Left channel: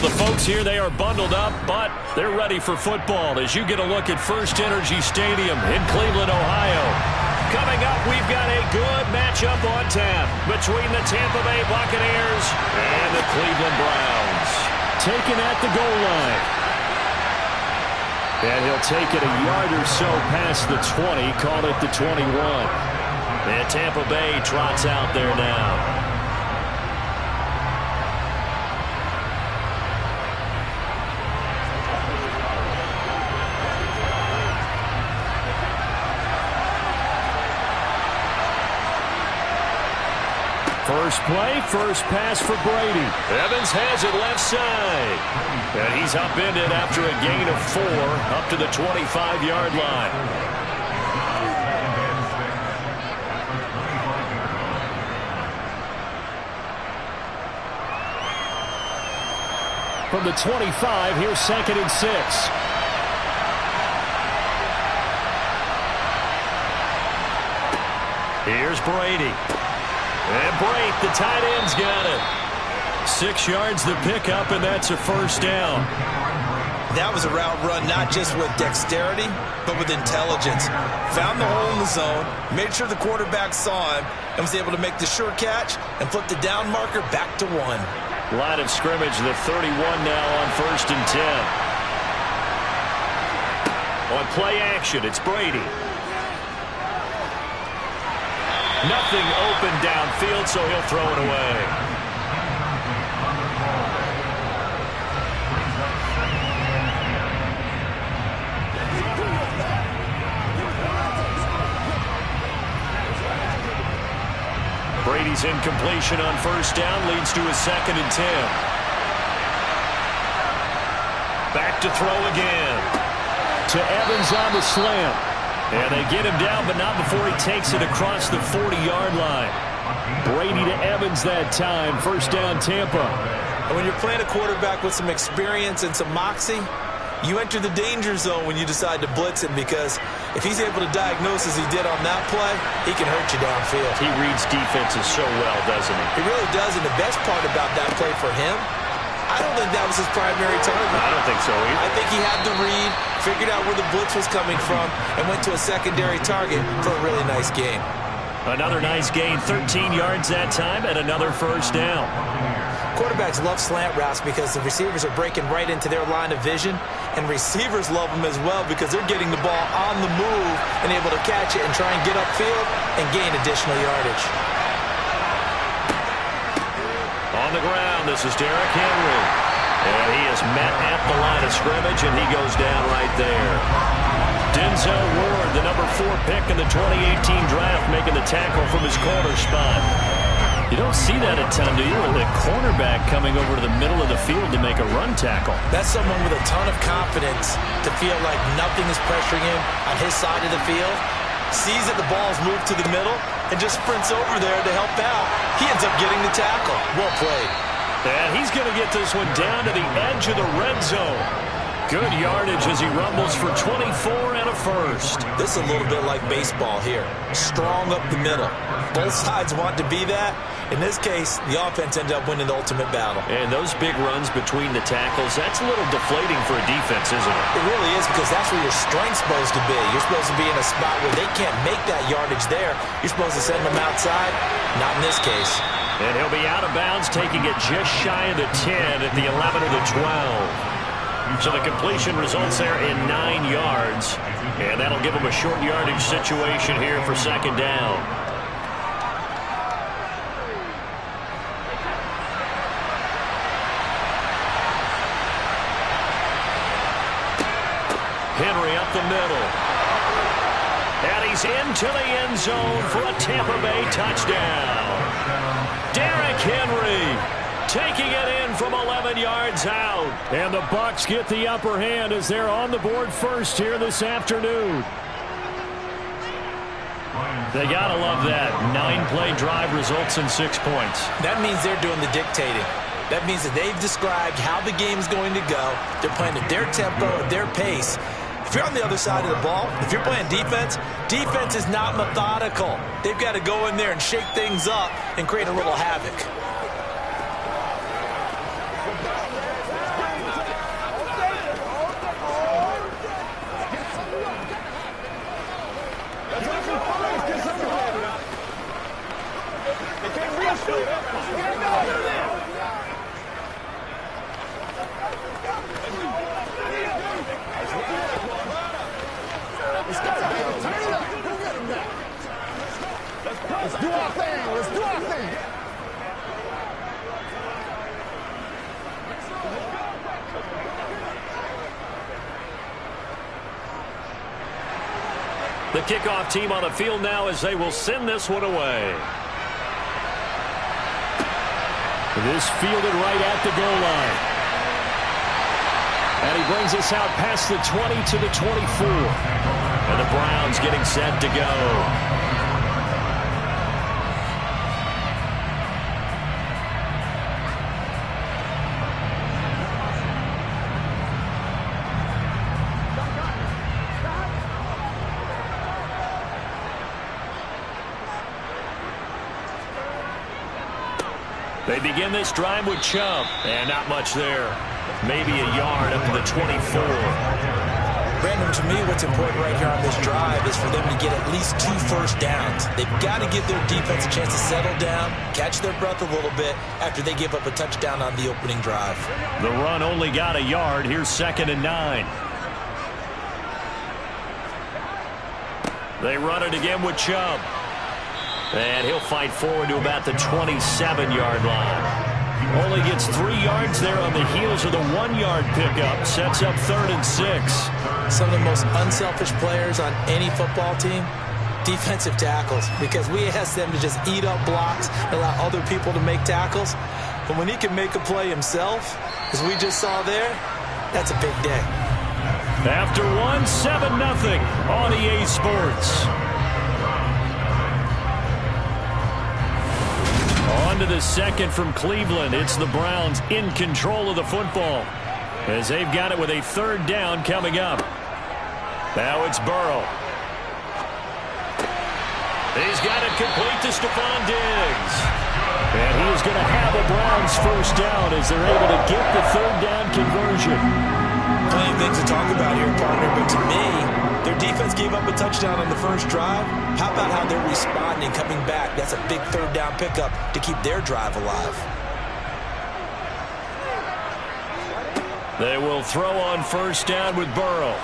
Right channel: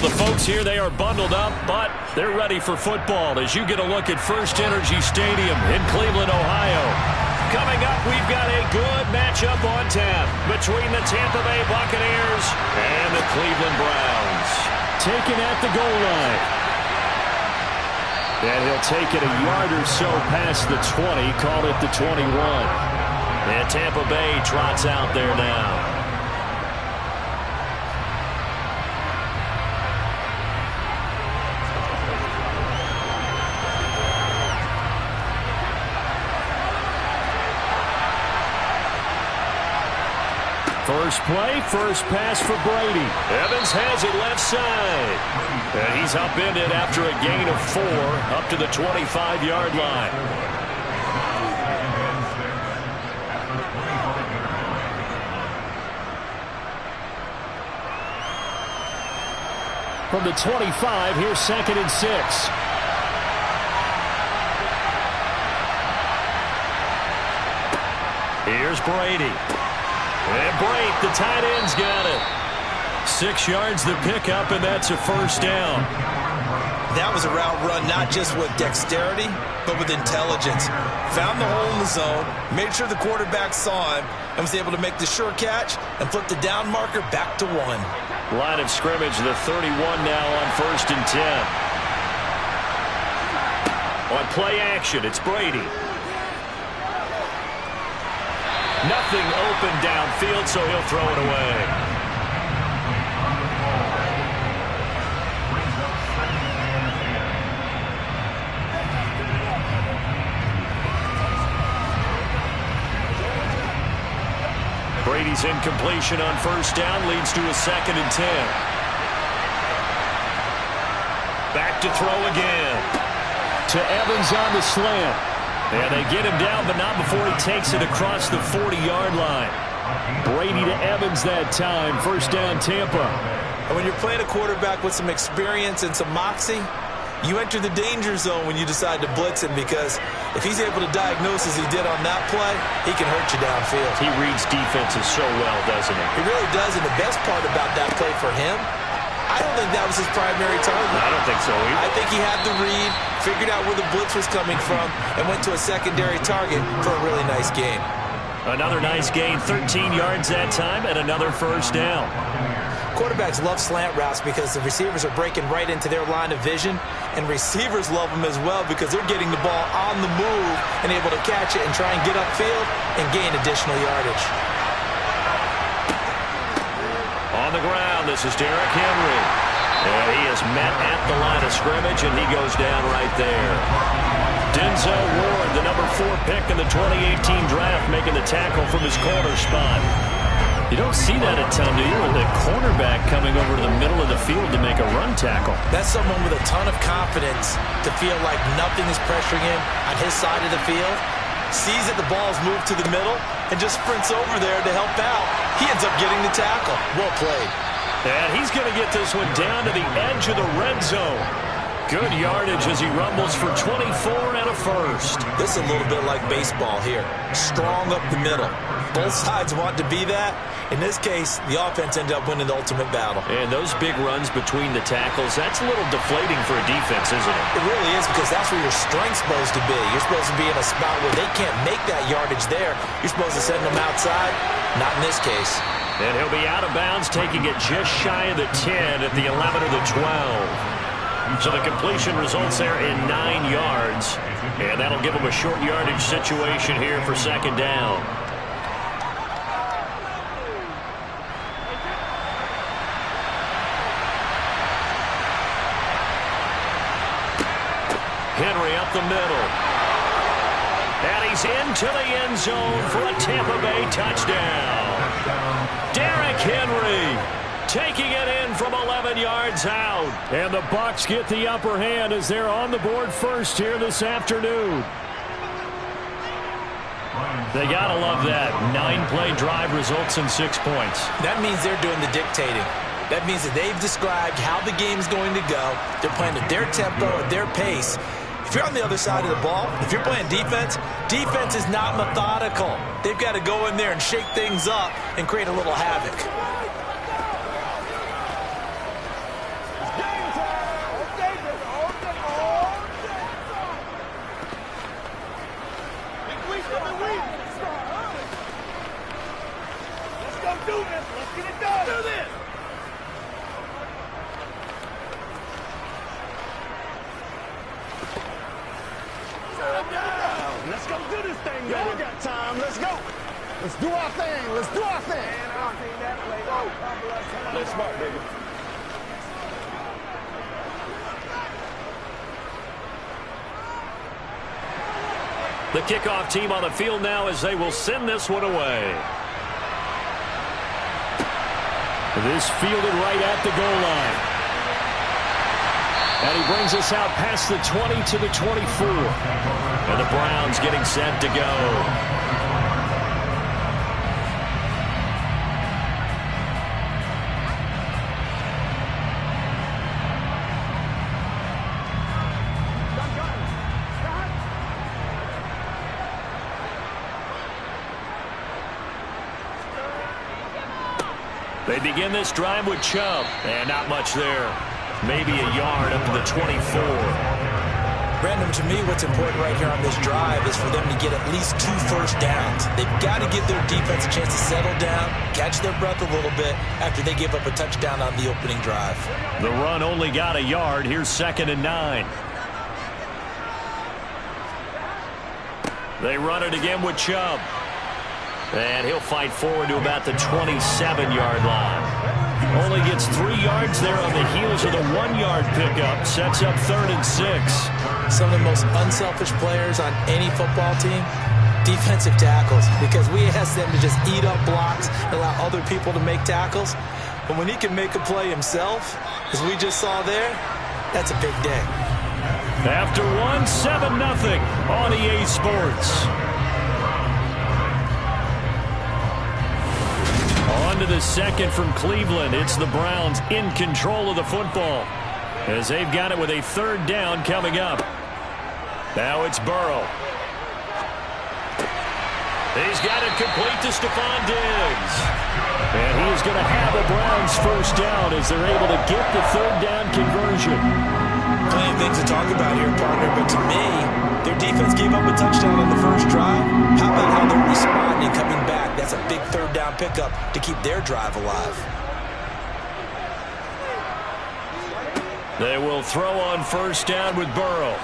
The folks here, they are bundled up, but they're ready for football as you get a look at First Energy Stadium in Cleveland, Ohio. Coming up, we've got a good matchup on tap between the Tampa Bay Buccaneers and the Cleveland Browns. Taken at the goal line. And he'll take it a yard or so past the 20, call it the 21. And Tampa Bay trots out there now. First play, first pass for Brady. Evans has it left side. And he's upended after a gain of 4 up to the 25-yard line. From the 25, here's 2nd and 6. Here's Brady. And Brate, the tight end's got it. 6 yards the pickup, and that's a first down. That was a route run not just with dexterity, but with intelligence. Found the hole in the zone, made sure the quarterback saw him, and was able to make the sure catch and flip the down marker back to 1. Line of scrimmage, the 31 now on 1st and 10. On play action, it's Brady. Nothing open downfield, so he'll throw it away. Brady's incompletion on 1st down leads to a 2nd and 10. Back to throw again. To Evans on the slant. And they get him down, but not before he takes it across the 40-yard line. Brady to Evans that time. First down, Tampa. And when you're playing a quarterback with some experience and some moxie, you enter the danger zone when you decide to blitz him, because if he's able to diagnose as he did on that play, he can hurt you downfield. He reads defenses so well, doesn't he? He really does, and the best part about that play for him, I don't think that was his primary target. I don't think so either. I think he had the read, figured out where the blitz was coming from, and went to a secondary target for a really nice game. Another nice gain, 13 yards that time, and another first down. Quarterbacks love slant routes because the receivers are breaking right into their line of vision, and receivers love them as well because they're getting the ball on the move and able to catch it and try and get upfield and gain additional yardage. On the ground, this is Derrick Henry. And he is met at the line of scrimmage, and he goes down right there. Denzel Ward, the number 4 pick in the 2018 draft, making the tackle from his corner spot. You don't see that a ton, do you? With the cornerback coming over to the middle of the field to make a run tackle. That's someone with a ton of confidence to feel like nothing is pressuring him on his side of the field. Sees that the ball's moved to the middle and just sprints over there to help out. He ends up getting the tackle. Well played. And he's going to get this one down to the edge of the red zone. Good yardage as he rumbles for 24 and a first. This is a little bit like baseball here. Strong up the middle. Both sides want to be that. In this case, the offense ended up winning the ultimate battle. And those big runs between the tackles, that's a little deflating for a defense, isn't it? It really is, because that's where your strength's supposed to be. You're supposed to be in a spot where they can't make that yardage there. You're supposed to send them outside. Not in this case. And he'll be out of bounds, taking it just shy of the 10 at the 11 or the 12. So the completion results there in 9 yards. And that'll give him a short yardage situation here for 2nd down. Henry up the middle. And he's into the end zone for a Tampa Bay touchdown. Derrick Henry taking it in from 11 yards out. And the Bucs get the upper hand as they're on the board first here this afternoon. They gotta love that. 9-play drive results in 6 points. That means they're doing the dictating. That means that they've described how the game's going to go. They're playing at their tempo, at their pace. If you're on the other side of the ball, if you're playing defense, defense is not methodical. They've got to go in there and shake things up and create a little havoc. Let's do our thing. Let's do our thing. The kickoff team on the field now as they will send this one away. This fielded right at the goal line. And he brings us out past the 20 to the 24. And the Browns getting set to go. They begin this drive with Chubb, and not much there. Maybe a yard up to the 24. Brandon, to me, what's important right here on this drive is for them to get at least 2 first downs. They've got to give their defense a chance to settle down, catch their breath a little bit after they give up a touchdown on the opening drive. The run only got a yard. Here's 2nd and 9. They run it again with Chubb. And he'll fight forward to about the 27-yard line. Only gets 3 yards there on the heels of the 1-yard pickup. Sets up 3rd and 6. Some of the most unselfish players on any football team, defensive tackles, because we ask them to just eat up blocks and allow other people to make tackles. But when he can make a play himself, as we just saw there, that's a big day. After 1, 7-0 on EA Sports. On to the second from Cleveland. It's the Browns in control of the football as they've got it with a 3rd down coming up. Now it's Burrow. He's got it complete to Stephon Diggs. And he is going to have a Browns 1st down as they're able to get the 3rd down conversion. Plenty of things to talk about here, partner, but to me, their defense gave up a touchdown on the first drive. How about how they're responding, coming back? That's a big 3rd down pickup to keep their drive alive. They will throw on 1st down with Burrow.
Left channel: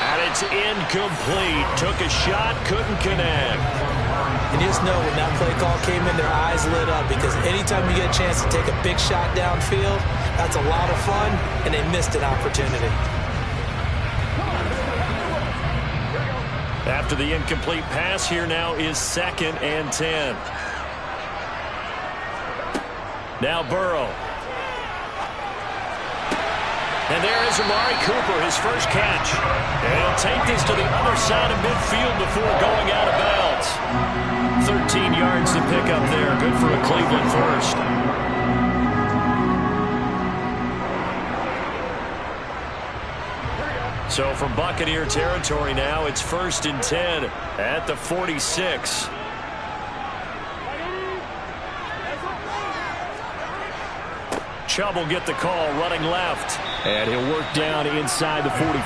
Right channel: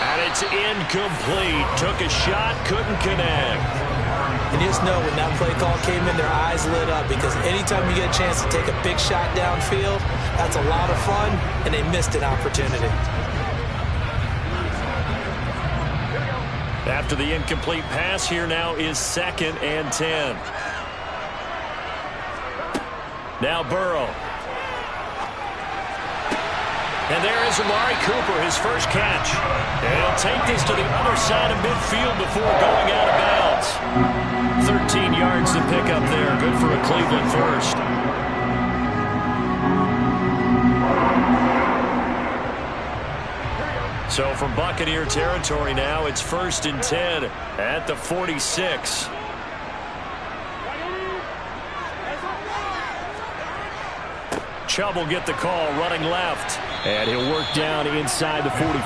And it's incomplete. Took a shot, couldn't connect. And you just know when that play call came in, their eyes lit up, because anytime you get a chance to take a big shot downfield, that's a lot of fun, and they missed an opportunity. After the incomplete pass, here now is 2nd and 10. Now Burrow. And there is Amari Cooper, his first catch. And he'll take this to the other side of midfield before going out of bounds. 13 yards to pick up there. Good for a Cleveland first. So from Buccaneer territory now, it's 1st and 10 at the 46. Chubb will get the call, running left. And he'll work down inside the 45.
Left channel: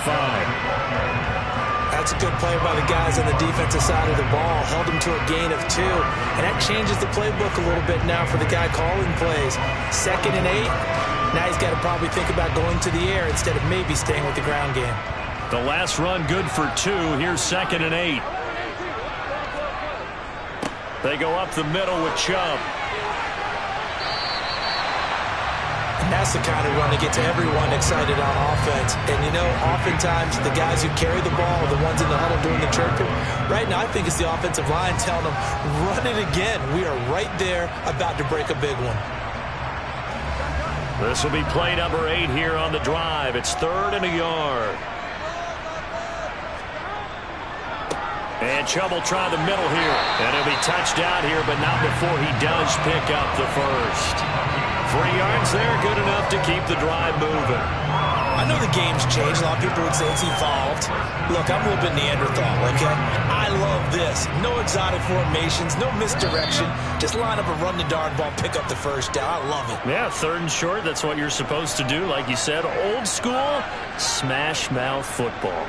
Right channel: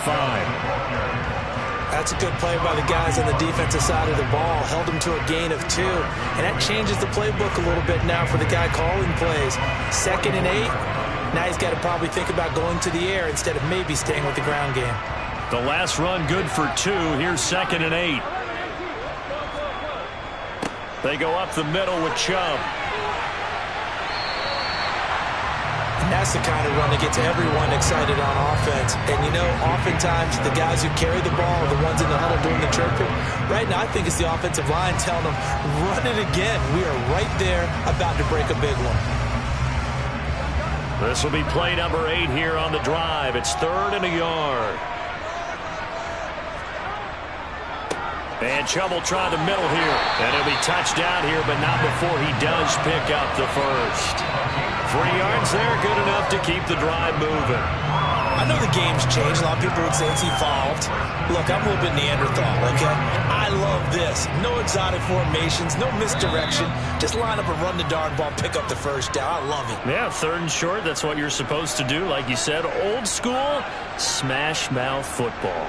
That's a good play by the guys on the defensive side of the ball. Held him to a gain of 2. And that changes the playbook a little bit now for the guy calling plays. 2nd and 8. Now he's got to probably think about going to the air instead of maybe staying with the ground game. The last run good for 2. Here's 2nd and 8. They go up the middle with Chubb. And that's the kind of run that gets everyone excited on offense. And, you know, oftentimes the guys who carry the ball are the ones in the huddle doing the chirping. Right now I think it's the offensive line telling them, run it again. We are right there about to break a big one. This will be play number 8 here on the drive. It's 3rd and a yard. And Chubb will try the middle here. And he'll be touched out here, but not before he does pick up the first. 3 yards there, good enough to keep the drive moving. I know the game's changed. A lot of people would say it's evolved. Look, I'm a little bit Neanderthal, okay? I love this. No exotic formations, no misdirection. Just line up and run the darn ball, pick up the first down. I love it. Yeah, 3rd and short, that's what you're supposed to do. Like you said, old school, smash mouth football.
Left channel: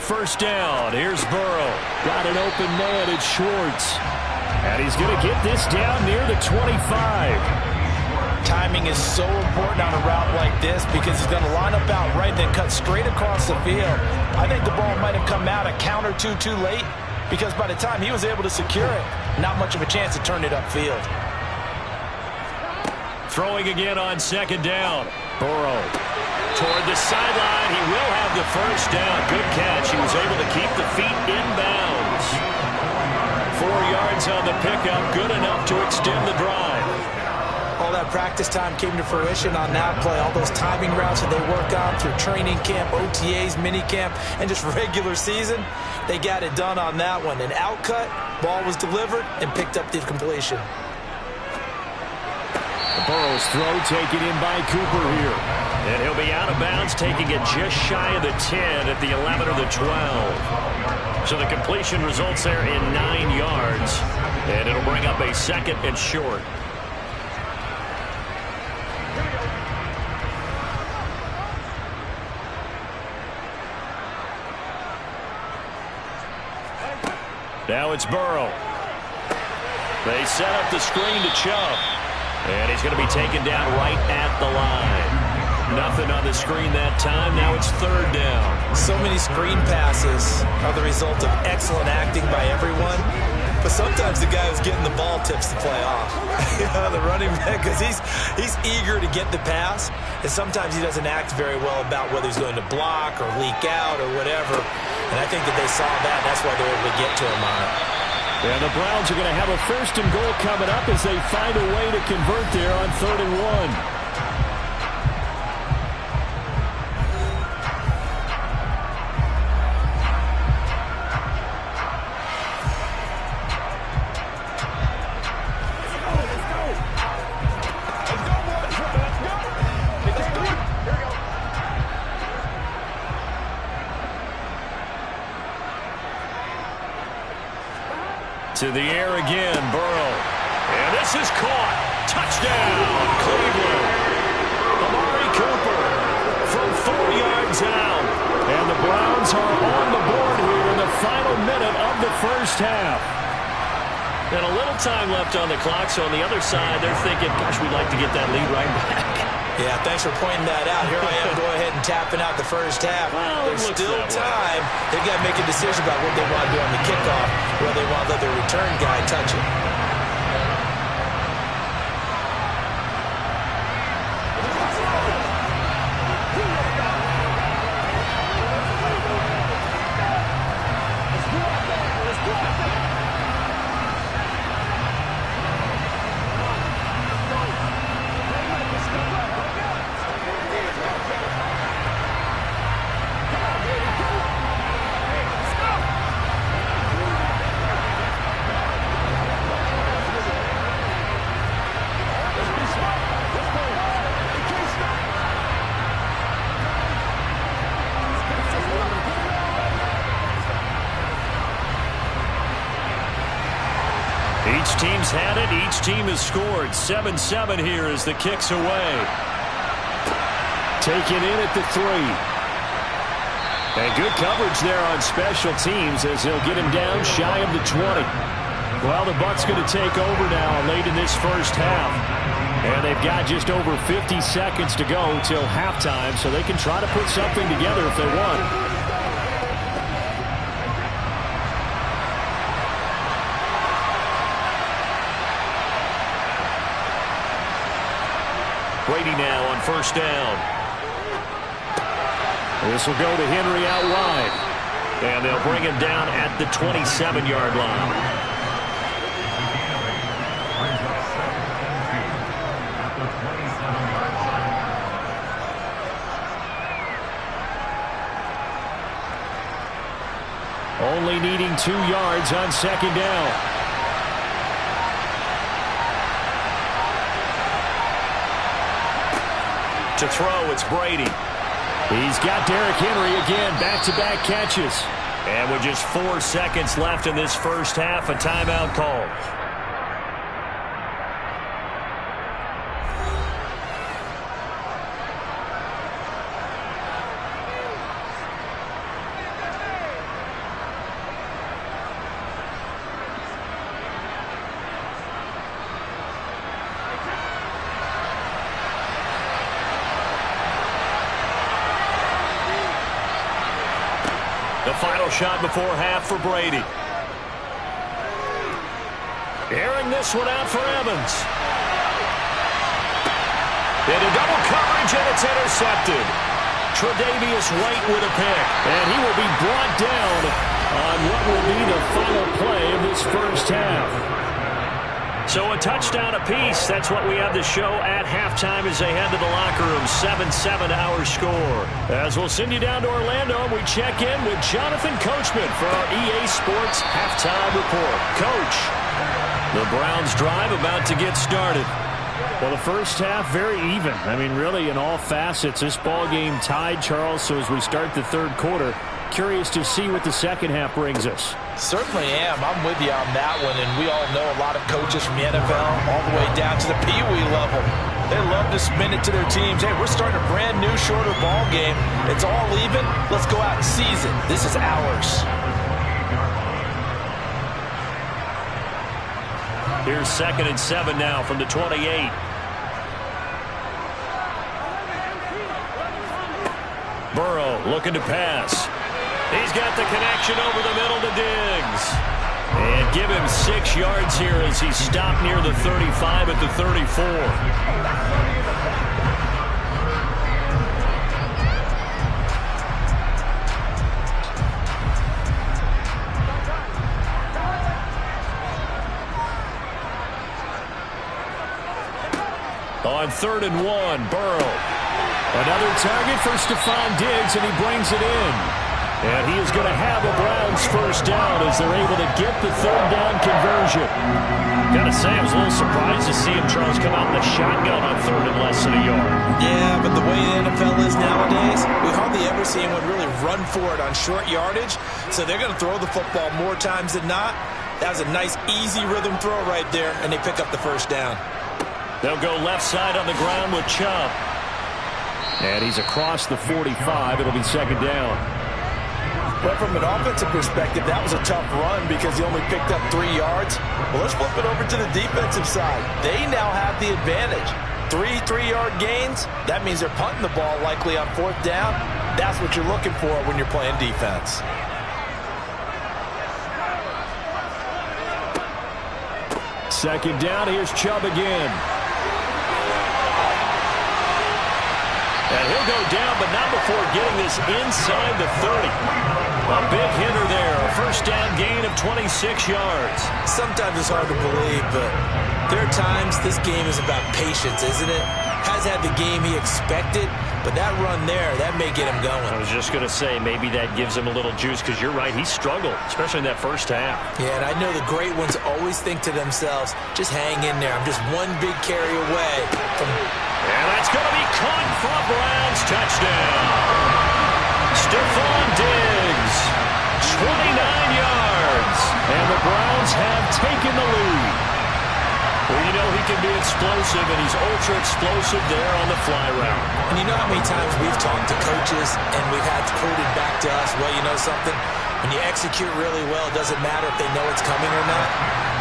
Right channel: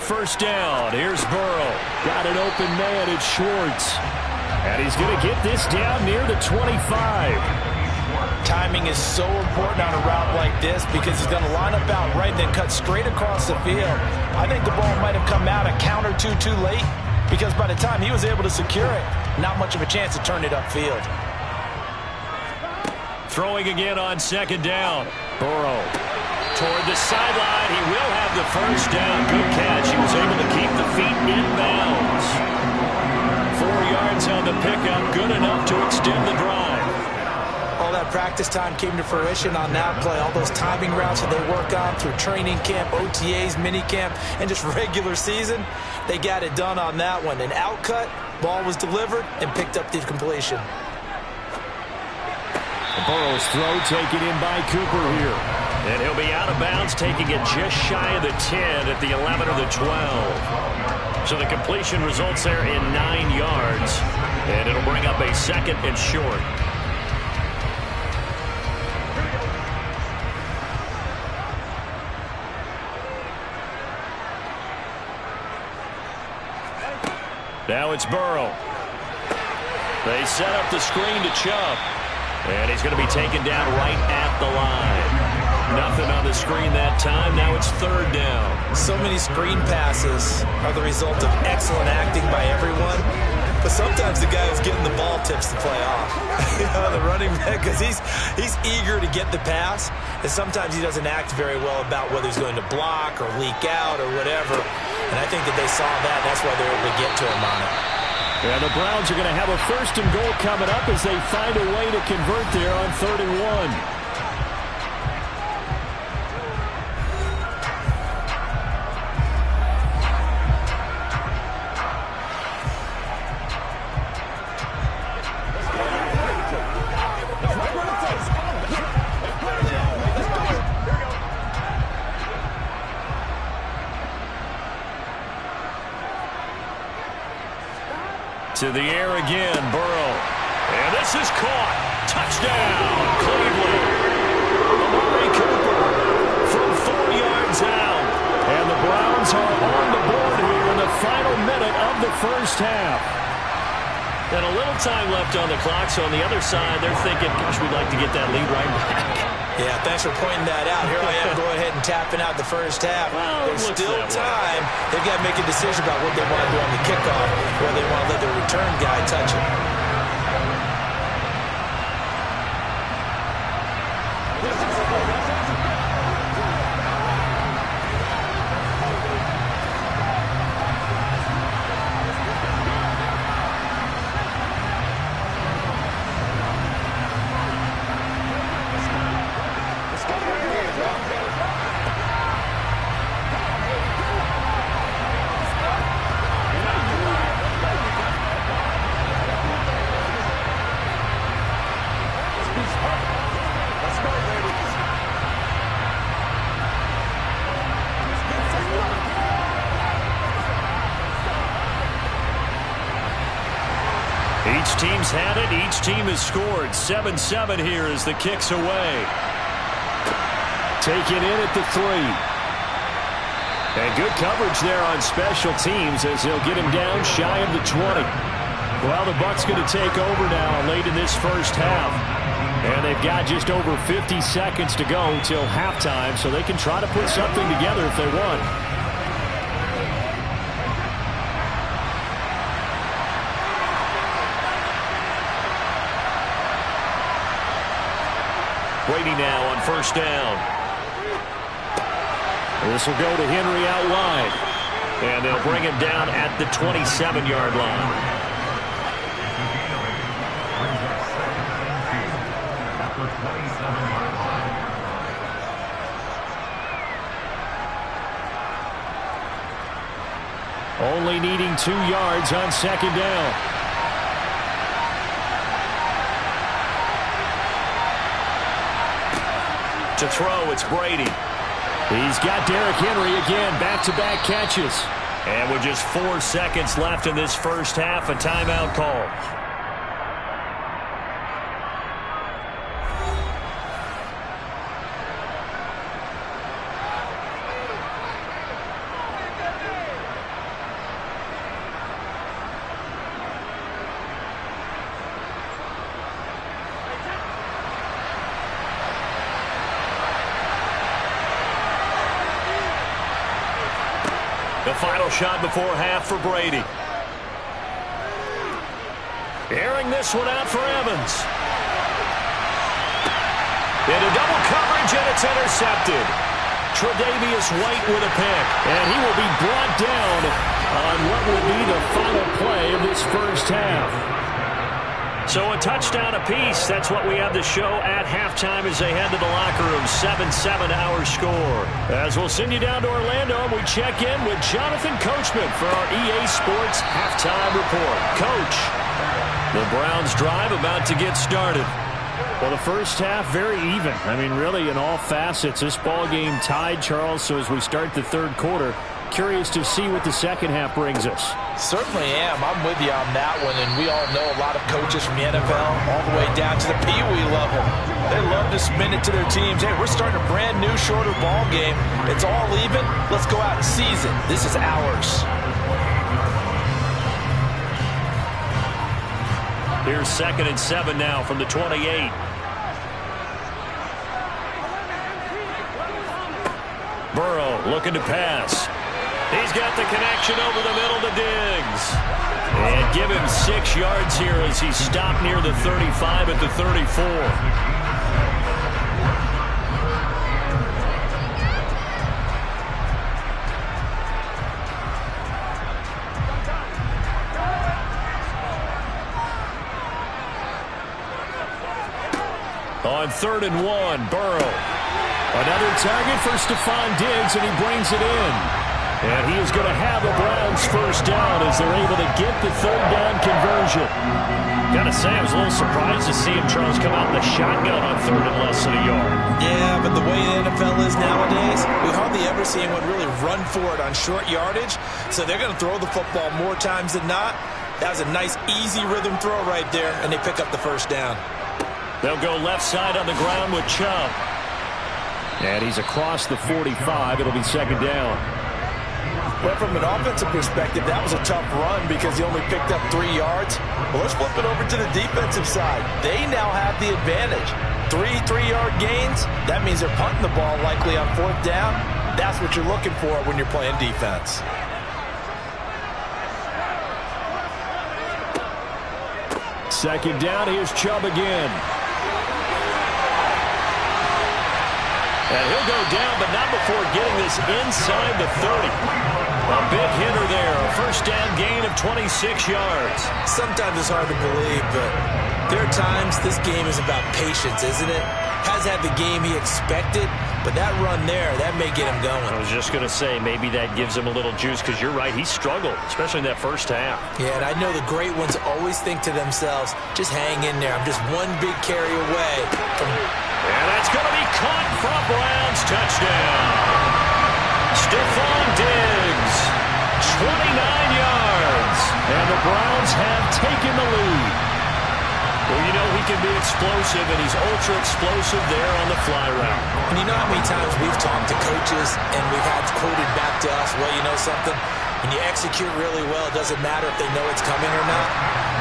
First down. Here's Burrow. Got an open man. It's Schwartz. And he's going to get this down near the 25. Timing is so important on a route like this because he's going to line up out right, then cut straight across the field. I think the ball might have come out a count or two too late because by the time he was able to secure it, not much of a chance to turn it upfield. Throwing again on second down. Burrow toward the sideline. He will have the first down. Good catch. He was able to keep the feet in bounds. 4 yards on the pickup. Good enough to extend the drive. All that practice time came to fruition on that play. All those timing routes that they work on through training camp, OTAs, minicamp, and just regular season, they got it done on that one. An outcut, ball was delivered, and picked up the completion. Burrow's throw taken in by Cooper here. And he'll be out of bounds, taking it just shy of the 10 at the 11 or the 12. So the completion results there in 9 yards. And it'll bring up a second and short. Now it's Burrow. They set up the screen to Chubb. And he's going to be taken down right at the line. Nothing on the screen that time. Now it's third down. So many screen passes are the result of excellent acting by everyone. But sometimes the guy who's getting the ball tips the play off. The running back, because he's eager to get the pass. And sometimes he doesn't act very well about whether he's going to block or leak out or whatever. And I think that they saw that. That's why they were able to get to him on it. And the Browns are going to have a first and goal coming up as they find a way to convert there on 3rd and 1. To the air again, Burrow. And this is caught. Touchdown, Cleveland. Amari Cooper from 4 yards out. And the Browns are on the board here in the final minute of the first half. And a little time left on the clock, so on the other side, they're thinking, gosh, we'd like to get that lead right back. Yeah, thanks for pointing that out. Here I am going ahead and tapping out the first half. Well, there's still time. They've got to make a decision about what they want to do on the kickoff, whether they want to let their return guy touch it. Each team's had it. Each team has scored. 7-7 here as the kick's away. Taken in at the 3. And good coverage there on special teams as he'll get him down shy of the 20. Well, the Bucs going to take over now late in this first half. And they've got just over 50 seconds to go till halftime, so they can try to put something together if they want. Brady now on first down. This will go to Henry out wide. And they'll bring him down at the 27-yard line. Only needing 2 yards on second down. To throw, it's Brady. He's got Derrick Henry again, back-to-back catches. And with just 4 seconds left in this first half, a timeout call. The final shot before half for Brady. Airing this one out for Evans. Into double coverage, and it's intercepted. Tre'Davious White with a pick. And he will be brought down on what will be the final play of this first half. So a touchdown apiece. That's what we have to show at halftime as they head to the locker room. 7-7 our score. As we'll send you down to Orlando, we check in with Jonathan Coachman for our EA Sports Halftime Report. Coach, the Browns drive about to get started. Well, the first half, very even. I mean, really, in all facets, this ball game tied, Charles. So as we start the third quarter, curious to see what the second half brings us. Certainly am. I'm with you on that one, and we all know a lot of coaches from the NFL all the way down to the Pee-wee level. They love to spin it to their teams. Hey, we're starting a brand new, shorter ball game. It's all even. Let's go out and seize it. This is ours. Here's 2nd and 7 now from the 28. Burrow looking to pass. He's got the connection over the middle to Diggs. And give him 6 yards here as he stopped near the 35 at the 34. On 3rd and 1, Burrow. Another target for Stephon Diggs, and he brings it in. And he is going to have a Browns first down as they're able to get the 3rd down conversion. Got to say, I was a little surprised to see him, Charles, come out in the shotgun on 3rd and less than a yard. Yeah, but the way the NFL is nowadays, we hardly ever see anyone really run for it on short yardage. So they're going to throw the football more times than not. That was a nice, easy rhythm throw right there, and they pick up the first down. They'll go left side on the ground with Chubb. And he's across the 45. It'll be 2nd down. But from an offensive perspective, that was a tough run because he only picked up 3 yards. Well, let's flip it over to the defensive side. They now have the advantage. 3 3-yard gains. That means they're punting the ball likely on 4th down. That's what you're looking for when you're playing defense. Second down. Here's Chubb again. And he'll go down, but not before getting this inside the 30. A big hitter there. A first down gain of 26 yards. Sometimes it's hard to believe, but there are times this game is about patience, isn't it? Has had the game he expected, but that run there, that may get him going. I was just going to say, maybe that gives him a little juice, because you're right, he struggled, especially in that first half. Yeah, and I know the great ones always think to themselves, just hang in there. I'm just one big carry away from... And that's going to be caught for a Browns touchdown. Stephon Diggs, 29 yards. And the Browns have taken the lead. Well, you know he can be explosive, and he's ultra-explosive there on the fly route. And you know how many times we've talked to coaches, and we've had quoted back to us, well, you know something? When you execute really well, it doesn't matter if they know it's coming or not.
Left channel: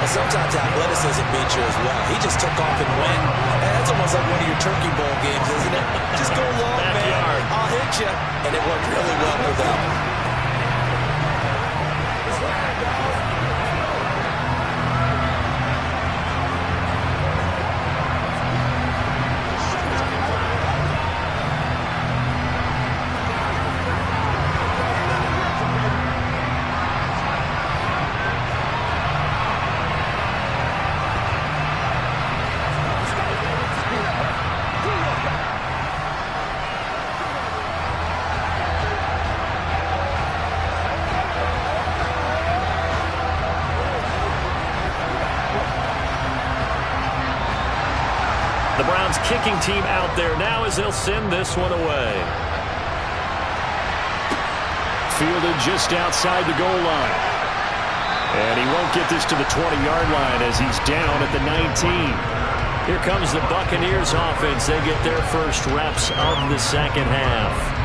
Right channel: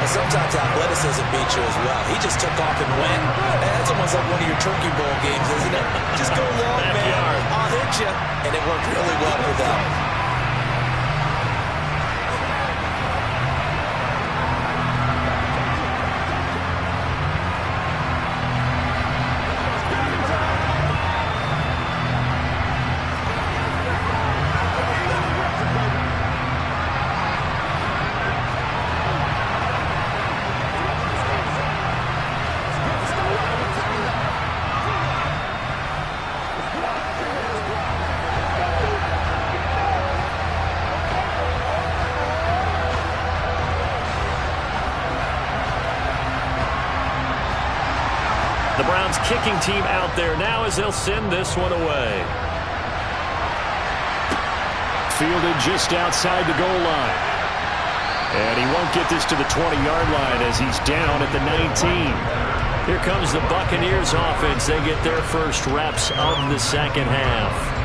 And sometimes athleticism beats you as well. He just took off and went. And that's almost like one of your Turkey Bowl games, isn't it? Just go long, man. I'll hit you. And it worked really well for them. The Browns kicking team out there now as they'll send this one away. Fielded just outside the goal line. And he won't get this to the 20-yard line as he's down at the 19. Here comes the Buccaneers offense. They get their first reps of the second half.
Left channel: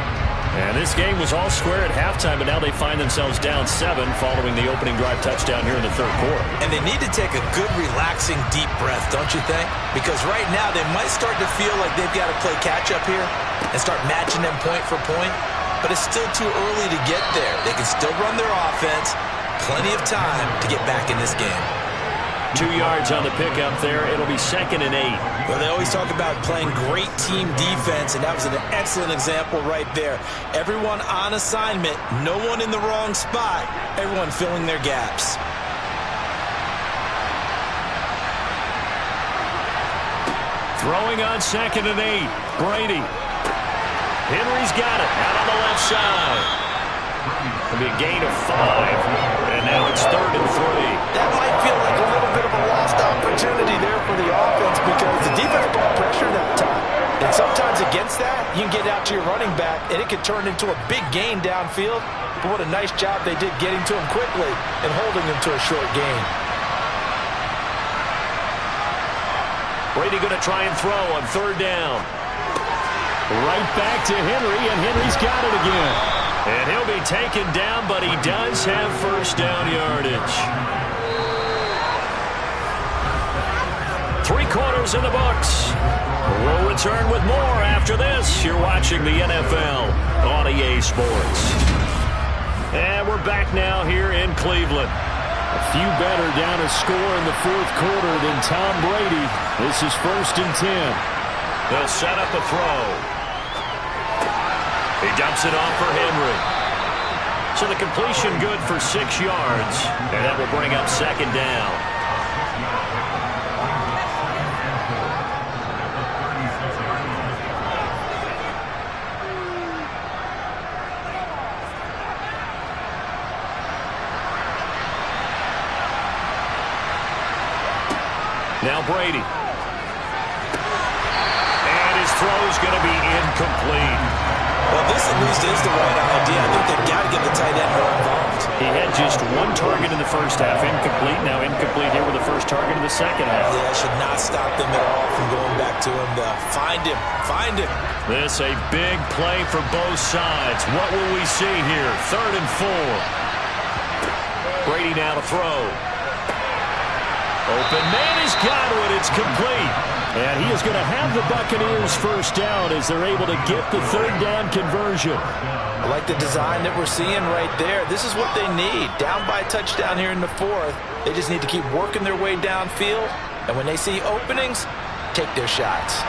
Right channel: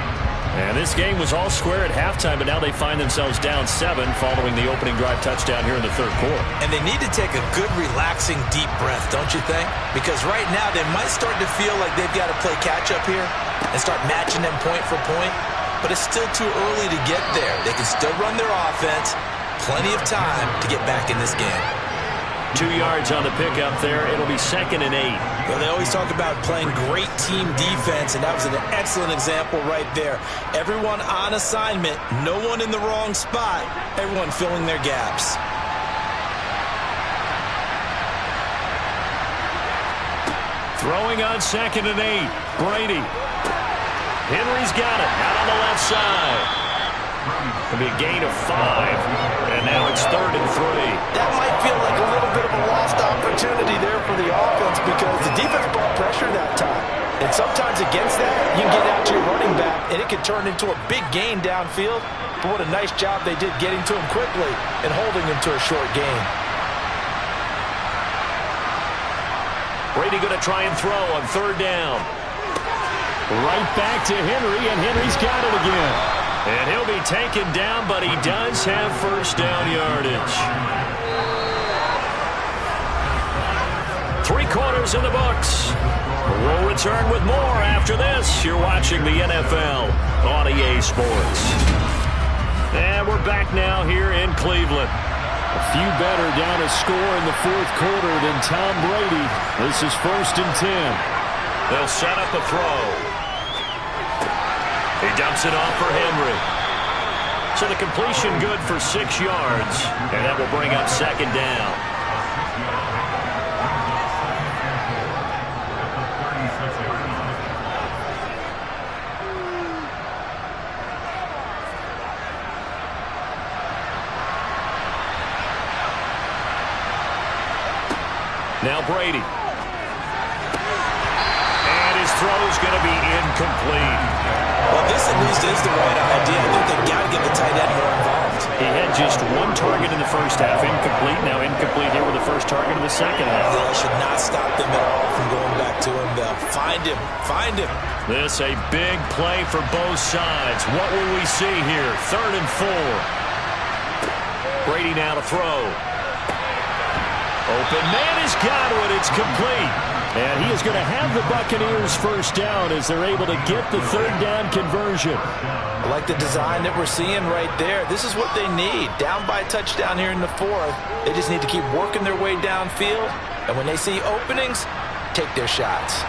And this game was all square at halftime, but now they find themselves down 7 following the opening drive touchdown here in the third quarter. And they need to take a good, relaxing, deep breath, don't you think? Because right now they might start to feel like they've got to play catch-up here and start matching them point for point. but it's still too early to get there. They can still run their offense. Plenty of time to get back in this game. 2 yards on the pickup there. It'll be 2nd and 8. Well, they always talk about playing great team defense, and that was an excellent example right there. Everyone on assignment, no one in the wrong spot, everyone filling their gaps. Throwing on 2nd and 8. Brady. Henry's got it out on the left side. It'll be a gain of 5, and now it's 3rd and 3. That might feel like a little bit of a lost opportunity there for the offense because the defense brought pressure that time. And sometimes against that, you can get out to your running back, and it could turn into a big gain downfield. But what a nice job they did getting to him quickly and holding him to a short gain. Brady going to try and throw on 3rd down. Right back to Henry, and Henry's got it again. And he'll be taken down, but he does have first down yardage. 3 quarters in the books. We'll return with more after this. You're watching the NFL on EA Sports. And we're back now here in Cleveland. A few better down a score in the 4th quarter than Tom Brady. This is 1st and 10. They'll set up a throw. He dumps it off for Henry. So the completion good for 6 yards, and that will bring up 2nd down. Now Brady. And his throw's going to be incomplete. Well, this at least is the right idea. I think they've got to get the tight end more involved. He had just 1 target in the first half, incomplete. Now incomplete here with the first target in the second half. Yeah, that should not stop them at all from going back to him. Find him. Find him. This a big play for both sides. What will we see here? 3rd and 4. Brady now to throw. Open man has got it. It's complete. And he is going to have the Buccaneers first down as they're able to get the 3rd down conversion. I like the design that we're seeing right there. This is what they need. Down by a touchdown here in the 4th. They just need to keep working their way downfield. And when they see openings, take their shots.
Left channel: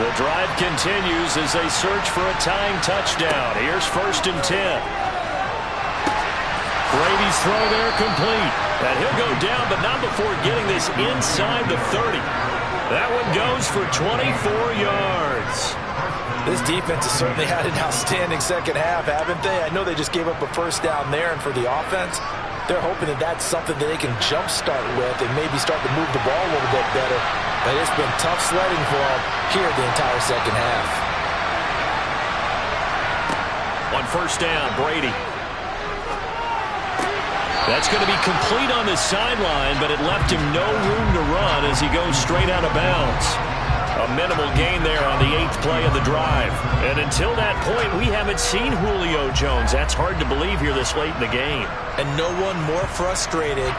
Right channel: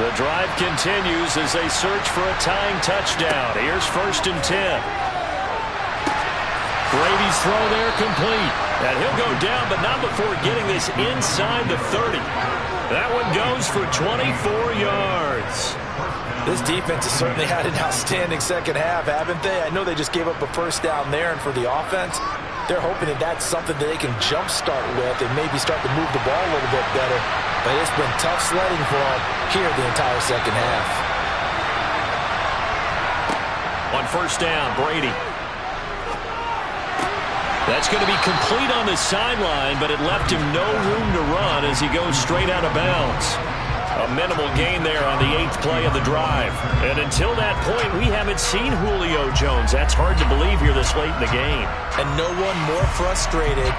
The drive continues as they search for a tying touchdown. Here's 1st and 10. Brady's throw there complete. And he'll go down, but not before getting this inside the 30. That one goes for 24 yards. This defense has certainly had an outstanding second half, haven't they? I know they just gave up a first down there, and for the offense, they're hoping that that's something that they can jumpstart with and maybe start to move the ball a little bit better. But it's been tough sledding for them here the entire second half. On 1st down, Brady. That's going to be complete on the sideline, but it left him no room to run as he goes straight out of bounds. A minimal gain there on the 8th play of the drive. And until that point, we haven't seen Julio Jones. That's hard to believe here this late in the game. And no one more frustrated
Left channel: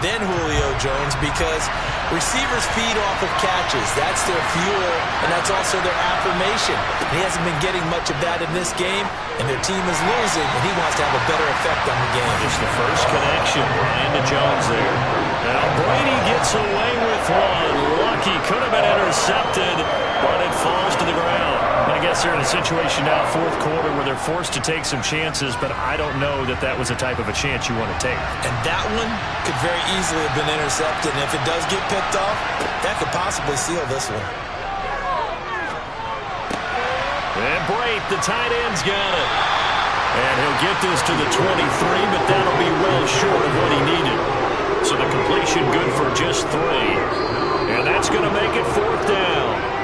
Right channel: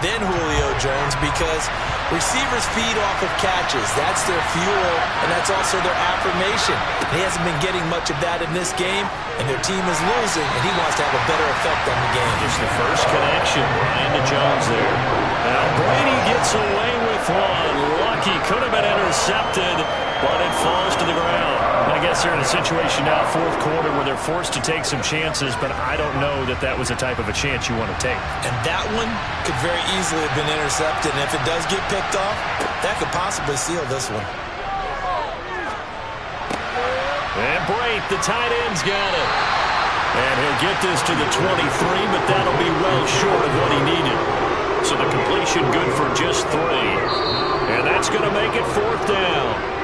than Julio Jones because receivers feed off of catches. That's their fuel, and that's also their affirmation. And he hasn't been getting much of that in this game, and their team is losing, and he wants to have a better effect on the game. Just the first connection, Ryan to Jones there. Now Brady gets away with one. Lucky, could have been intercepted, but it falls to the ground. I guess they're in a situation now, 4th quarter, where they're forced to take some chances, but I don't know that that was the type of a chance you want to take. And that one could very easily have been intercepted, and if it does get picked off, that could possibly seal this one. And Brate, the tight end's got it. And he'll get this to the 23, but that'll be well short of what he needed. So the completion good for just 3. And that's going to make it 4th down.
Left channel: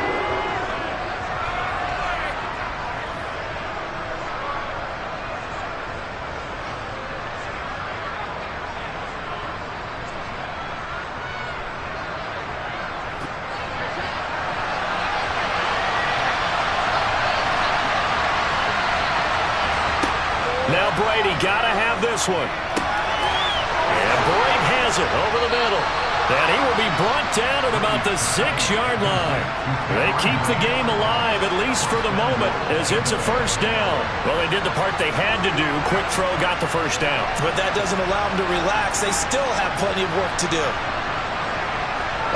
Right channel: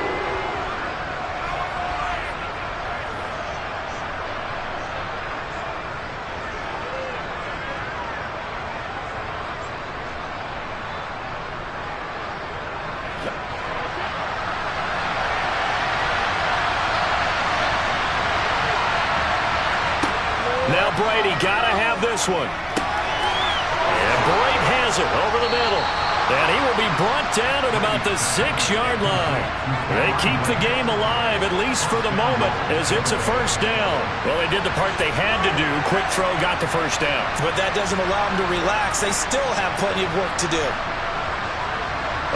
Now Brady got to have this one. And Brate has it over the middle. And he will be brought down at about the 6-yard line. They keep the game alive, at least for the moment, as it's a first down. Well, they did the part they had to do. Quick throw got the first down. But that doesn't allow them to relax. They still have plenty of work to do.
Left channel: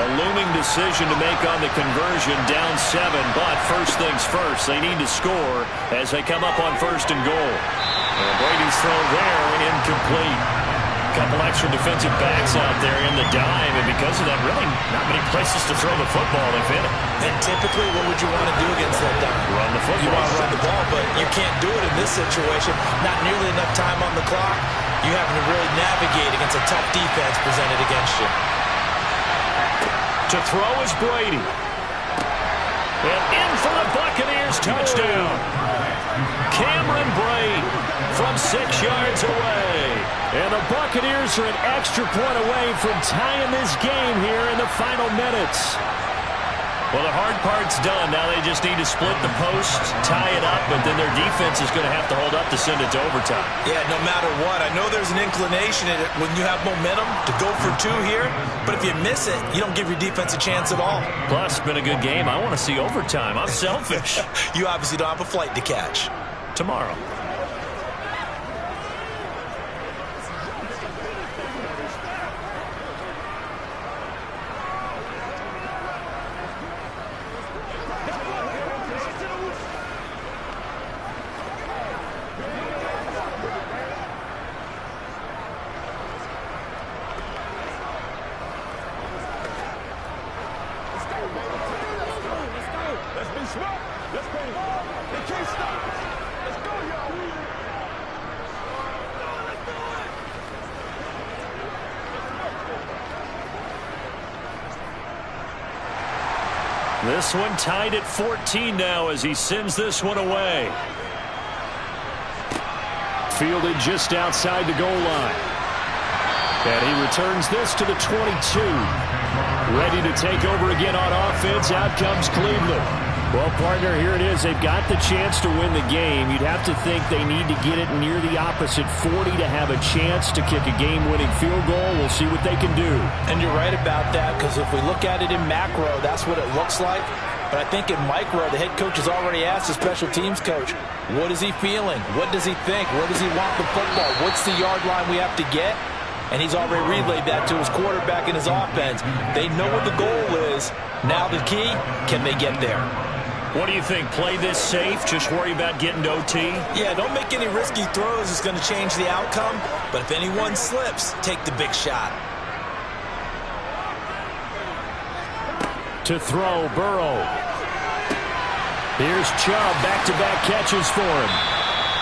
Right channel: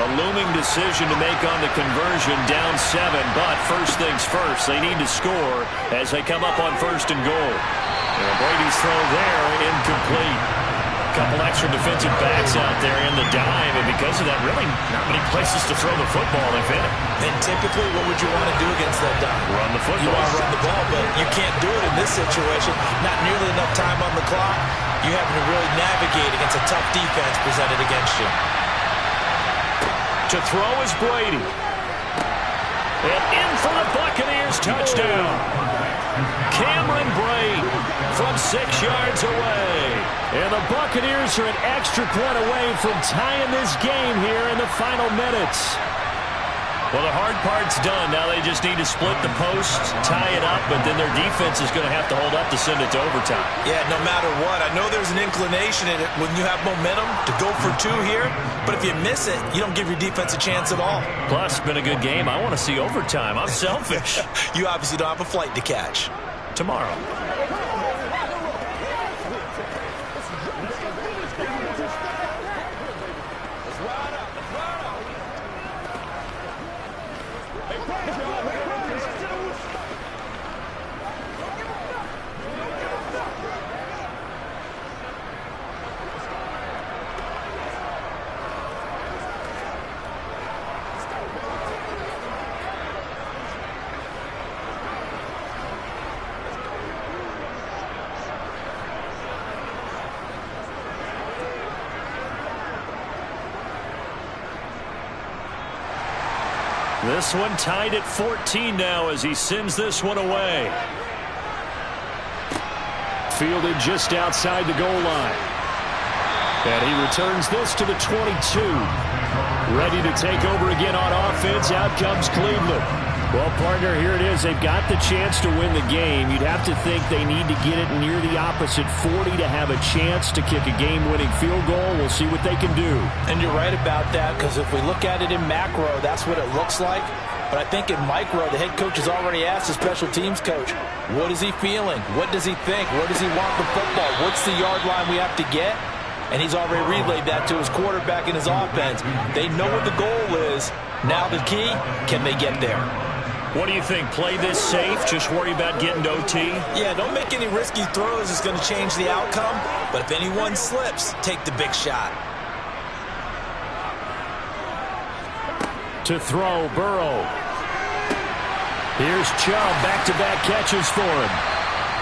A looming decision to make on the conversion, down 7. But first things first, they need to score as they come up on first and goal. And Brady's throw there, incomplete. Couple extra defensive backs out there in the dime, and because of that, really not many places to throw the football, if any. And typically, what would you want to do against that dime? Run the football. You want to run the ball, but you can't do it in this situation. Not nearly enough time on the clock. You having to really navigate against a tough defense presented against you. To throw is Brady. And in for the Buccaneers, touchdown. Cameron Brate from 6 yards away. And the Buccaneers are an extra point away from tying this game here in the final minutes. Well, the hard part's done. Now they just need to split the posts, tie it up, but then their defense is going to have to hold up to send it to overtime. Yeah, no matter what. I know there's an inclination in it when you have momentum to go for 2 here, but if you miss it, you don't give your defense a chance at all. Plus, it's been a good game. I want to see overtime. I'm selfish. You obviously don't have a flight to catch. Tomorrow. This one tied at 14 now as he sends this one away. Fielded just outside the goal line. And he returns this to the 22. Ready to take over again on offense. Out comes Cleveland. Well, partner, here it is. They've got the chance to win the game. You'd have to think they need to get it near the opposite 40 to have a chance to kick a game-winning field goal. We'll see what they can do. And you're right about that, because if we look at it in macro, that's what it looks like. But I think in micro, the head coach has already asked the special teams coach, what is he feeling? What does he think? Where does he want the football? What's the yard line we have to get? And he's already relayed that to his quarterback and his offense. They know what the goal is. Now the key, can they get there? What do you think? Play this safe? Just worry about getting to OT? Yeah, don't make any risky throws. It's going to change the outcome. But if anyone slips, take the big shot. To throw, Burrow. Here's Chubb, back-to-back catches for him.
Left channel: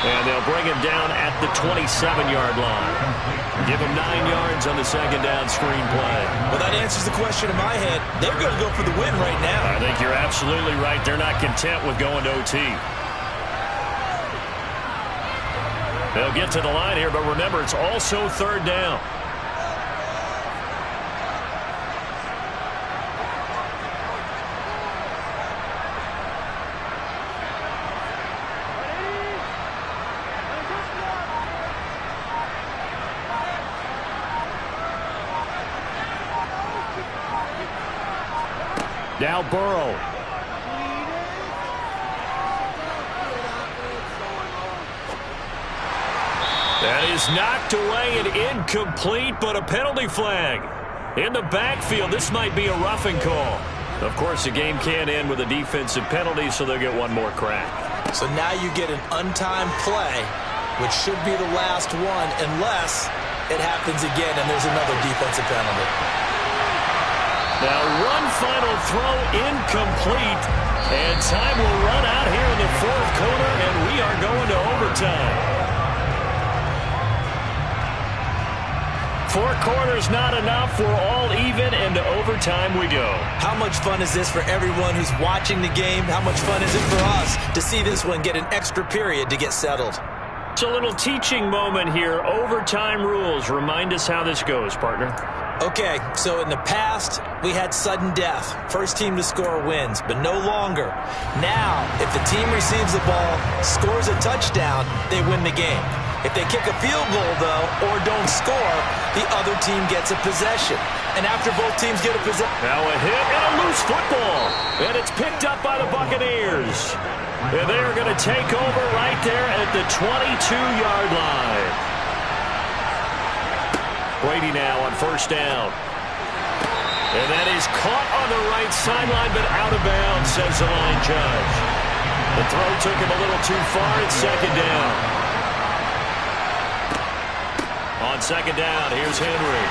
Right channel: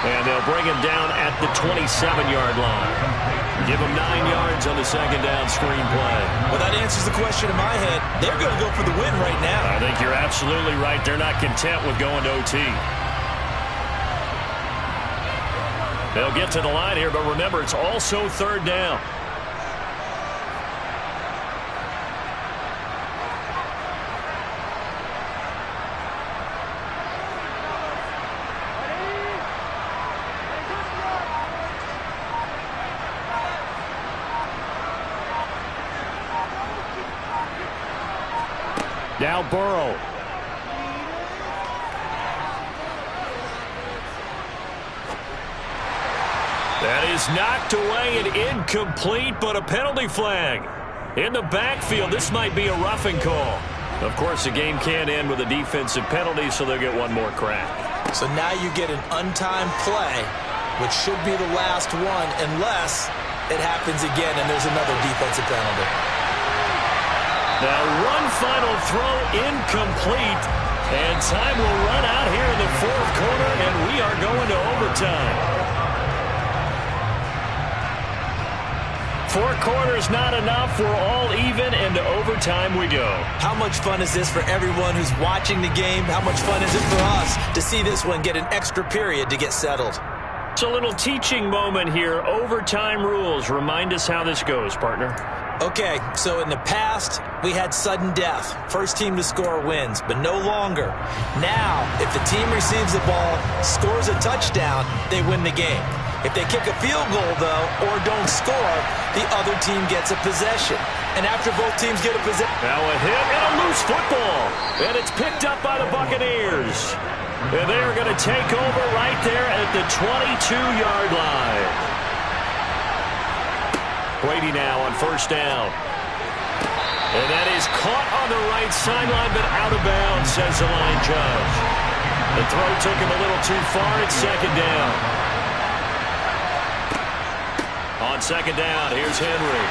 And they'll bring him down at the 27-yard line. Give him 9 yards on the second down screen play. Well, that answers the question in my head. They're going to go for the win right now. I think you're absolutely right. They're not content with going to OT. They'll get to the line here, but remember, it's also third down. Now Burrow. That is knocked away and incomplete, but a penalty flag. In the backfield, this might be a roughing call. Of course, the game can end with a defensive penalty, so they'll get one more crack. So now you get an untimed play, which should be the last one, unless it happens again and there's another defensive penalty. Now one final throw incomplete, and time will run out here in the fourth quarter, and we are going to overtime. 4 quarters not enough. We're all even, and to overtime we go. How much fun is this for everyone who's watching the game? How much fun is it for us to see this one get an extra period to get settled? It's a little teaching moment here. Overtime rules. Remind us how this goes, partner. Okay, so in the past, we had sudden death. First team to score wins, but no longer. Now, if the team receives the ball, scores a touchdown, they win the game. If they kick a field goal, though, or don't score, the other team gets a possession. And after both teams get a possession... Now a hit and a loose football. And it's picked up by the Buccaneers. And they're going to take over right there at the 22-yard line. Brady now on first down. And that is caught on the right sideline, but out of bounds, says the line judge. The throw took him a little too far. It's second down. On second down, here's Henry.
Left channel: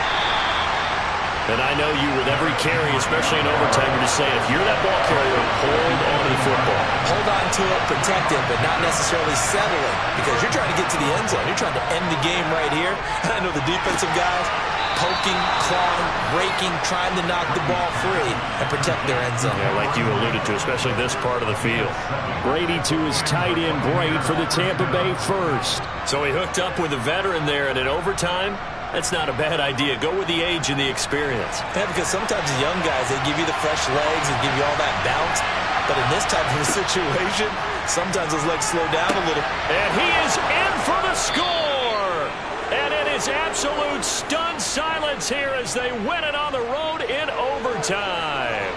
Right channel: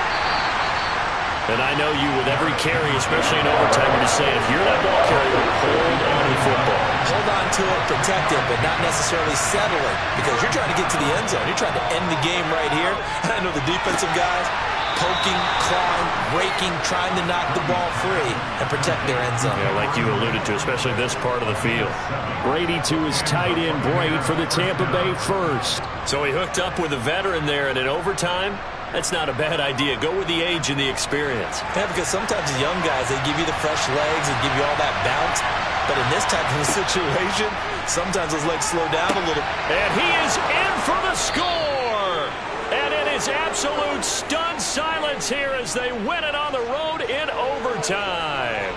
And I know you, with every carry, especially in overtime, you're just saying, if you're that ball carrier, hold on to the football. Hold on to it, protect it, but not necessarily settling, because you're trying to get to the end zone. You're trying to end the game right here. I know the defensive guys poking, clawing, raking, trying to knock the ball free and protect their end zone. Yeah, like you alluded to, especially this part of the field. Brady to his tight end, Braid, for the Tampa Bay first. So he hooked up with a veteran there, and in overtime, that's not a bad idea. Go with the age and the experience. Yeah, because sometimes the young guys, they give you the fresh legs and give you all that bounce. But in this type of a situation, sometimes those legs slow down a little. And he is in for the score. And it is absolute stunned silence here as they win it on the road in overtime.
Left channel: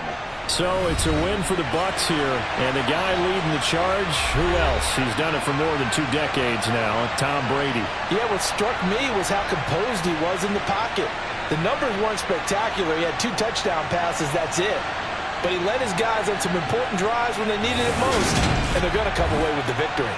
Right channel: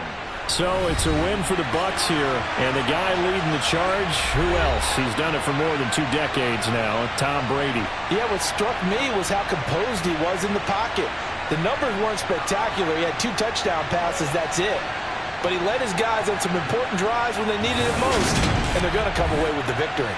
So it's a win for the Bucs here. And the guy leading the charge, who else? He's done it for more than 2 decades now, Tom Brady. Yeah, what struck me was how composed he was in the pocket. The numbers weren't spectacular. He had 2 touchdown passes, that's it. But he led his guys on some important drives when they needed it most. And they're going to come away with the victory.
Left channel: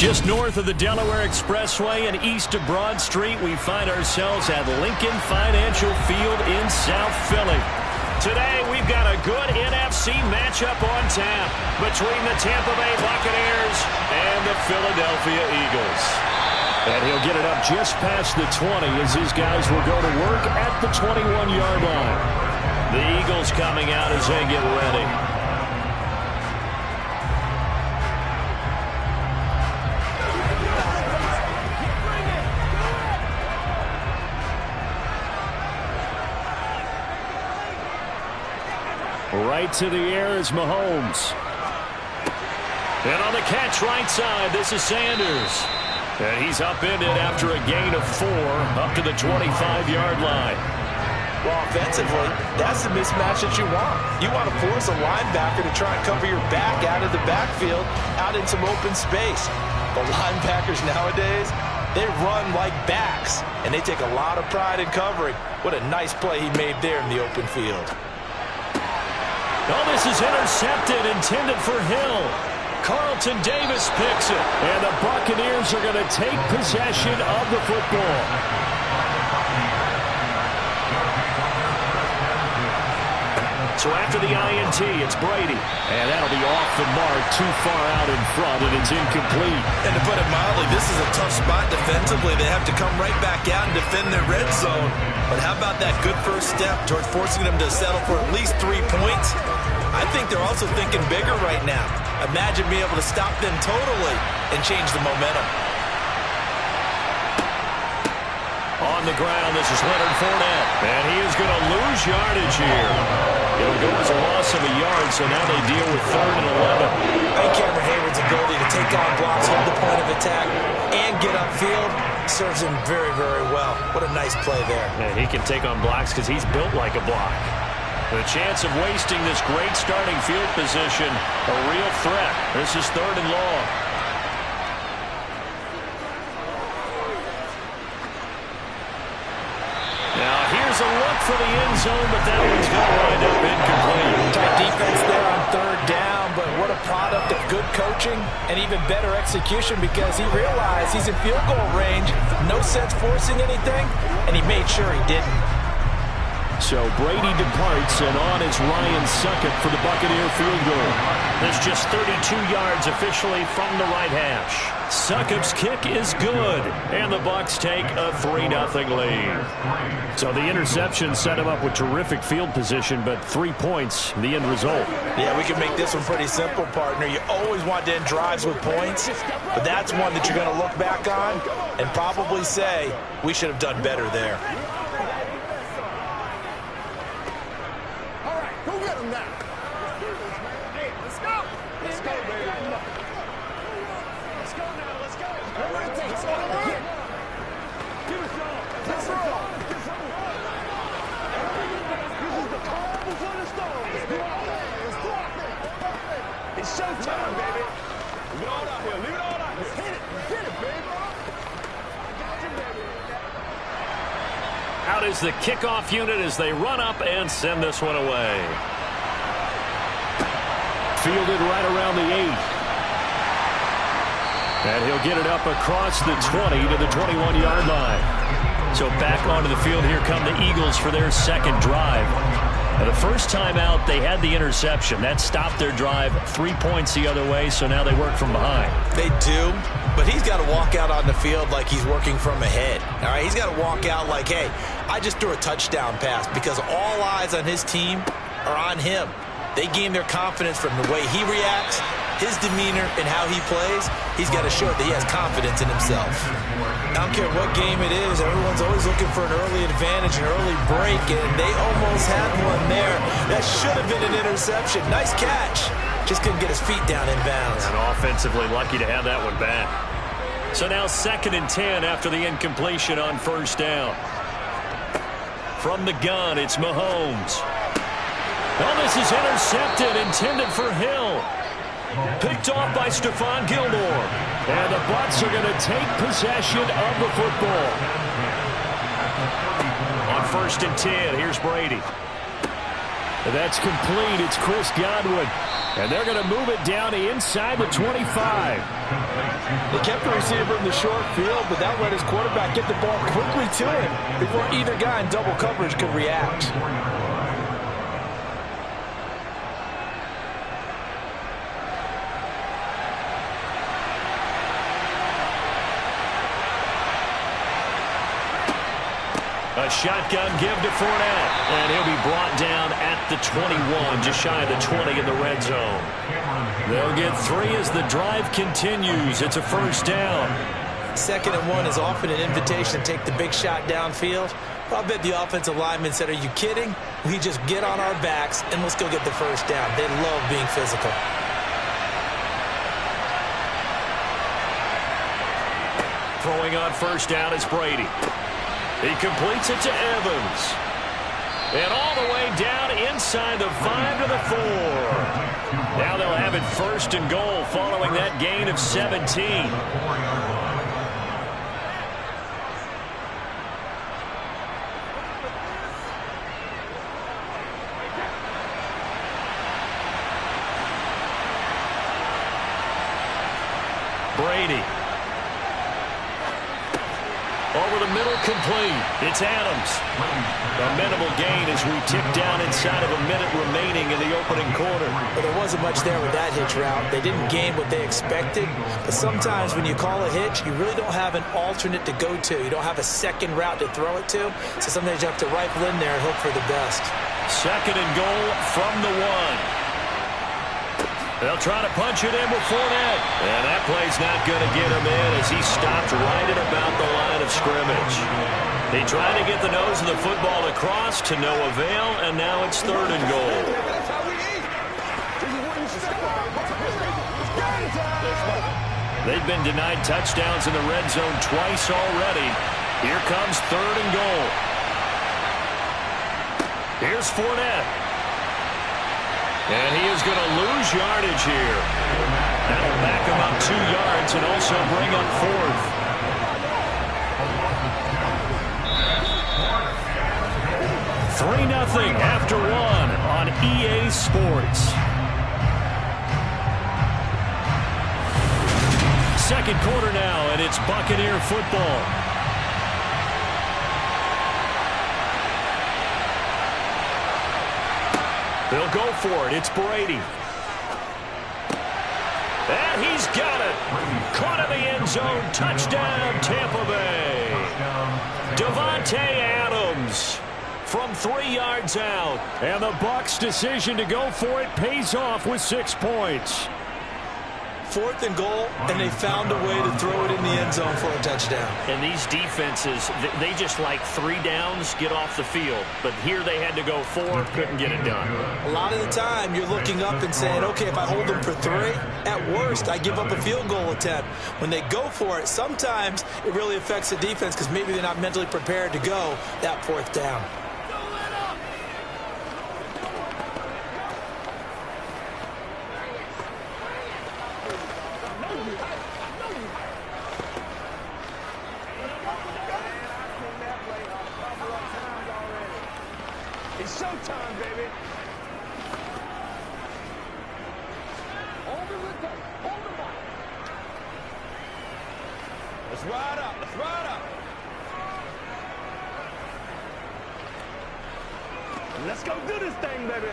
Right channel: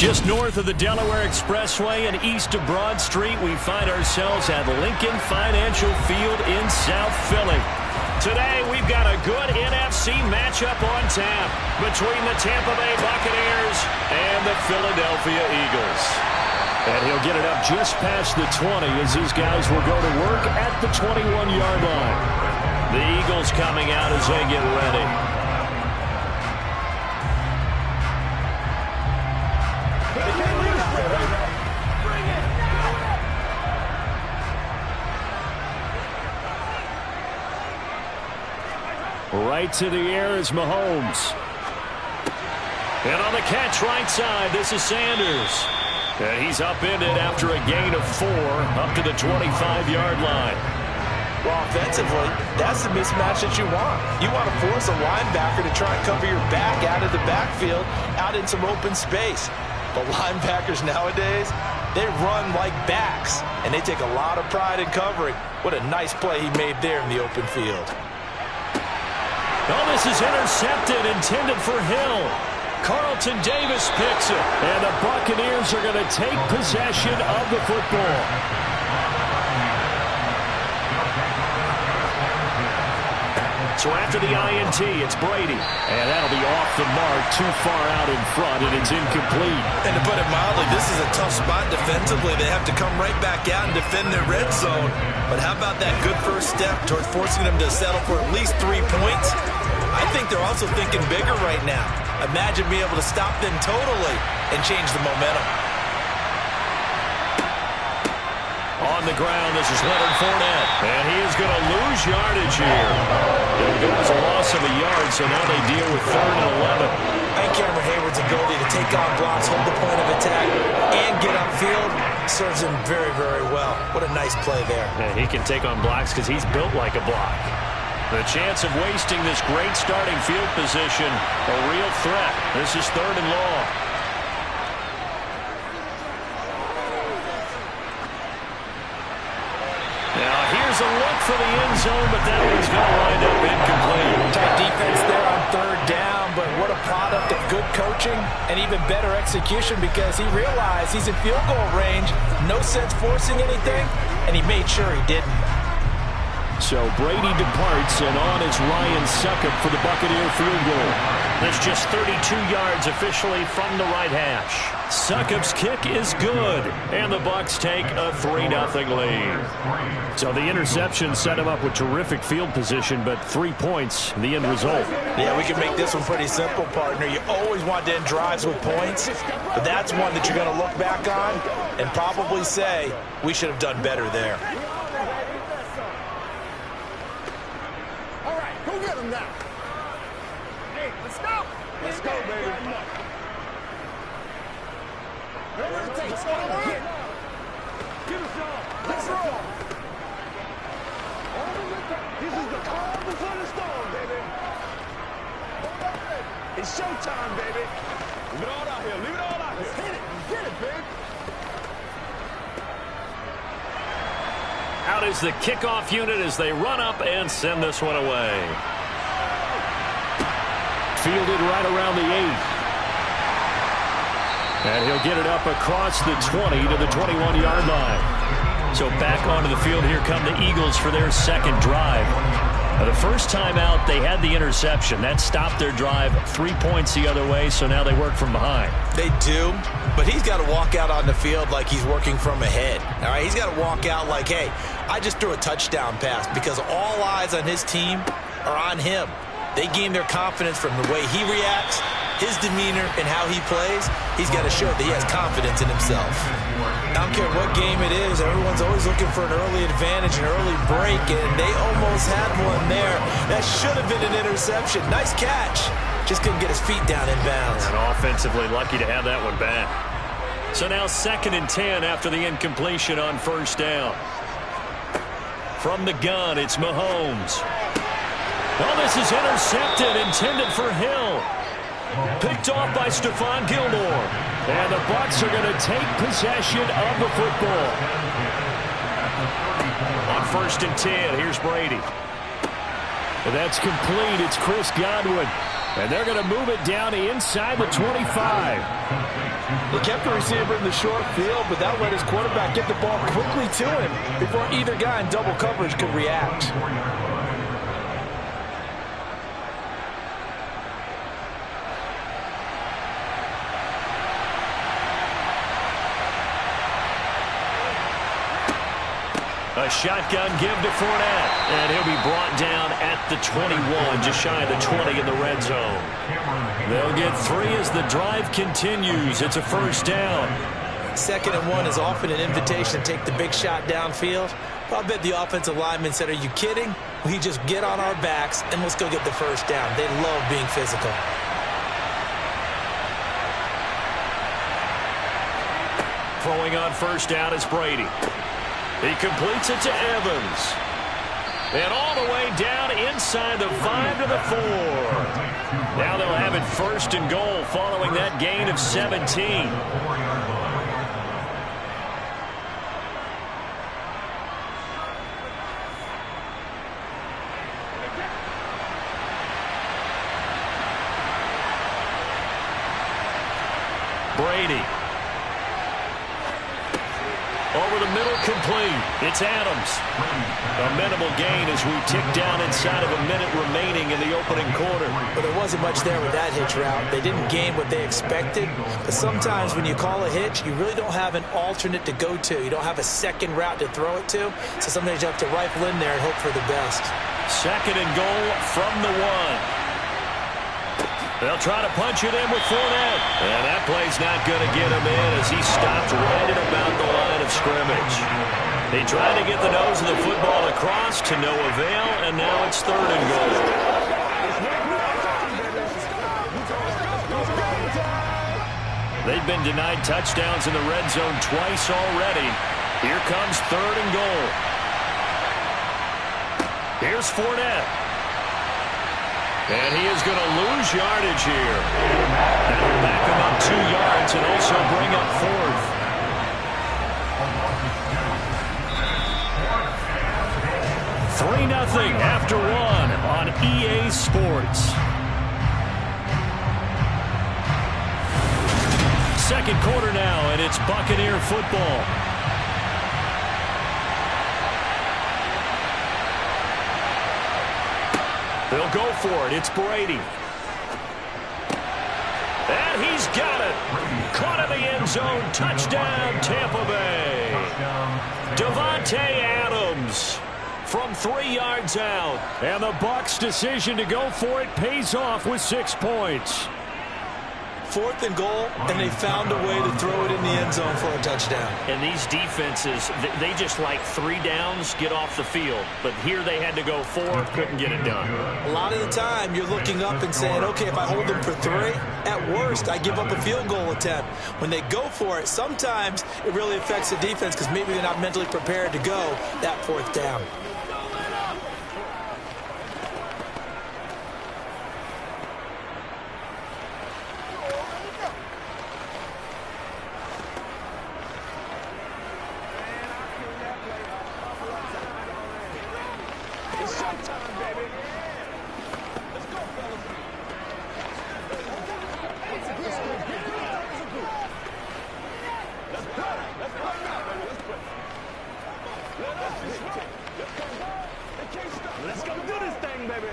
Just north of the Delaware Expressway and east of Broad Street, we find ourselves at Lincoln Financial Field in South Philly. Today, we've got a good NFC matchup on tap between the Tampa Bay Buccaneers and the Philadelphia Eagles. And he'll get it up just past the 20 as his guys will go to work at the 21-yard line. The Eagles coming out as they get ready. Right to the air is Mahomes. And on the catch right side, this is Sanders. And he's upended after a gain of 4 up to the 25-yard line. Well, offensively, that's the mismatch that you want. You want to force a linebacker to try and cover your back out of the backfield, out in some open space. The linebackers nowadays, they run like backs, and they take a lot of pride in covering. What a nice play he made there in the open field. Oh, this is intercepted, intended for Hill. Carlton Davis picks it, and the Buccaneers are going to take possession of the football. So after the INT, it's Brady, and that'll be off the mark, too far out in front, and it's incomplete. And to put it mildly, this is a tough spot defensively. They have to come right back out and defend their red zone. But how about that good first step towards forcing them to settle for at least 3 points? I think they're also thinking bigger right now. Imagine being able to stop them totally and change the momentum. On the ground, this is Leonard Fournette, and he is going to lose yardage here. It'll go as a loss of a yard, so now they deal with 3rd and 11. I think Cameron Hayward's ability to take on blocks, hold the point of attack, and get upfield serves him very, very well. What a nice play there. And he can take on blocks because he's built like a block. The chance of wasting this great starting field position, a real threat. This is 3rd and long. Now here's a look for the end zone, but that one's going to wind up incomplete. Tight defense there on 3rd down, but what a product of good coaching and even better execution because he realized he's in field goal range. No sense forcing anything, and he made sure he didn't. So Brady departs, and on is Ryan Succop for the Buccaneer field goal. There's just 32 yards officially from the right hash. Succop's kick is good, and the Bucs take a 3-0 lead. So the interception set him up with terrific field position, but 3 points, the end result. Yeah, we can make this one pretty simple, partner. You always want to end drives with points, but that's one that you're going to look back on and probably say, we should have done better there. Go get him now. Hey, let's go. Let's go, baby. Whatever it takes. Give us all. Let's roll. This is the calm before the storm, baby. It's showtime, baby. Leave it all out here. Leave it all out here. Let's hit it. Get it, baby. Out is the kickoff unit as they run up and send this one away. Fielded right around the 8. And he'll get it up across the 20 to the 21-yard line. So back onto the field, here come the Eagles for their second drive. Now, the first time out, they had the interception. That stopped their drive 3 points the other way, so now they work from behind. They do, but he's got to walk out on the field like he's working from ahead. All right, he's got to walk out like, hey, I just threw a touchdown pass because all eyes on his team are on him. They gain their confidence from the way he reacts, his demeanor, and how he plays. He's got to show that he has confidence in himself. I don't care what game it is, everyone's always looking for an early advantage, an early break, and they almost had one there. That should have been an interception. Nice catch. Just couldn't get his feet down in bounds. And offensively lucky to have that one back. So now 2nd and 10 after the incompletion on 1st down. From the gun, it's Mahomes. Oh, this is intercepted, intended for Hill. Picked off by Stephon Gilmore. And the Bucs are going to take possession of the football. On 1st and 10, here's Brady. That's complete. It's Chris Godwin. And they're going to move it down inside the 25. They kept the receiver in the short field, but that let his quarterback get the ball quickly to him before either guy in double coverage could react. A shotgun give to Fournette, and he'll be brought down at the 21, just shy of the 20 in the red zone. They'll get 3 as the drive continues. It's a first down. 2nd and 1 is often an invitation to take the big shot downfield. Well, I bet the offensive lineman said, are you kidding? We just get on our backs and let's go get the first down. They love being physical. Throwing on first down is Brady. He completes it to Evans. And all the way down inside the 5 to the 4. Now they'll have it 1st and goal following that gain of 17. Brady. Over the middle, complete. It's Adams. A minimal gain as we tick down inside of a minute remaining in the opening quarter. But there wasn't much there with that hitch route. They didn't gain what they expected. But sometimes when you call a hitch, you really don't have an alternate to go to. You don't have a second route to throw it to. So sometimes you have to rifle in there and hope for the best. 2nd and goal from the 1. They'll try to punch it in with Fournette. And that play's not going to get him in as he stopped right at about the line of scrimmage. They tried to get the nose of the football across to no avail, and now it's 3rd and goal. They've been denied touchdowns in the red zone twice already. Here comes 3rd and goal. Here's Fournette. And he is going to lose yardage here. That'll back him up 2 yards and also bring up 4th. 3-0 after 1 on EA Sports. 2nd quarter now, and it's Buccaneer football. They'll go for it. It's Brady. And he's got it. Caught in the end zone. Touchdown, Tampa Bay. Davante Adams from 3 yards out. And the Bucs' decision to go for it pays off with 6 points. 4th and goal, and they found a way to throw it in the end zone for a touchdown. And these defenses, they just like 3 downs, get off the field. But here they had to go 4, couldn't get it done. A lot of the time, you're looking up and saying, okay, if I hold them for 3, at worst, I give up a field goal attempt. When they go for it, sometimes it really affects the defense because maybe they're not mentally prepared to go that 4th down. It's showtime, baby. Let's ride up. Let's ride up. Let's go do this thing, baby.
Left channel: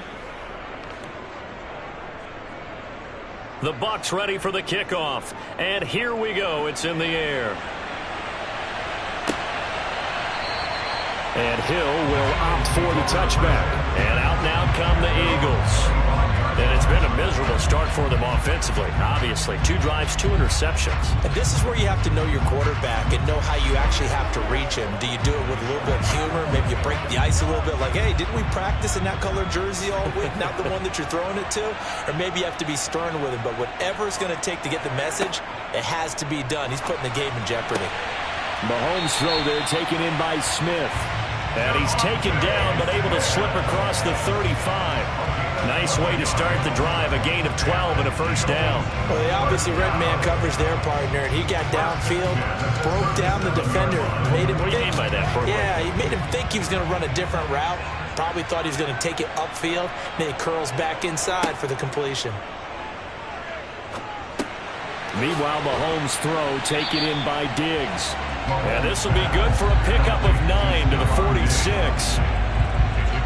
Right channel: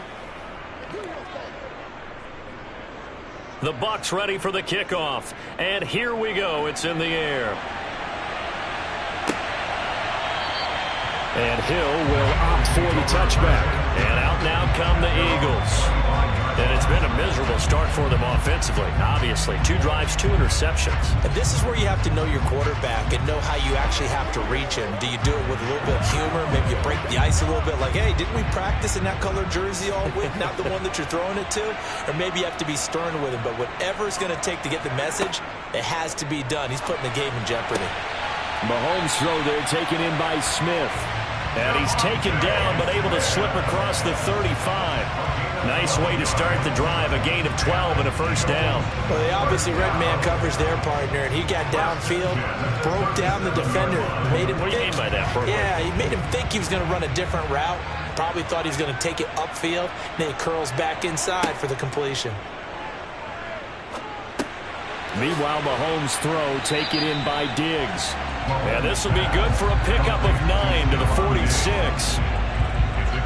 The Bucs ready for the kickoff. And here we go. It's in the air. And Hill will opt for the touchback. And out now come the Eagles. And it's been a miserable start for them offensively. Obviously, 2 drives, 2 interceptions. And this is where you have to know your quarterback and know how you actually have to reach him. Do you do it with a little bit of humor? Maybe you break the ice a little bit like, hey, didn't we practice in that color jersey all week? Not the one that you're throwing it to? Or maybe you have to be stern with him. But whatever it's going to take to get the message, it has to be done. He's putting the game in jeopardy. Mahomes' throw there taken in by Smith. And he's taken down, but able to slip across the 35. Nice way to start the drive. A gain of 12 and a first down. Well, they obviously red man coverage their partner, and he got downfield, broke down the defender. Made him what do you mean by that? Yeah, he made him think he was going to run a different route. Probably thought he was going to take it upfield. Then he curls back inside for the completion. Meanwhile, Mahomes' throw taken in by Diggs. And this will be good for a pickup of 9 to the 46. It's a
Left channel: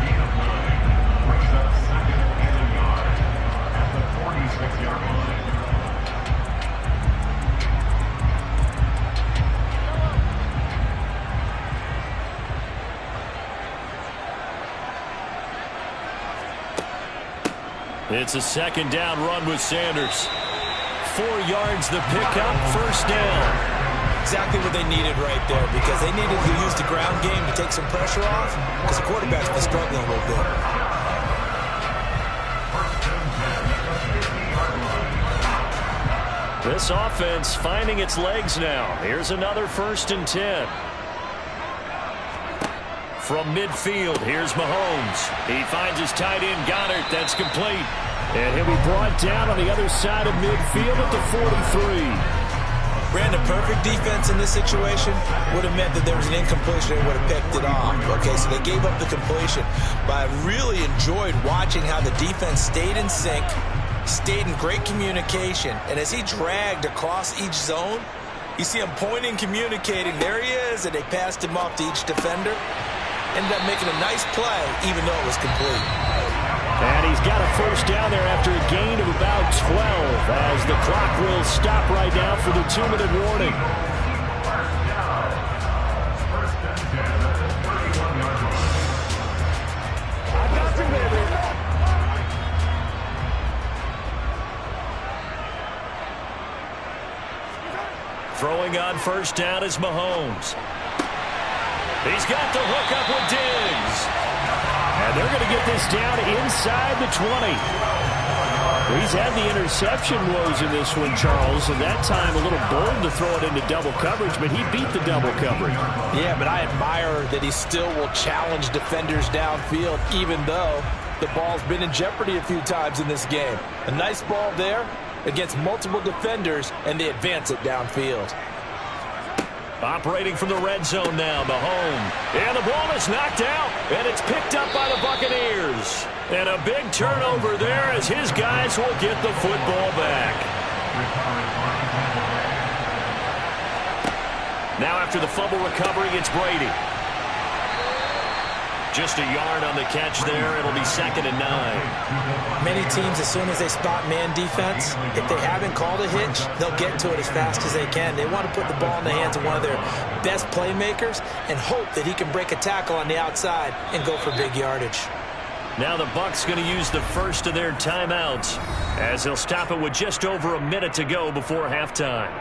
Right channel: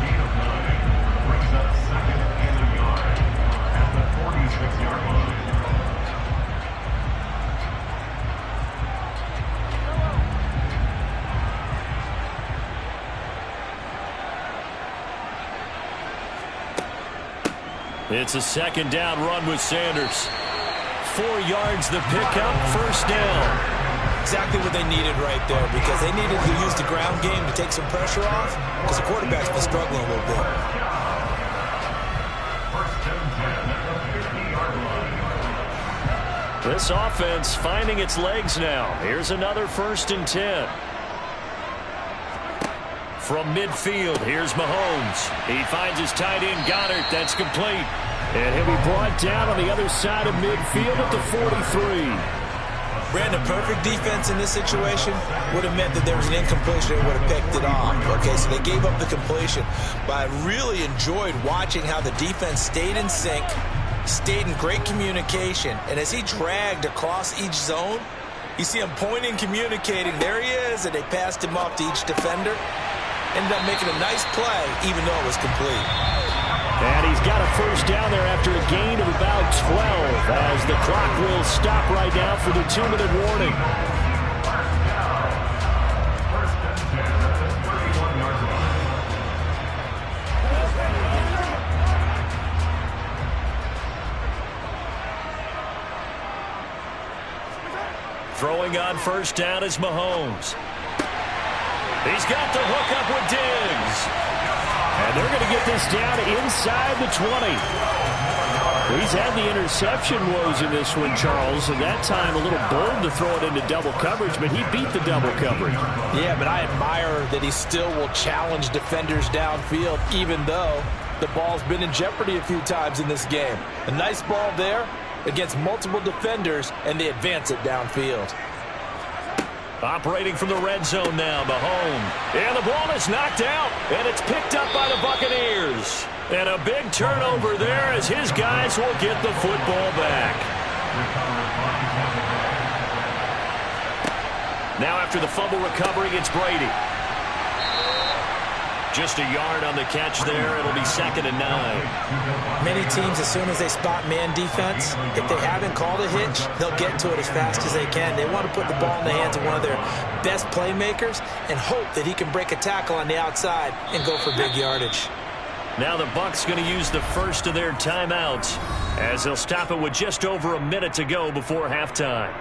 gain of 9. Brings up second and a yard at the 46-yard line. It's a second down run with Sanders. 4 yards the pickup, first down. Exactly what they needed right there, because they needed to use the ground game to take some pressure off, because the quarterback's been struggling a little bit. This offense finding its legs now. Here's another 1st and 10. From midfield, here's Mahomes. He finds his tight end, Goddard. That's complete. And he'll be brought down on the other side of midfield at the 43. Brandon, perfect defense in this situation would have meant that there was an incompletion and would have picked it off. Okay, so they gave up the completion. But I really enjoyed watching how the defense stayed in sync, stayed in great communication. And as he dragged across each zone, you see him pointing, communicating. There he is, and they passed him off to each defender. Ended up making a nice play, even though it was complete. And he's got a first down there after a gain of about 12 as the clock will stop right now for the 2-minute warning. First and 10 at the 31-yard line. Throwing on first down is Mahomes. He's got the hook up with Diggs. And they're going to get this down inside the 20. He's had the interception woes in this one, Charles, and that time a little bold to throw it into double coverage, but he beat the double coverage. Yeah, but I admire that he still will challenge defenders downfield, even though the ball's been in jeopardy a few times in this game. A nice ball there against multiple defenders, and they advance it downfield. Operating from the red zone now, Mahomes. And the ball is knocked out, and it's picked up by the Buccaneers. And a big turnover there as his guys will get the football back. Now after the fumble recovery, it's Brady. Just a yard on the catch there. It'll be 2nd and 9. Many teams, as soon as they spot man defense, if they haven't called a hitch, they'll get to it as fast as they can. They want to put the ball in the hands of one of their best playmakers and hope that he can break a tackle on the outside and go for big yardage. Now the Bucs going to use the first of their timeouts as they'll stop it with just over a minute to go before halftime.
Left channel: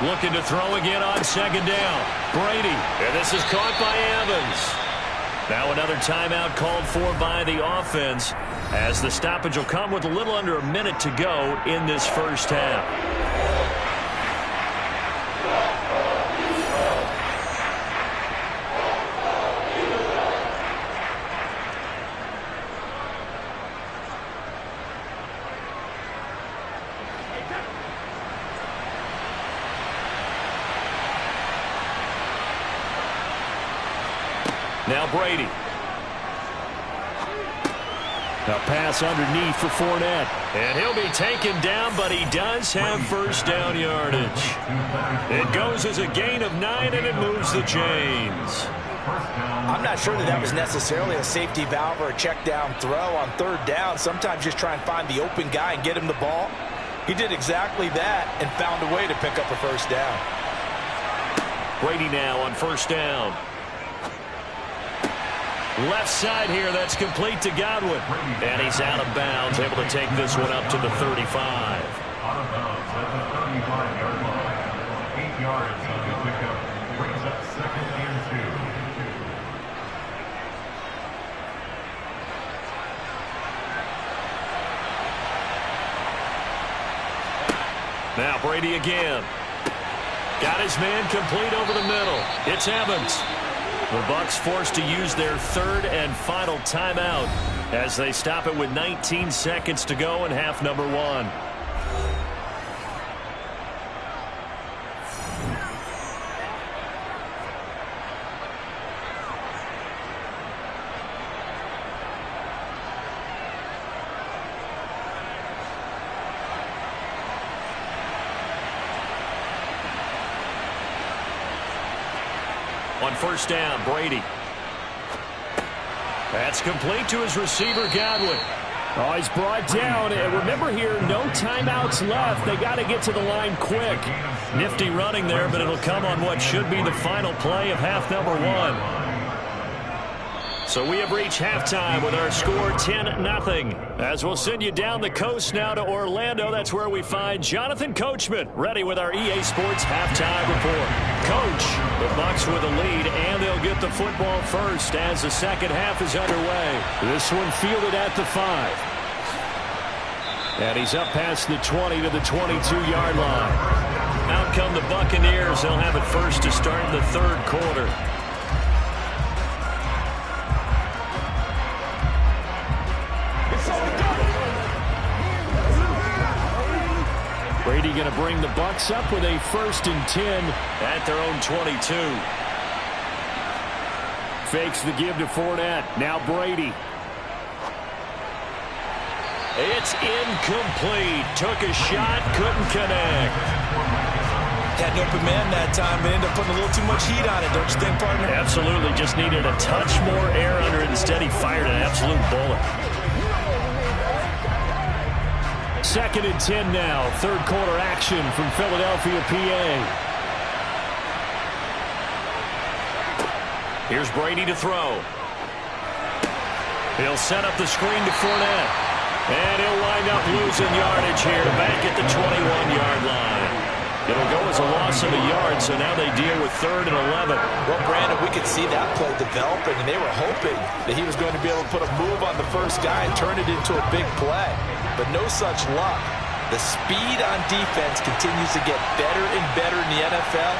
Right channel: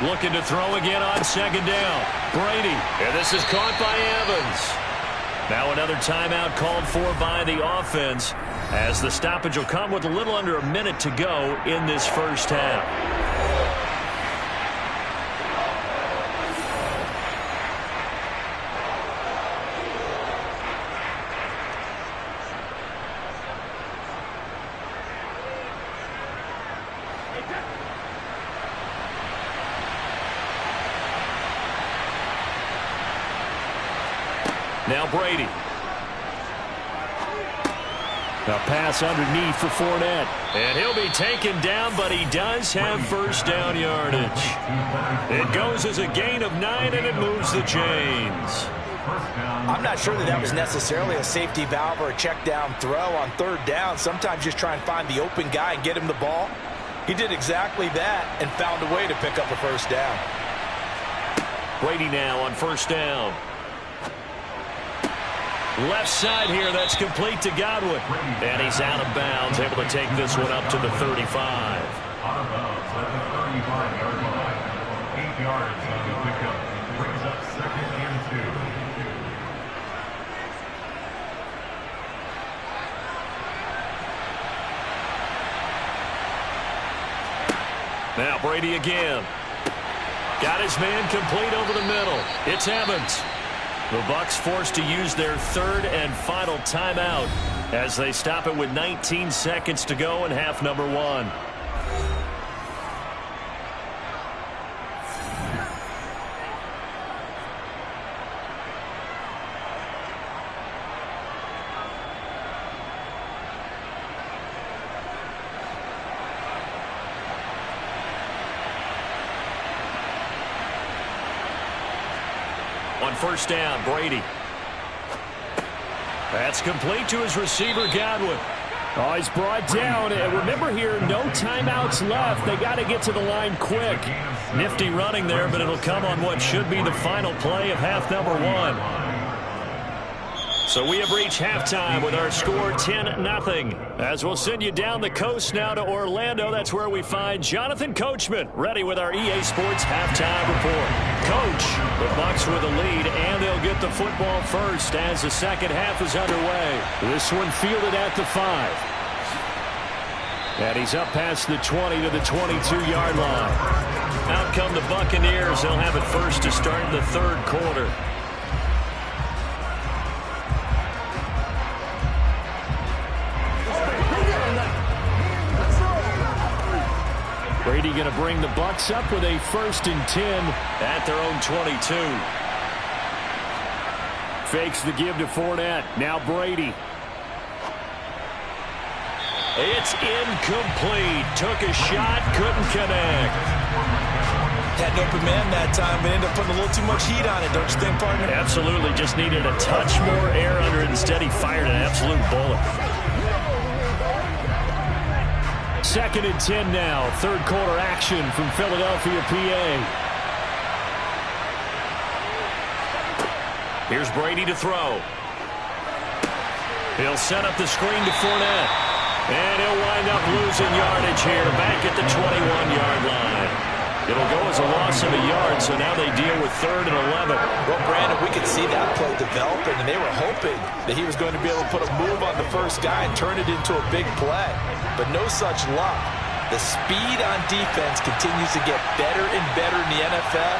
Looking to throw again on 2nd down. Brady. And this is caught by Evans. Now another timeout called for by the offense as the stoppage will come with a little under a minute to go in this first half. Now Brady. A pass underneath for Fournette. And he'll be taken down, but he does have first down yardage. It goes as a gain of 9, and it moves the chains. I'm not sure that was necessarily a safety valve or a check down throw on 3rd down. Sometimes just try and find the open guy and get him the ball. He did exactly that and found a way to pick up a first down. Brady now on first down. Left side here, that's complete to Godwin. And he's out of bounds, able to take this one up to the 35. Out of bounds at the 35-yard line. 8 yards on the pickup. Brings up 2nd and 2. Now Brady again. Got his man complete over the middle. It's Evans. The Bucs forced to use their third and final timeout as they stop it with 19 seconds to go in half number 1. On first down, Brady. That's complete to his receiver, Godwin. Oh, he's brought down. And remember here, no timeouts left. They got to get to the line quick. Nifty running there, but it'll come on what should be the final play of half number 1. So we have reached halftime with our score 10-0. As we'll send you down the coast now to Orlando. That's where we find Jonathan Coachman ready with our EA Sports halftime report. Coach, the Bucs with a lead, and they'll get the football first as the second half is underway. This one fielded at the 5. And he's up past the 20 to the 22-yard line. Out come the Buccaneers. They'll have it first to start the third quarter. Brady going to bring the Bucs up with a 1st and 10 at their own 22. Fakes the give to Fournette. Now Brady. It's incomplete. Took a shot, couldn't connect. Had an open man that time, but ended up putting a little too much heat on it, don't you think, partner? Absolutely. Just needed a touch more air under it. Instead, he fired an absolute bullet. 2nd and 10 now. Third quarter action from Philadelphia, PA. Here's Brady to throw. He'll set up the screen to Fournette. And he'll wind up losing yardage here back at the 21-yard line. It'll go as a loss of a yard, so now they deal with 3rd and 11. Well, Brandon, we could see that play developing, and they were hoping that he was going to be able to put a move on the first guy and turn it into a big play. But no such luck. The speed on defense continues to get better and better in the NFL.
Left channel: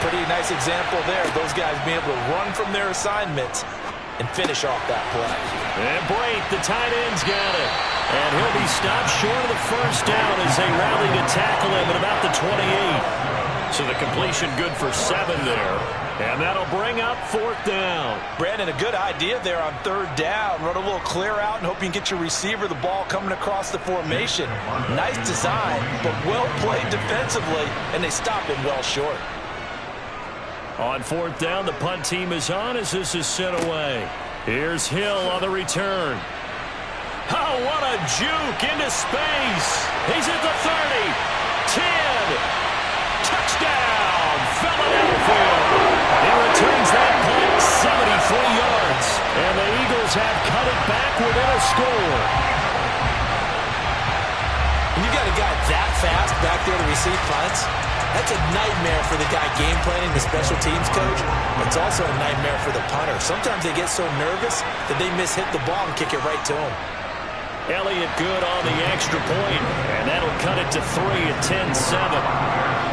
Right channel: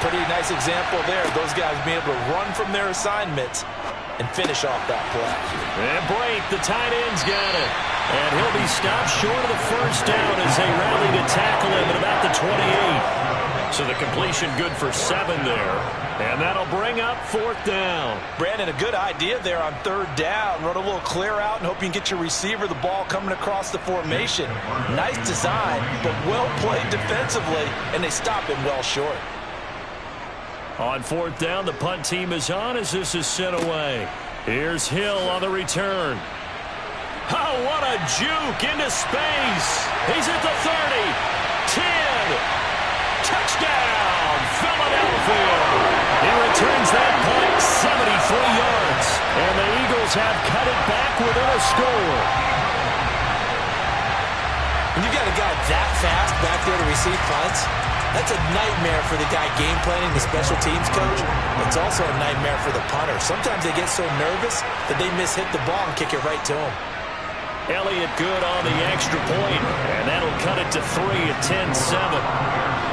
Pretty nice example there. Those guys being able to run from their assignments and finish off that play. And Brate, the tight end's got it. And he'll be stopped short of the first down as they rally to tackle him at about the 28. So the completion good for 7 there. And that'll bring up 4th down. Brandon, a good idea there on 3rd down. Run a little clear out and hope you can get your receiver the ball coming across the formation. Nice design, but well played defensively, and they stop him well short. On 4th down, the punt team is on as this is sent away. Here's Hill on the return. Oh, what a juke into space. He's at the 30, 10, touchdown, Philadelphia. He returns that punt 73 yards. And the Eagles have cut it back within a score. When you've got a guy that fast back there to receive punts, that's a nightmare for the guy game planning, the special teams coach. It's also a nightmare for the punter. Sometimes they get so nervous that they mishit the ball and kick it right to him. Elliott good on the extra point, and that'll cut it to 3 at 10-7.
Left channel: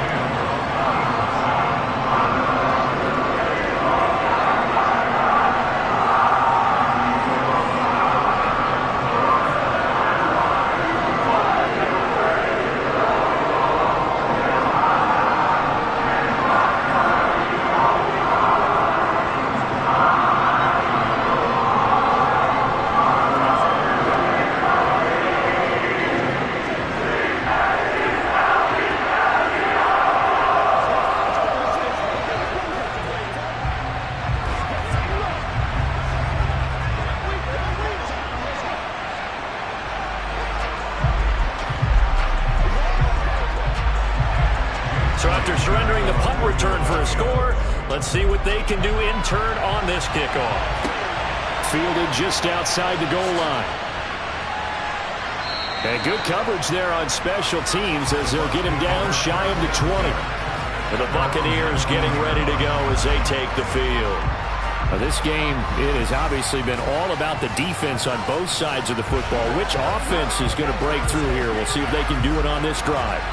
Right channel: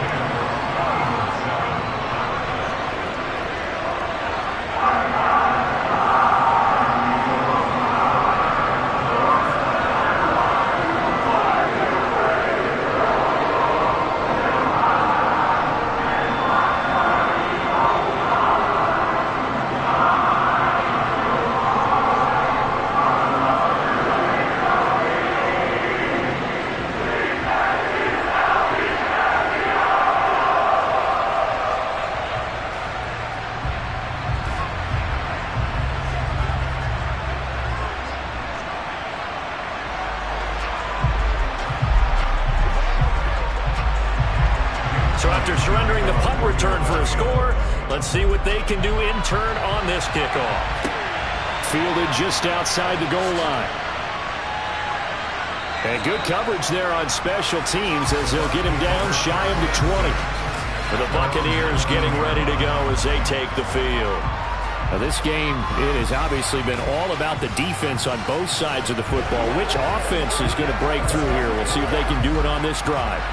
So after surrendering the punt return for a score, let's see what they can do in turn on this kickoff. Fielded just outside the goal line. And good coverage there on special teams as they'll get him down shy of the 20. And the Buccaneers getting ready to go as they take the field. Now this game, it has obviously been all about the defense on both sides of the football. Which offense is going to break through here? We'll see if they can do it on this drive.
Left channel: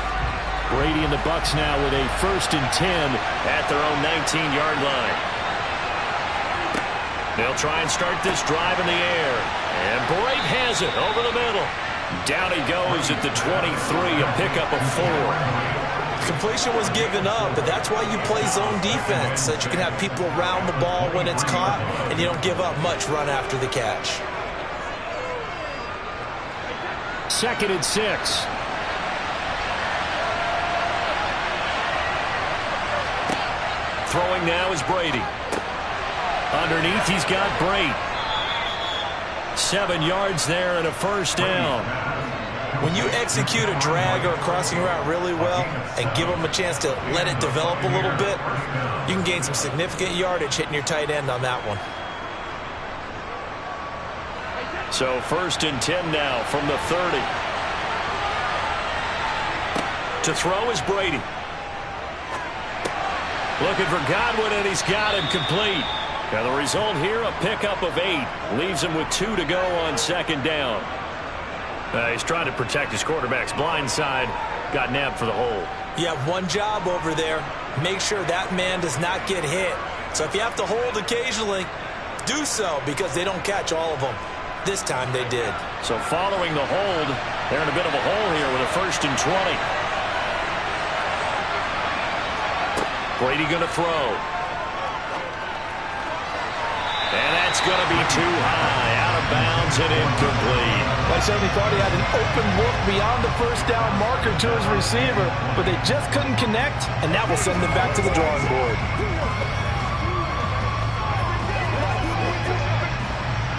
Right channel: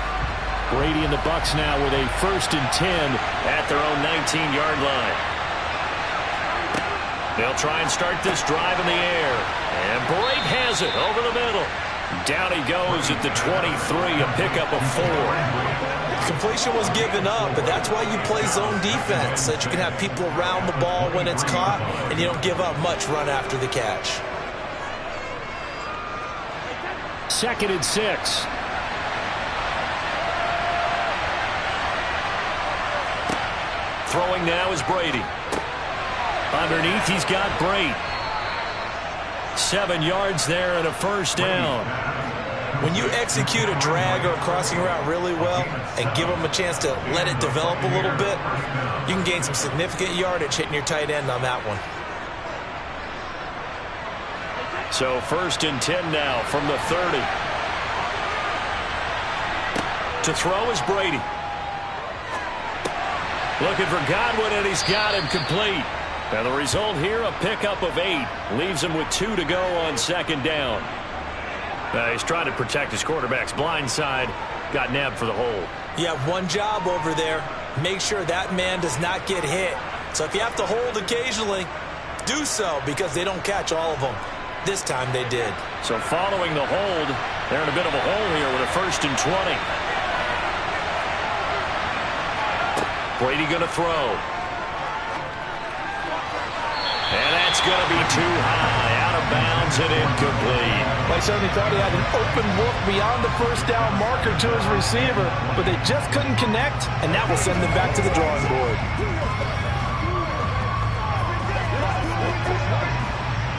Brady and the Bucs now with a 1st and 10 at their own 19-yard line. They'll try and start this drive in the air. And Brate has it over the middle. Down he goes at the 23, a pickup of 4. Completion was given up, but that's why you play zone defense, so that you can have people around the ball when it's caught, and you don't give up much run after the catch. 2nd and 6. Throwing now is Brady. Underneath, he's got Brate. 7 yards there and a 1st down. When you execute a drag or a crossing route really well and give them a chance to let it develop a little bit, you can gain some significant yardage hitting your tight end on that one. So 1st and 10 now from the 30. To throw is Brady. Looking for Godwin, and he's got him complete. Now the result here, a pickup of 8. Leaves him with 2 to go on 2nd down. He's trying to protect his quarterback's blind side. Got nabbed for the hold. You have one job over there. Make sure that man does not get hit. So if you have to hold occasionally, do so, because they don't catch all of them. This time they did. So following the hold, they're in a bit of a hole here with a 1st and 20. Brady going to throw. And that's going to be too high. Out of bounds and incomplete. Well, I certainly thought he had an open look beyond the 1st down marker to his receiver, but they just couldn't connect, and that will send them back to the drawing board.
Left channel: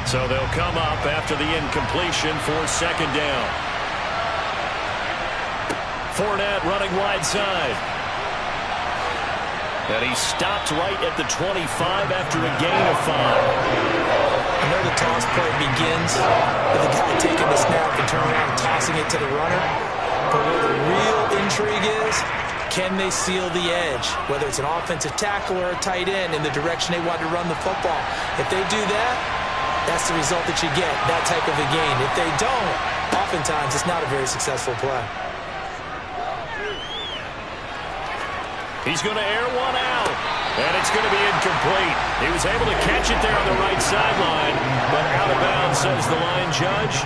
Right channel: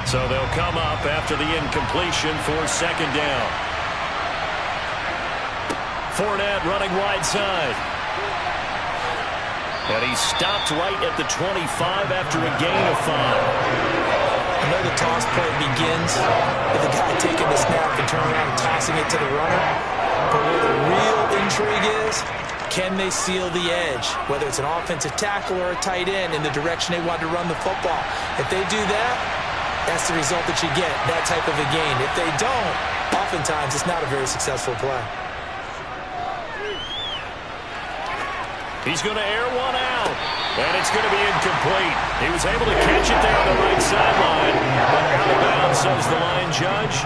So they'll come up after the incompletion for 2nd down. Fournette running wide side. And he stopped right at the 25 after a gain of 5. I know the toss play begins with the guy taking the snap and turning around and tossing it to the runner. But where the real intrigue is, can they seal the edge? Whether it's an offensive tackle or a tight end in the direction they want to run the football. If they do that, that's the result that you get, that type of a gain. If they don't, oftentimes it's not a very successful play. He's going to air one out, and it's going to be incomplete. He was able to catch it there on the right sideline, but out of bounds, says the line judge,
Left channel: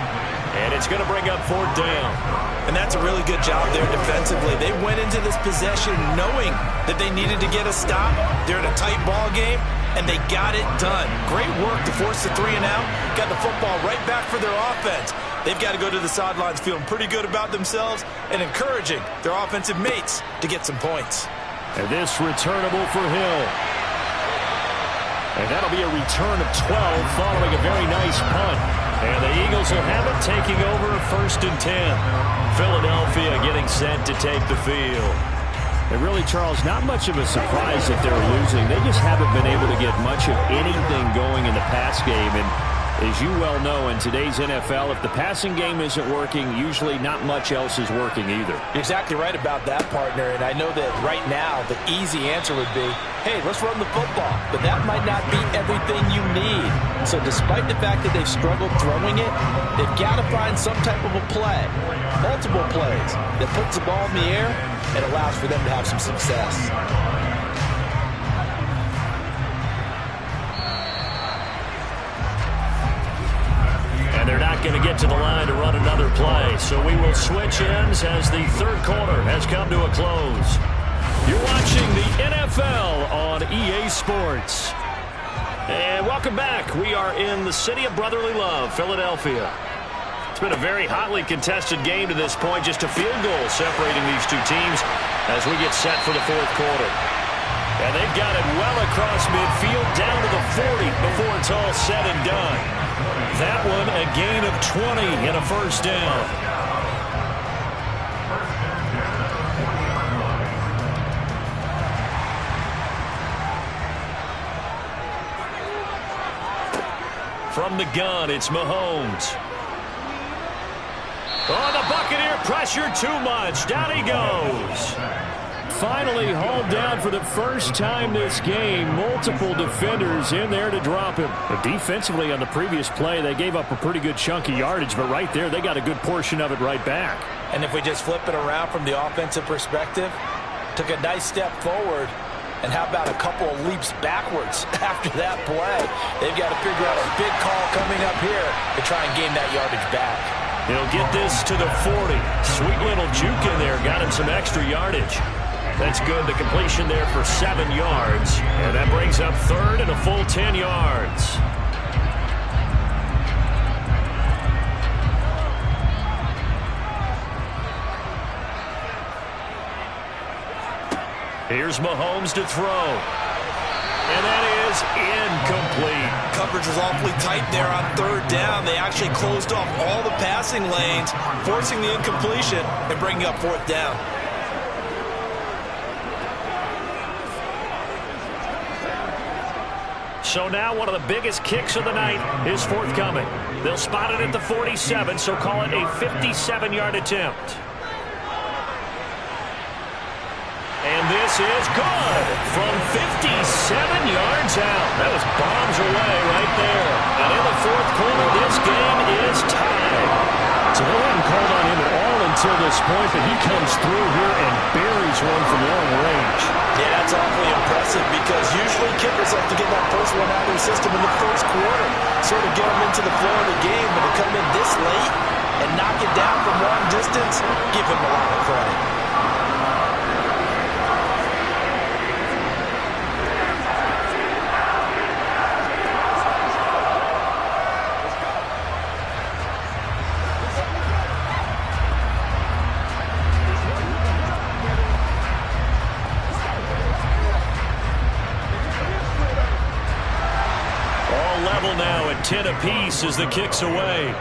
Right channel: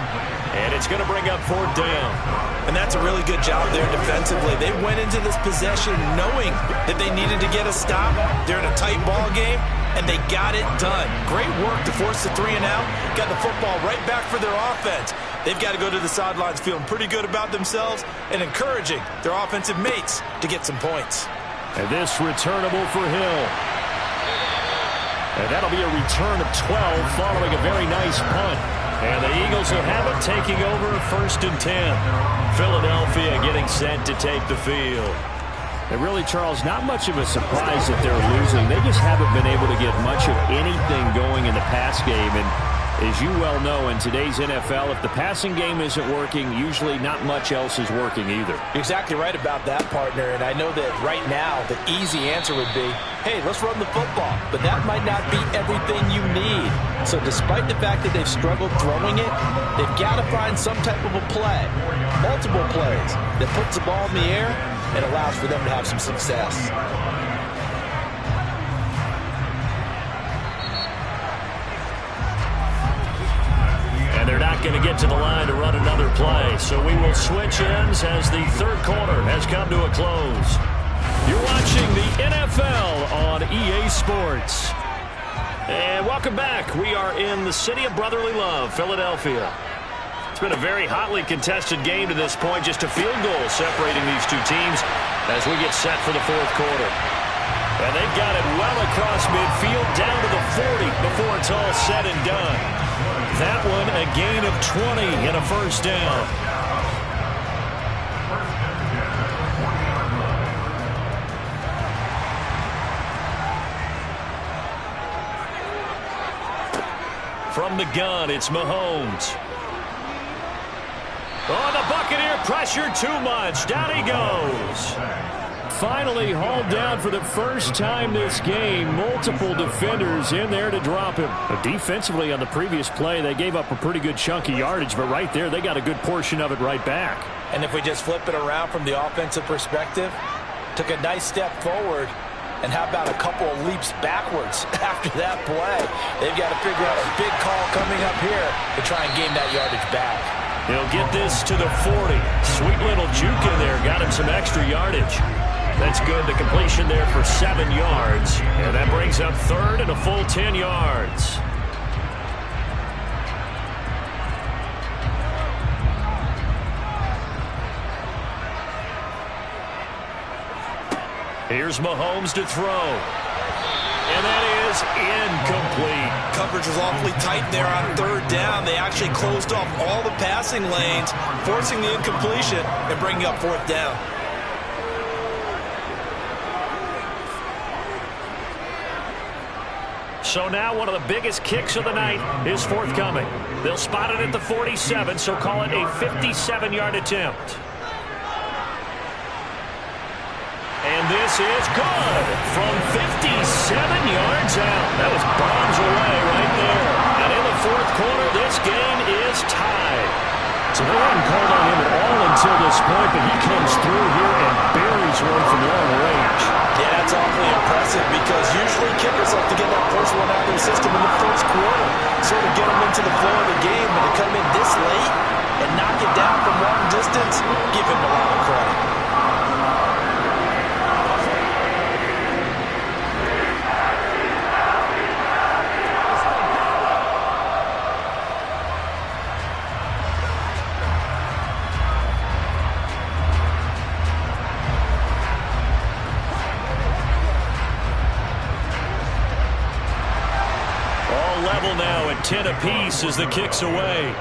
and it's going to bring up 4th down. And that's a really good job there defensively. They went into this possession knowing that they needed to get a stop. They're in a tight ball game, and they got it done. Great work to force the 3 and out, got the football right back for their offense. They've got to go to the sidelines feeling pretty good about themselves and encouraging their offensive mates to get some points. And this returnable for Hill. And that'll be a return of 12 following a very nice punt. And the Eagles will have it, taking over 1st and 10. Philadelphia getting set to take the field. And really, Charles, not much of a surprise that they're losing. They just haven't been able to get much of anything going in the pass game. And as you well know, in today's NFL, if the passing game isn't working, usually not much else is working either. You're exactly right about that, partner. And I know that right now the easy answer would be, hey, let's run the football. But that might not be everything you need. So despite the fact that they've struggled throwing it, they've got to find some type of a play, multiple plays, that puts the ball in the air and allows for them to have some success. And they're not going to get to the line to run another play. So we will switch ends as the 3rd quarter has come to a close. You're watching the NFL on EA Sports. And welcome back. We are in the city of brotherly love, Philadelphia. It's been a very hotly contested game to this point. Just a field goal separating these two teams as we get set for the 4th quarter. And they've got it well across midfield down to the 40 before it's all said and done. That one a gain of 20 and a 1st down. From the gun, it's Mahomes. Oh, the Buccaneer pressure too much. Down he goes. Finally hauled down for the first time this game. Multiple defenders in there to drop him. But defensively on the previous play, they gave up a pretty good chunk of yardage, but right there they got a good portion of it right back. And if we just flip it around from the offensive perspective, took a nice step forward, and how about a couple of leaps backwards after that play? They've got to figure out a big call coming up here to try and gain that yardage back. He'll get this to the 40. Sweet little juke in there. Got him some extra yardage. That's good. The completion there for 7 yards. And that brings up third and a full 10 yards. Here's Mahomes to throw. And that is incomplete. Coverage was awfully tight there on third down. They actually closed off all the passing lanes, forcing the incompletion and bringing up fourth down. So now one of the biggest kicks of the night is forthcoming. They'll spot it at the 47, so call it a 57-yard attempt. And this is good from 57 yards out. That was bombs away right there. And in the fourth quarter, this game is tied. So they hadn't called on him at all until this point, but he comes through here and buries one from long range. Yeah, that's awfully impressive because usually kickers like to get that first one out of their system in the first quarter, sort of get them into the flow of the game, but to come in this late and knock it down from long distance, give him a lot of credit. Now at 10 apiece as the kick's away.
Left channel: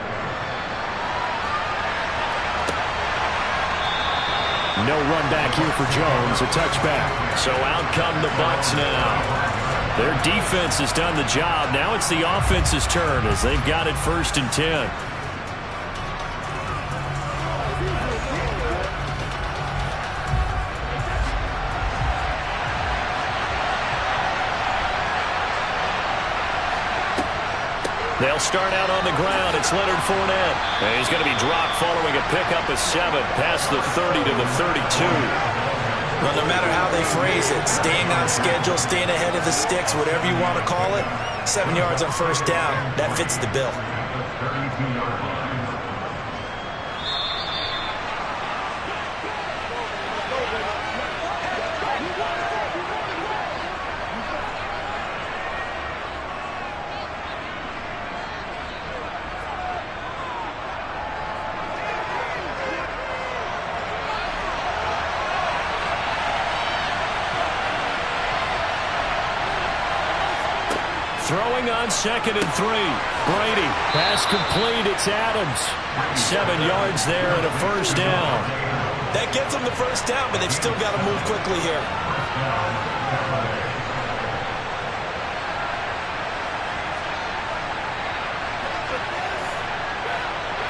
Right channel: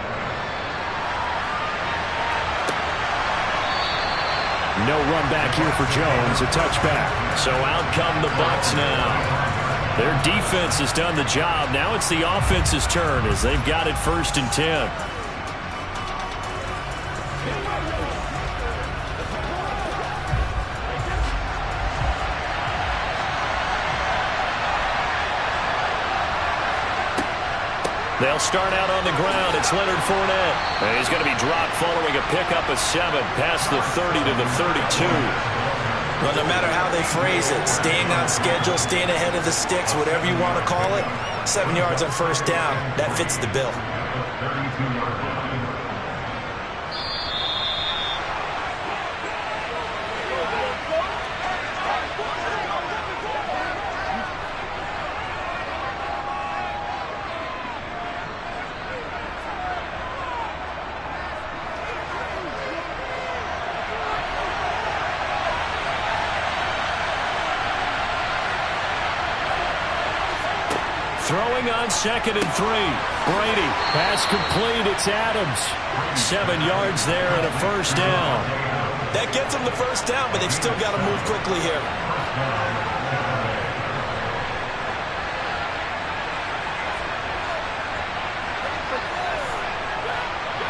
No run back here for Jones, a touchback. So out come the Bucs now. Their defense has done the job. Now it's the offense's turn as they've got it 1st and 10. They'll start out on the ground. It's Leonard Fournette. And he's going to be dropped following a pickup of 7 past the 30 to the 32. Well, no matter how they phrase it, staying on schedule, staying ahead of the sticks, whatever you want to call it, 7 yards on first down, that fits the bill. 32-yard line. Throwing on 2nd and 3. Brady. Pass complete. It's Adams. 7 yards there and a first down. That gets them the first down, but they've still got to move quickly here.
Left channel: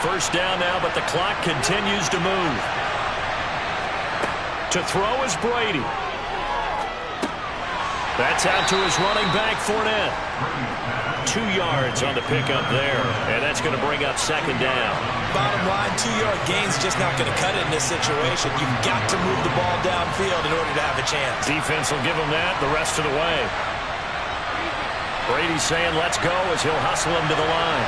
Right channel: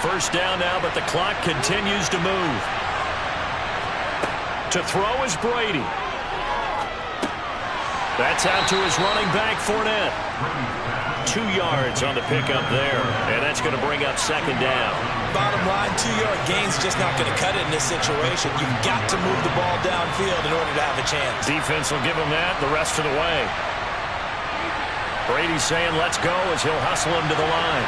First down now, but the clock continues to move. To throw is Brady. That's out to his running back, Fournette. 2 yards on the pickup there, and that's going to bring up 2nd down. Bottom line, 2-yard gain's just not going to cut it in this situation. You've got to move the ball downfield in order to have a chance. Defense will give him that the rest of the way. Brady's saying let's go as he'll hustle him to the line.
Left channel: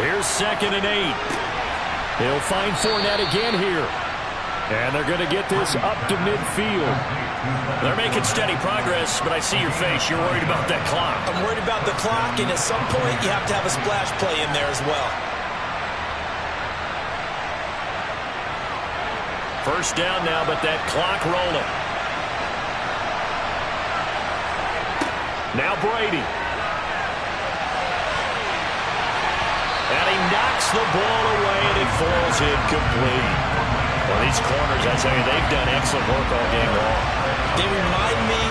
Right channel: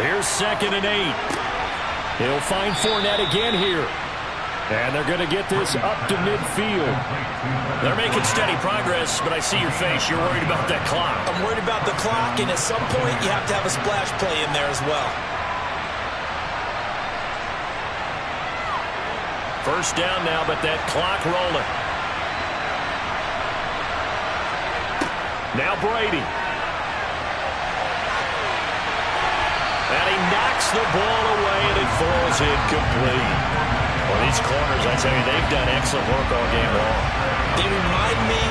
Here's 2nd and 8. He'll find Fournette again here. And they're going to get this up to midfield. They're making steady progress, but I see your face. You're worried about that clock. I'm worried about the clock, and at some point you have to have a splash play in there as well. First down now, but that clock rolling. Now Brady. And he knocks the ball away, and it falls incomplete. Well, these corners, I tell you, they've done excellent work all game long. They remind me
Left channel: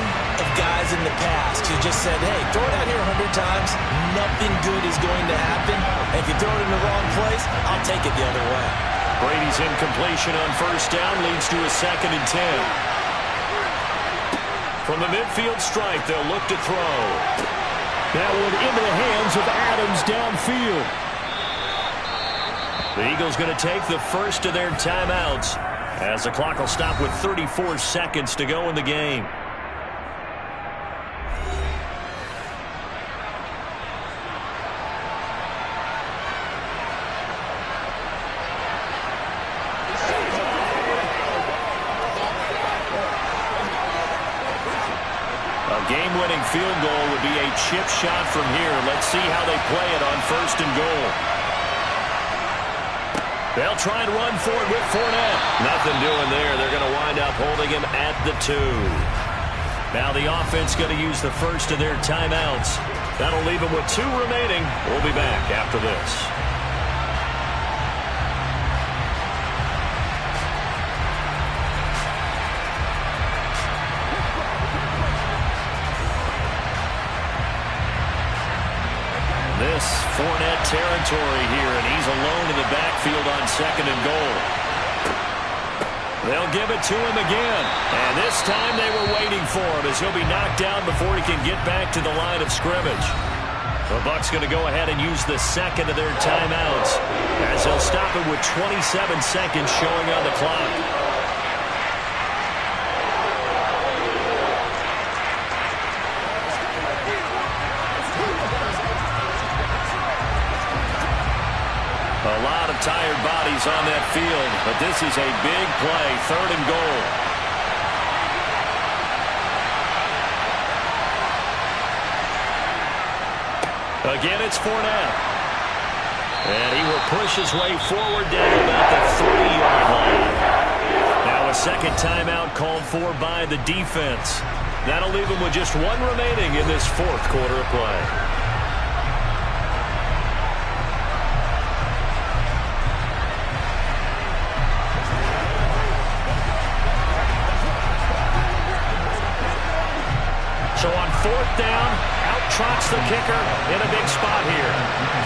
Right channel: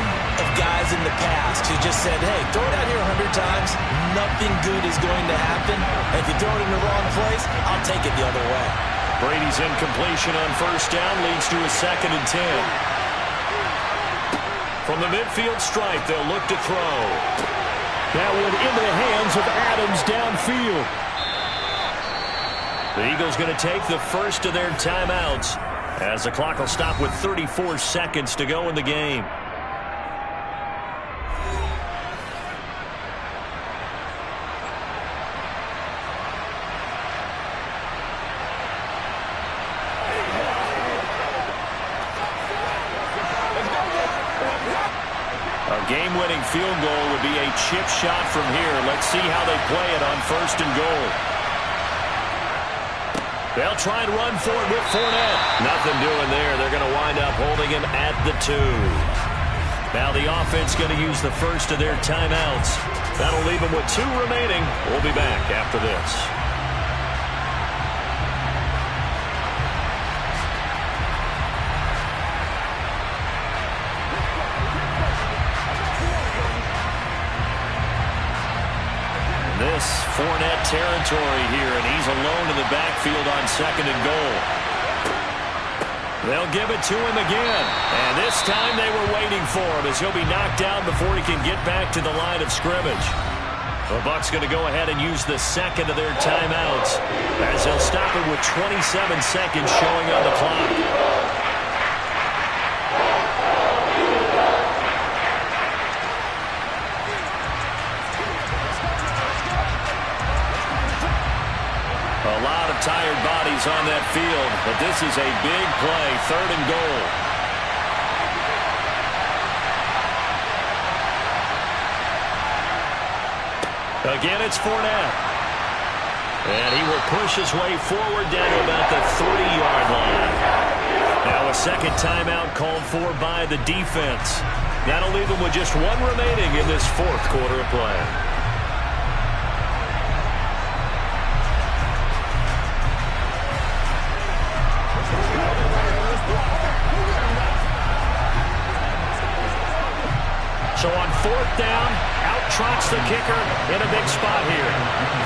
of guys in the past who just said, hey, throw it out here 100 times, nothing good is going to happen. And if you throw it in the wrong place, I'll take it the other way. Brady's incompletion on first down leads to a 2nd and 10. From the midfield stripe, they'll look to throw. That one into the hands of Adams downfield. The Eagles going to take the first of their timeouts as the clock will stop with 34 seconds to go in the game. A game-winning field goal would be a chip shot from here. Let's see how they play it on 1st and goal. They'll try and run for it with Fournette. Nothing doing there. They're going to wind up holding him at the 2. Now the offense going to use the first of their timeouts. That'll leave them with 2 remaining. We'll be back after this. This Fournette territory here, and he's alone in the backfield on 2nd and goal. They'll give it to him again, and this time they were waiting for him as he'll be knocked down before he can get back to the line of scrimmage. The Bucs going to go ahead and use the second of their timeouts as they'll stop it with 27 seconds showing on the clock. A lot of tired bodies on that field, but this is a big play, 3rd and goal. Again, it's Fournette. And he will push his way forward down to about the 30-yard line. Now a second timeout called for by the defense. That'll leave him with just 1 remaining in this 4th quarter of play. So on 4th down, out trots the kicker in a big spot here.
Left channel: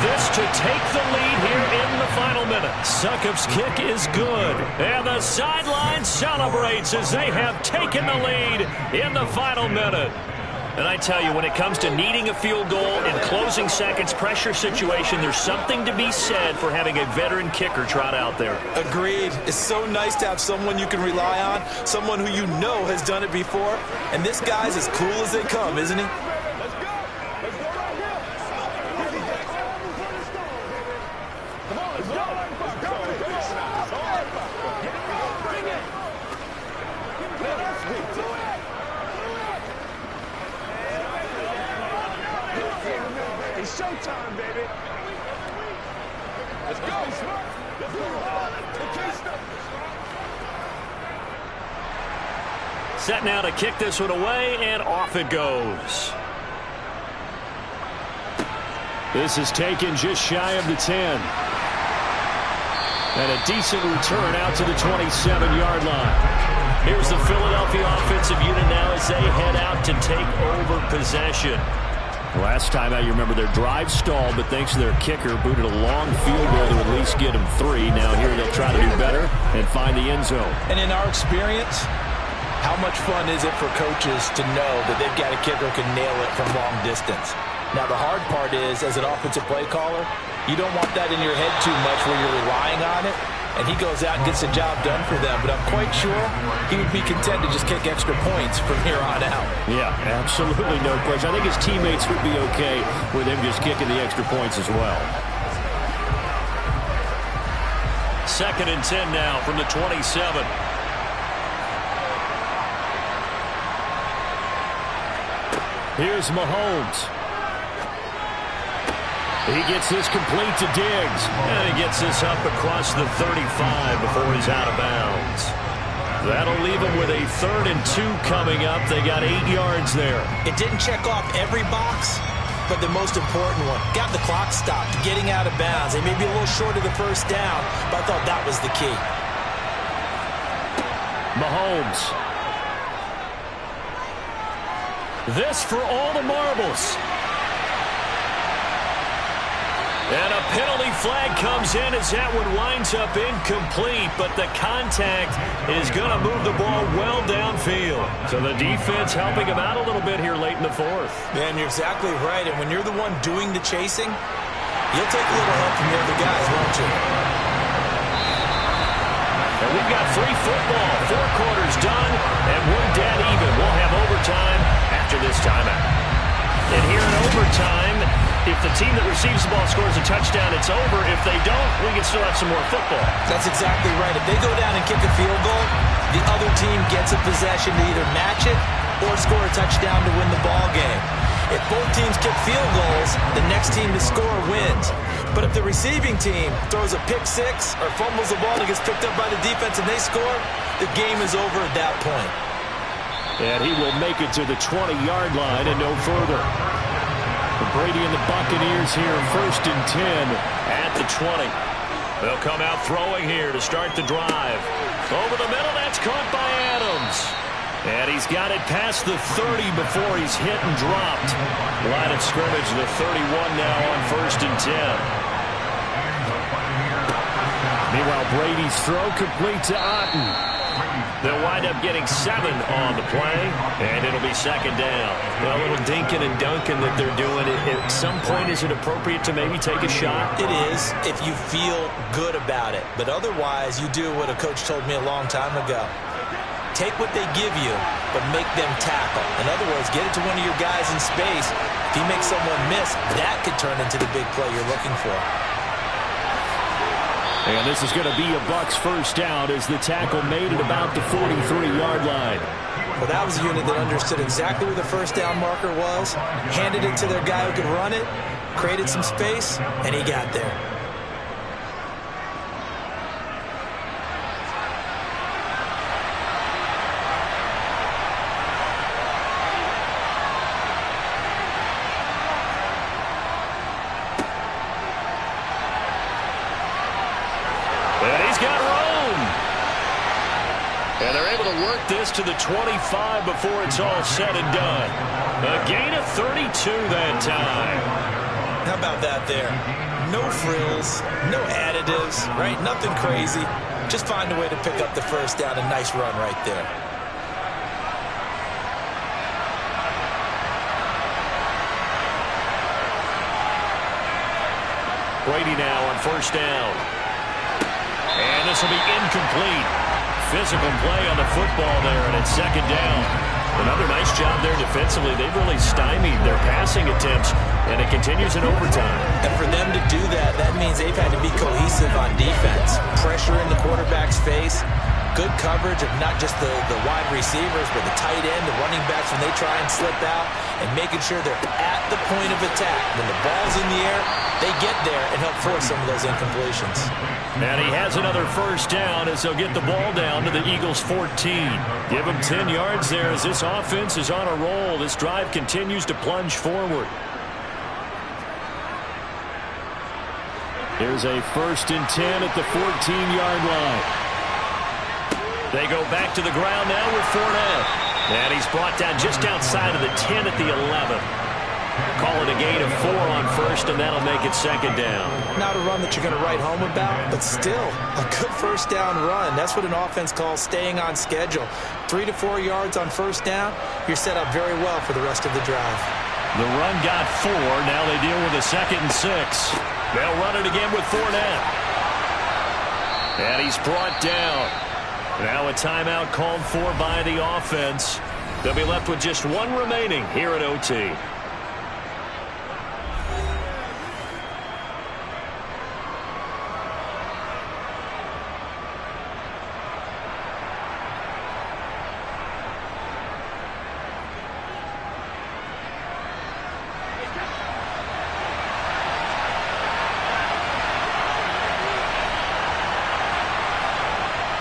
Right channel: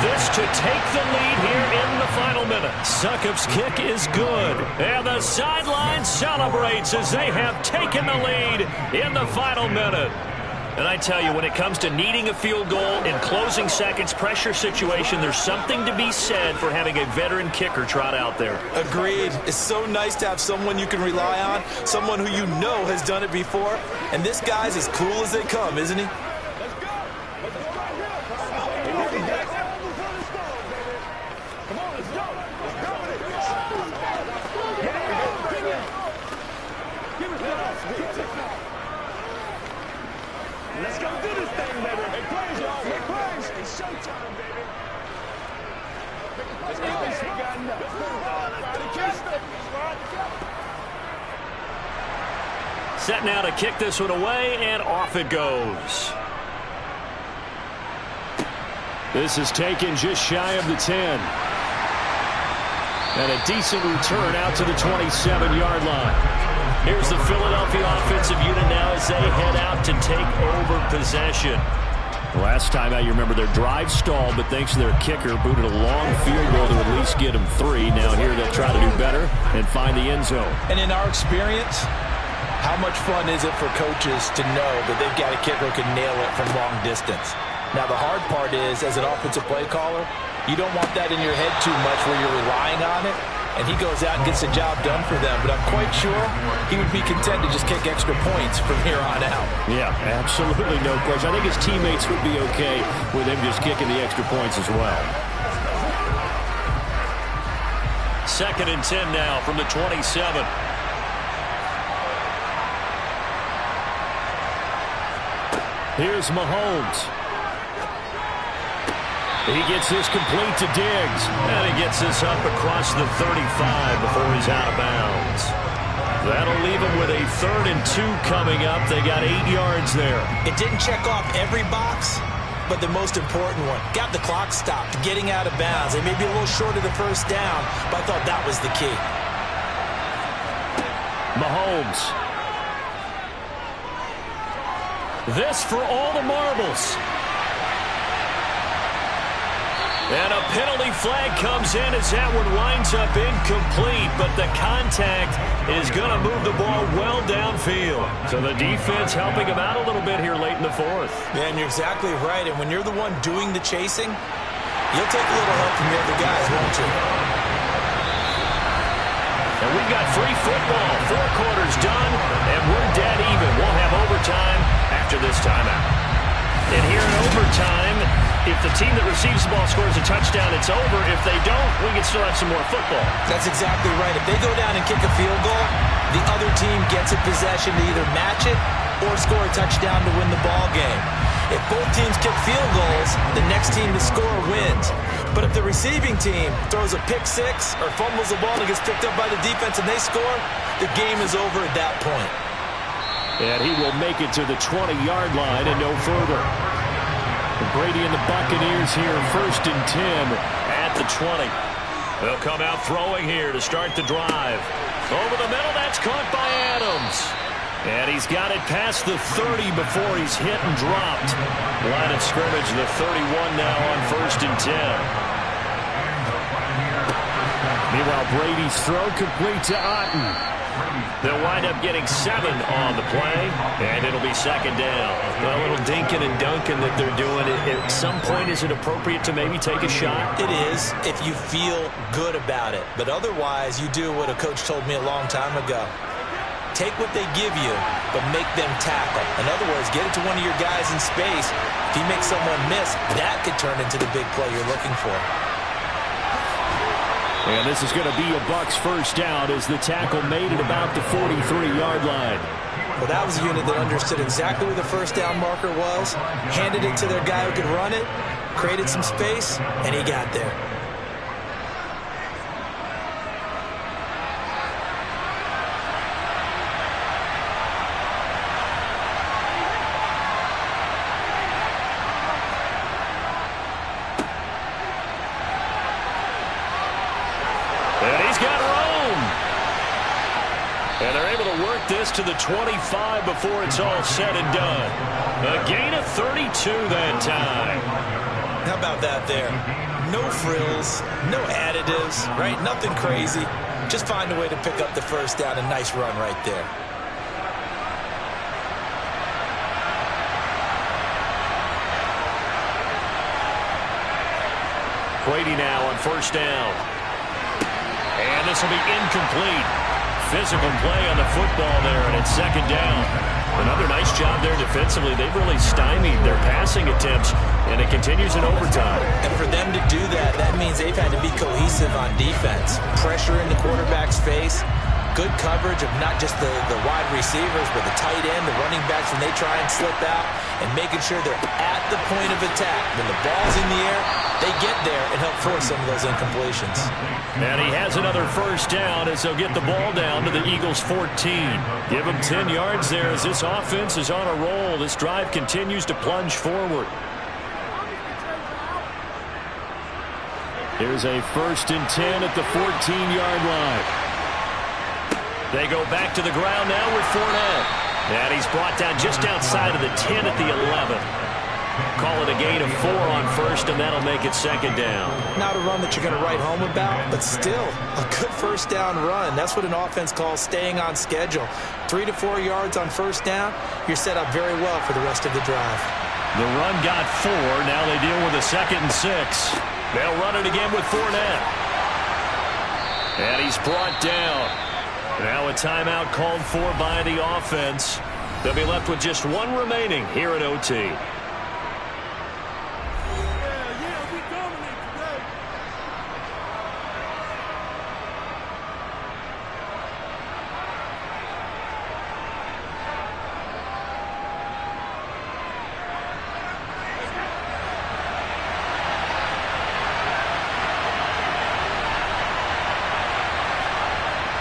This to take the lead here in the final minute. Succop's kick is good. And the sideline celebrates as they have taken the lead in the final minute. And I tell you, when it comes to needing a field goal in closing seconds, pressure situation, there's something to be said for having a veteran kicker trot out there. Agreed. It's so nice to have someone you can rely on, someone who you know has done it before. And this guy's as cool as they come, isn't he? Let's go. Let's go right here. Come on, let's go. Let's go with it. Give it to us. Let's go do this thing, baby. It's showtime, baby. Let's go. Let's go. The key stuff. Set now to kick this one away, and off it goes. This is taken just shy of the 10. And a decent return out to the 27-yard line. Here's the Philadelphia offensive unit now as they head out to take over possession. Last time out, you remember their drive stalled, but thanks to their kicker, booted a long field goal to at least get them 3. Now here they'll try to do better and find the end zone. And in our experience, how much fun is it for coaches to know that they've got a kicker who can nail it from long distance? Now, the hard part is, as an offensive play caller, you don't want that in your head too much where you're relying on it, and he goes out and gets the job done for them. But I'm quite sure he would be content to just kick extra points from here on out. Yeah, absolutely no question. I think his teammates would be okay with him just kicking the extra points as well. 2nd and 10 now from the 27. Here's Mahomes. He gets this complete to Diggs. And he gets this up across the 35 before he's out of bounds. That'll leave him with a 3rd and 2 coming up. They got 8 yards there. It didn't check off every box, but the most important one. Got the clock stopped, getting out of bounds. They may be a little short of the 1st down, but I thought that was the key. Mahomes. This for all the marbles. And a penalty flag comes in as that one winds up incomplete, but the contact is going to move the ball well downfield. So the defense helping him out a little bit here late in the 4th. Man, you're exactly right. And when you're the one doing the chasing, you'll take a little help from the other guys, won't you? And we've got free football. 4 quarters done, and we're dead even. We'll have overtime after this timeout. And here in overtime, if the team that receives the ball scores a touchdown, it's over. If they don't, we can still have some more football. That's exactly right. If they go down and kick a field goal, the other team gets a possession to either match it or score a touchdown to win the ball game. If both teams kick field goals, the next team to score wins. But if the receiving team throws a pick six or fumbles the ball and gets picked up by the defense and they score, the game is over at that point. And he will make it to the 20-yard line and no further. Brady and the Buccaneers here, 1st and 10 at the 20. They'll come out throwing here to start the drive. Over the middle, that's caught by Adams. And he's got it past the 30 before he's hit and dropped. Line of scrimmage, the 31 now on 1st and 10. Meanwhile, Brady's throw complete to Otten. They'll wind up getting 7 on the play, and it'll be 2nd down. Well, a little dinking and dunking that they're doing. At some point, is it appropriate to maybe take a shot? It is, if you feel good about it. But otherwise, you do what a coach told me a long time ago. Take what they give you, but make them tackle. In other words, get it to one of your guys in space. If you make someone miss, that could turn into the big play you're looking for. And this is going to be a Bucs 1st down as the tackle made at about the 43-yard line. Well, that was a unit that understood exactly where the 1st down marker was, handed it to their guy who could run it, created some space, and he got there. And they're able to work this to the 25 before it's all said and done. A gain of 32 that time. How about that there? No frills, no additives, right? Nothing crazy. Just find a way to pick up the 1st down. A nice run right there. Brady now on 1st down. And this will be incomplete. Physical play on the football there, and it's 2nd down. Another nice job there defensively. They've really stymied their passing attempts, and it continues in overtime. And for them to do that, that means they've had to be cohesive on defense. Pressure in the quarterback's face. Good coverage of not just the wide receivers, but the tight end, the running backs when they try and slip out, and making sure they're at the point of attack. When the ball's in the air, they get there and help force some of those incompletions. And he has another 1st down as they'll get the ball down to the Eagles' 14. Give them 10 yards there as this offense is on a roll. This drive continues to plunge forward. Here's a 1st and 10 at the 14-yard line. They go back to the ground now with Fournette. And he's brought down just outside of the 10 at the 11. Call it a gain of 4 on 1st, and that'll make it 2nd down. Not a run that you're going to write home about, but still a good 1st down run. That's what an offense calls staying on schedule. 3 to 4 yards on 1st down, you're set up very well for the rest of the drive. The run got 4. Now they deal with a 2nd and 6. They'll run it again with Fournette. And he's brought down. Now a timeout called for by the offense. They'll be left with just 1 remaining here at OT.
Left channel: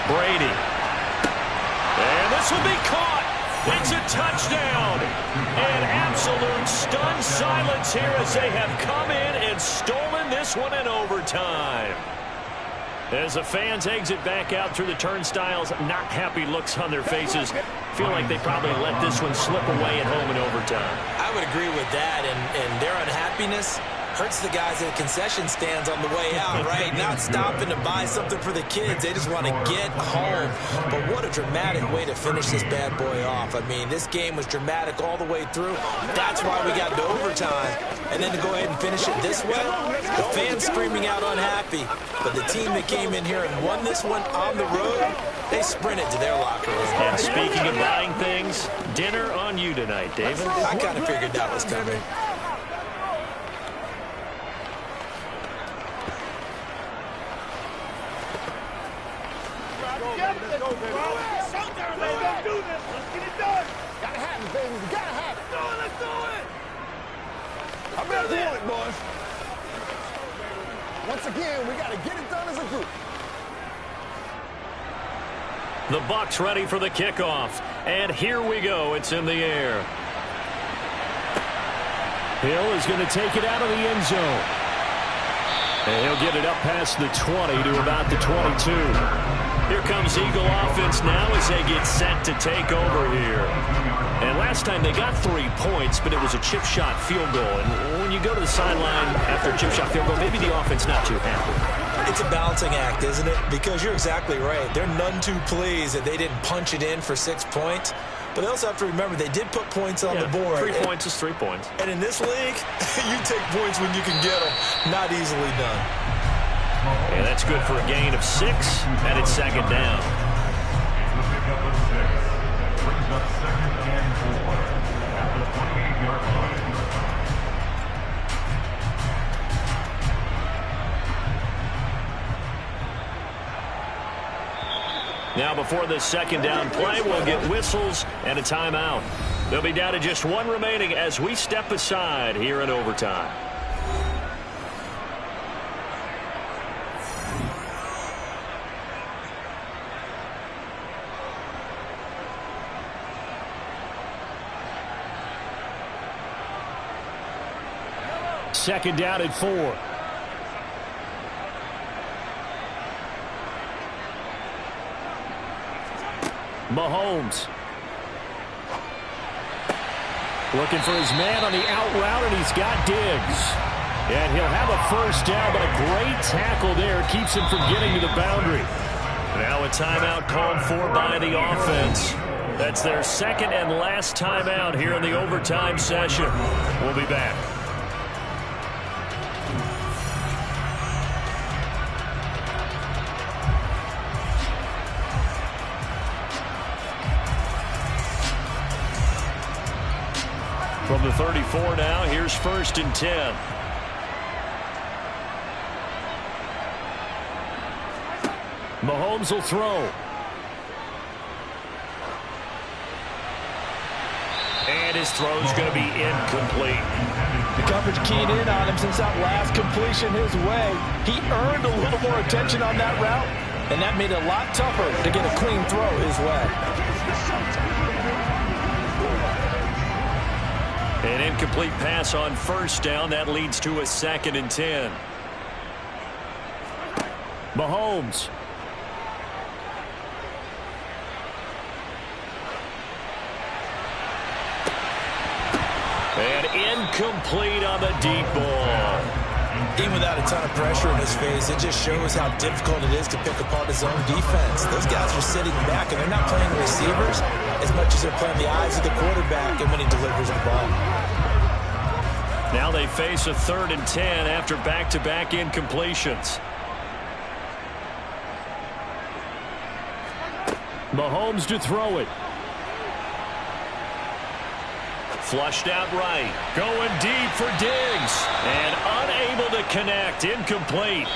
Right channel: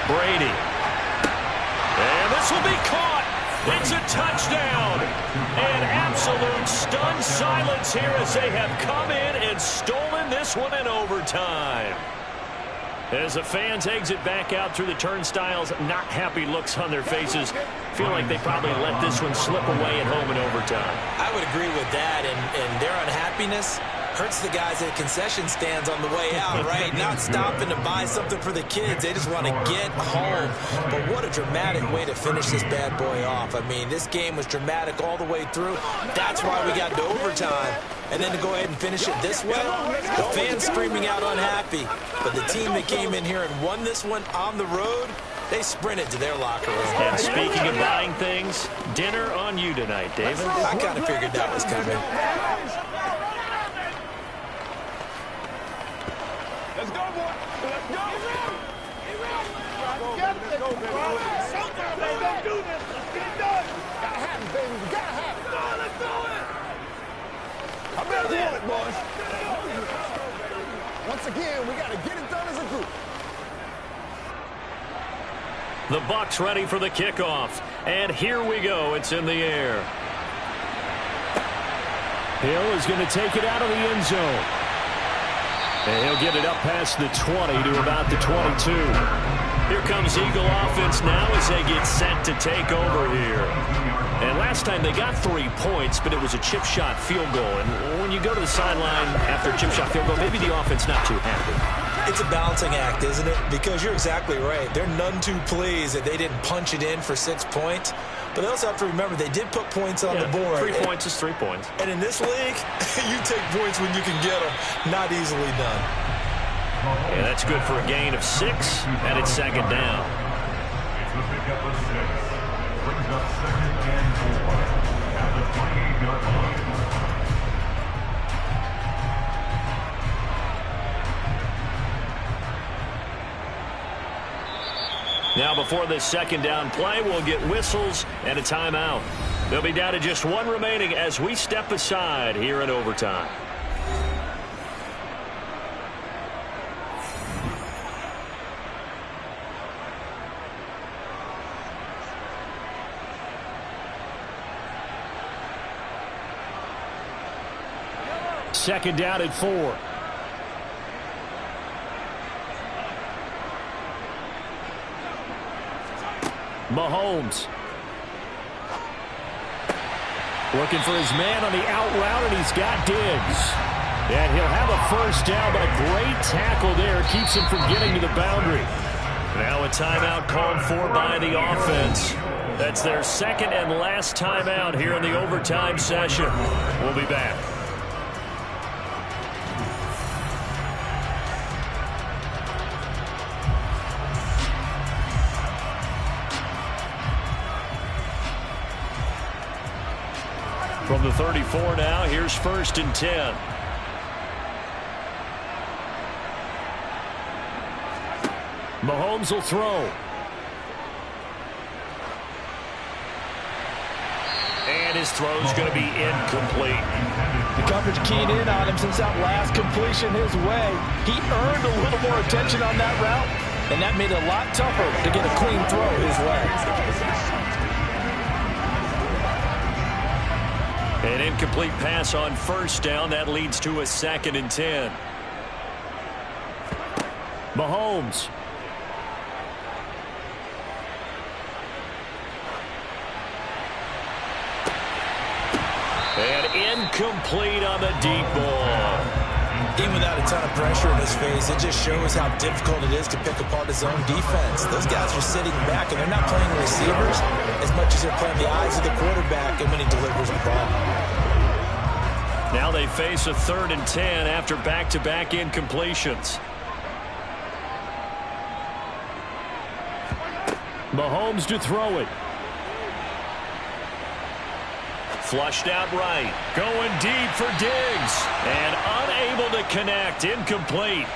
Brady. And this will be caught. It's a touchdown. And absolute stunned silence here as they have come in and stolen this one in overtime. As the fans exit back out through the turnstiles, not happy looks on their faces. Feel like they probably let this one slip away at home in overtime. I would agree with that, and their unhappiness hurts the guys at concession stands on the way out, right? Not stopping to buy something for the kids. They just want to get home. But what a dramatic way to finish this bad boy off. I mean, this game was dramatic all the way through. That's why we got to overtime. and then to go ahead and finish it this way, the fans screaming out unhappy. But the team that came in here and won this one on the road, they sprinted to their locker room. And speaking of buying things, dinner on you tonight, David. I kind of figured that was coming. Let's go, baby. Let's go do this. Let's get it done. Gotta have it, baby. We gotta have it. Let's do it. I'm ready to want it, boys. Once again, we gotta get it done as a group. The Bucs ready for the kickoff. And here we go. It's in the air. Hill is going to take it out of the end zone. And he'll get it up past the 20 to about the 22. Here comes Eagle offense now as they get set to take over here. And last time they got 3 points, but it was a chip shot field goal. And when you go to the sideline after a chip shot field goal, maybe the offense not too happy. It's a balancing act, isn't it? Because you're exactly right. They're none too pleased that they didn't punch it in for 6 points. But they also have to remember they did put points on the board. 3 points is 3 points. And in this league, you take points when you can get them. Not easily done. And that's good for a gain of 6, and it's second down. It's the pickup of 6. Brings up 2nd and 4 at the 28-yard line. Now before this second down play, we'll get whistles and a timeout. They'll be down to just 1 remaining as we step aside here in overtime. Second down at 4. Mahomes. Looking for his man on the out route, and he's got Diggs. And he'll have a first down, but a great tackle there keeps him from getting to the boundary. Now a timeout called for by the offense. That's their second and last timeout here in the overtime session. We'll be back. From the 34 now, here's 1st and 10. Mahomes will throw. And his throw's going to be incomplete. The coverage keyed in on him since that last completion his way. He earned a little more attention on that route, and that made it a lot tougher to get a clean throw his way. An incomplete pass on first down. That leads to a 2nd and 10. Mahomes. And incomplete on the deep ball. Even without a ton of pressure in his face, it just shows how difficult it is to pick apart his own defense. Those guys are sitting back, and they're not playing receivers as much as they're playing the eyes of the quarterback and when he delivers the ball. Now they face a 3rd and 10 after back-to-back incompletions. Mahomes to throw it. Flushed out right. Going deep for Diggs. And unable to connect. Incomplete.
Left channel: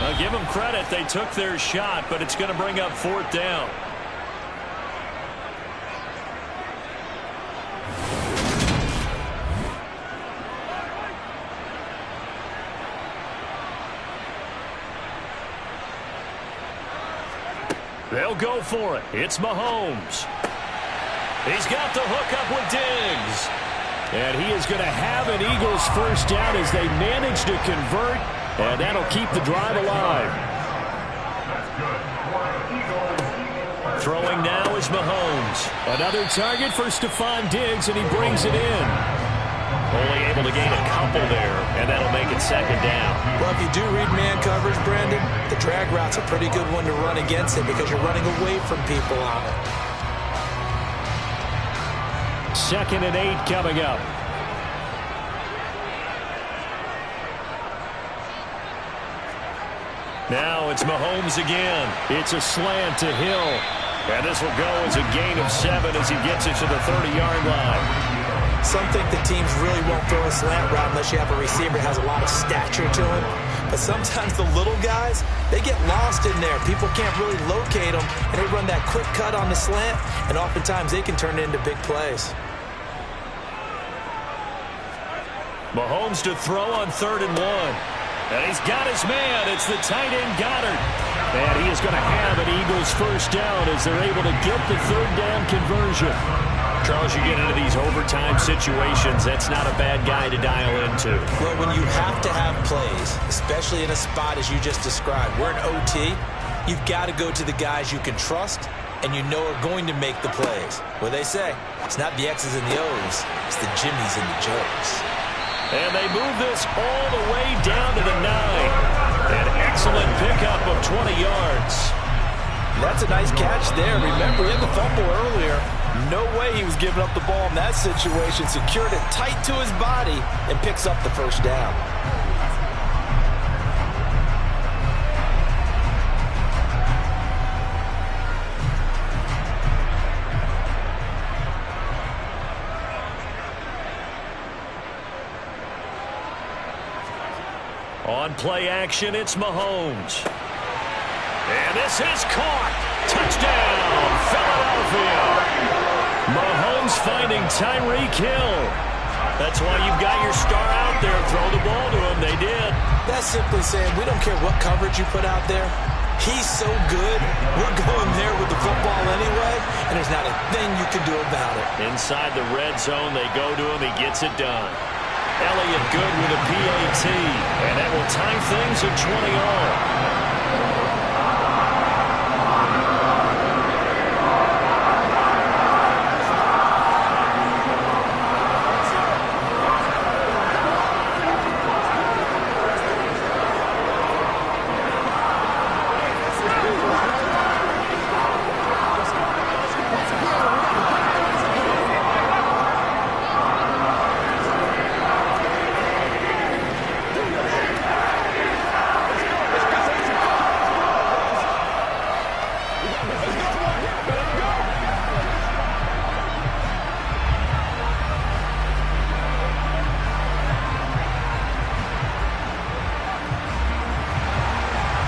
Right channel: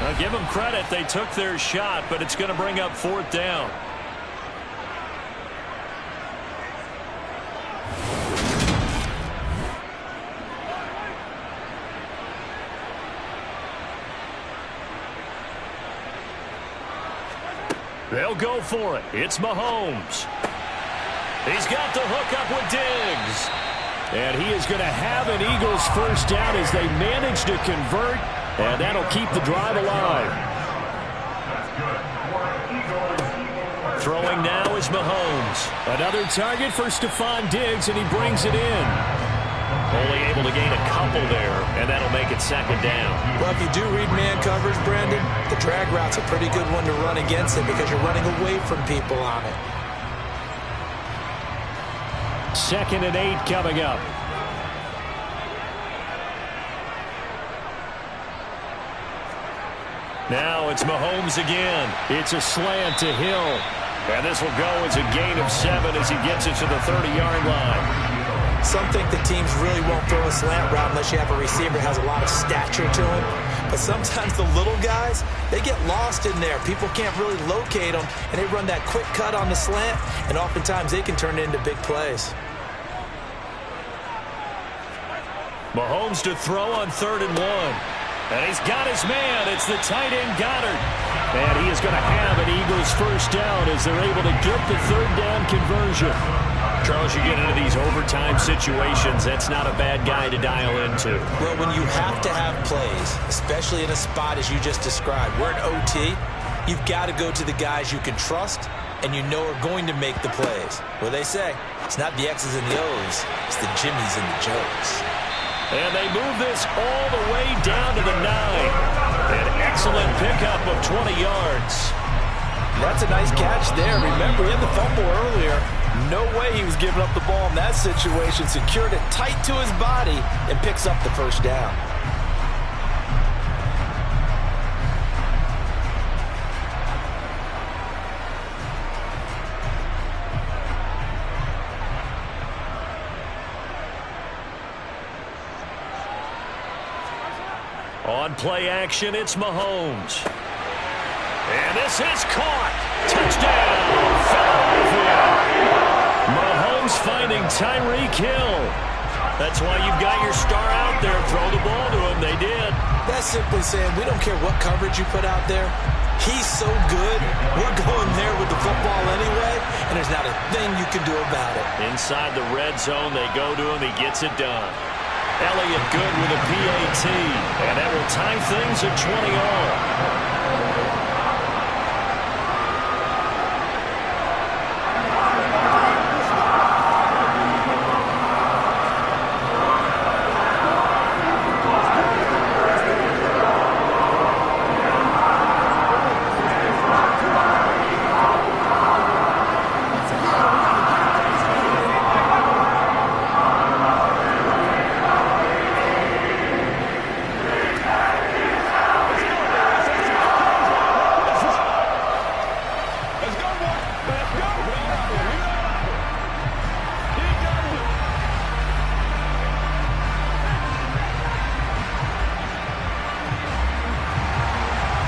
I'll give them credit. They took their shot, but it's going to bring up 4th down. They'll go for it. It's Mahomes. He's got the hook up with Diggs. And he is going to have an Eagles first down as they manage to convert, and that'll keep the drive alive. That's good. Throwing now is Mahomes. Another target for Stephon Diggs, and he brings it in. Only able to gain a couple there, and that'll make it 2nd down. Well, if you do read man coverage, Brandon, the drag route's a pretty good one to run against it because you're running away from people on it. 2nd and 8 coming up. Now it's Mahomes again. It's a slant to Hill. And this will go as a gain of 7 as he gets it to the 30-yard line. Some think the teams really won't throw a slant route unless you have a receiver that has a lot of stature to him. But sometimes the little guys, they get lost in there. People can't really locate them, and they run that quick cut on the slant, and oftentimes they can turn it into big plays. Mahomes to throw on 3rd and 1. And he's got his man. It's the tight end, Goddard. And he is going to have an Eagles first down as they're able to get the 3rd down conversion. Charles, you get into these overtime situations, that's not a bad guy to dial into. Well, when you have to have plays, especially in a spot as you just described, we're in OT, you've got to go to the guys you can trust and you know are going to make the plays. What they say, it's not the X's and the O's, it's the Jimmies and the Joes. And they move this all the way down to the 9. An excellent pickup of 20 yards. That's a nice catch there. Remember, he had the fumble earlier. No way he was giving up the ball in that situation. Secured it tight to his body and picks up the first down. On play action, it's Mahomes. And this is caught. Touchdown, Philadelphia. Mahomes finding Tyreek Hill. That's why you've got your star out there. Throw the ball to him. They did. That's simply saying we don't care what coverage you put out there. He's so good. We're going there with the football anyway, and there's not a thing you can do about it. Inside the red zone, they go to him. He gets it done. Elliott good with a PAT, and that will tie things at 20 all.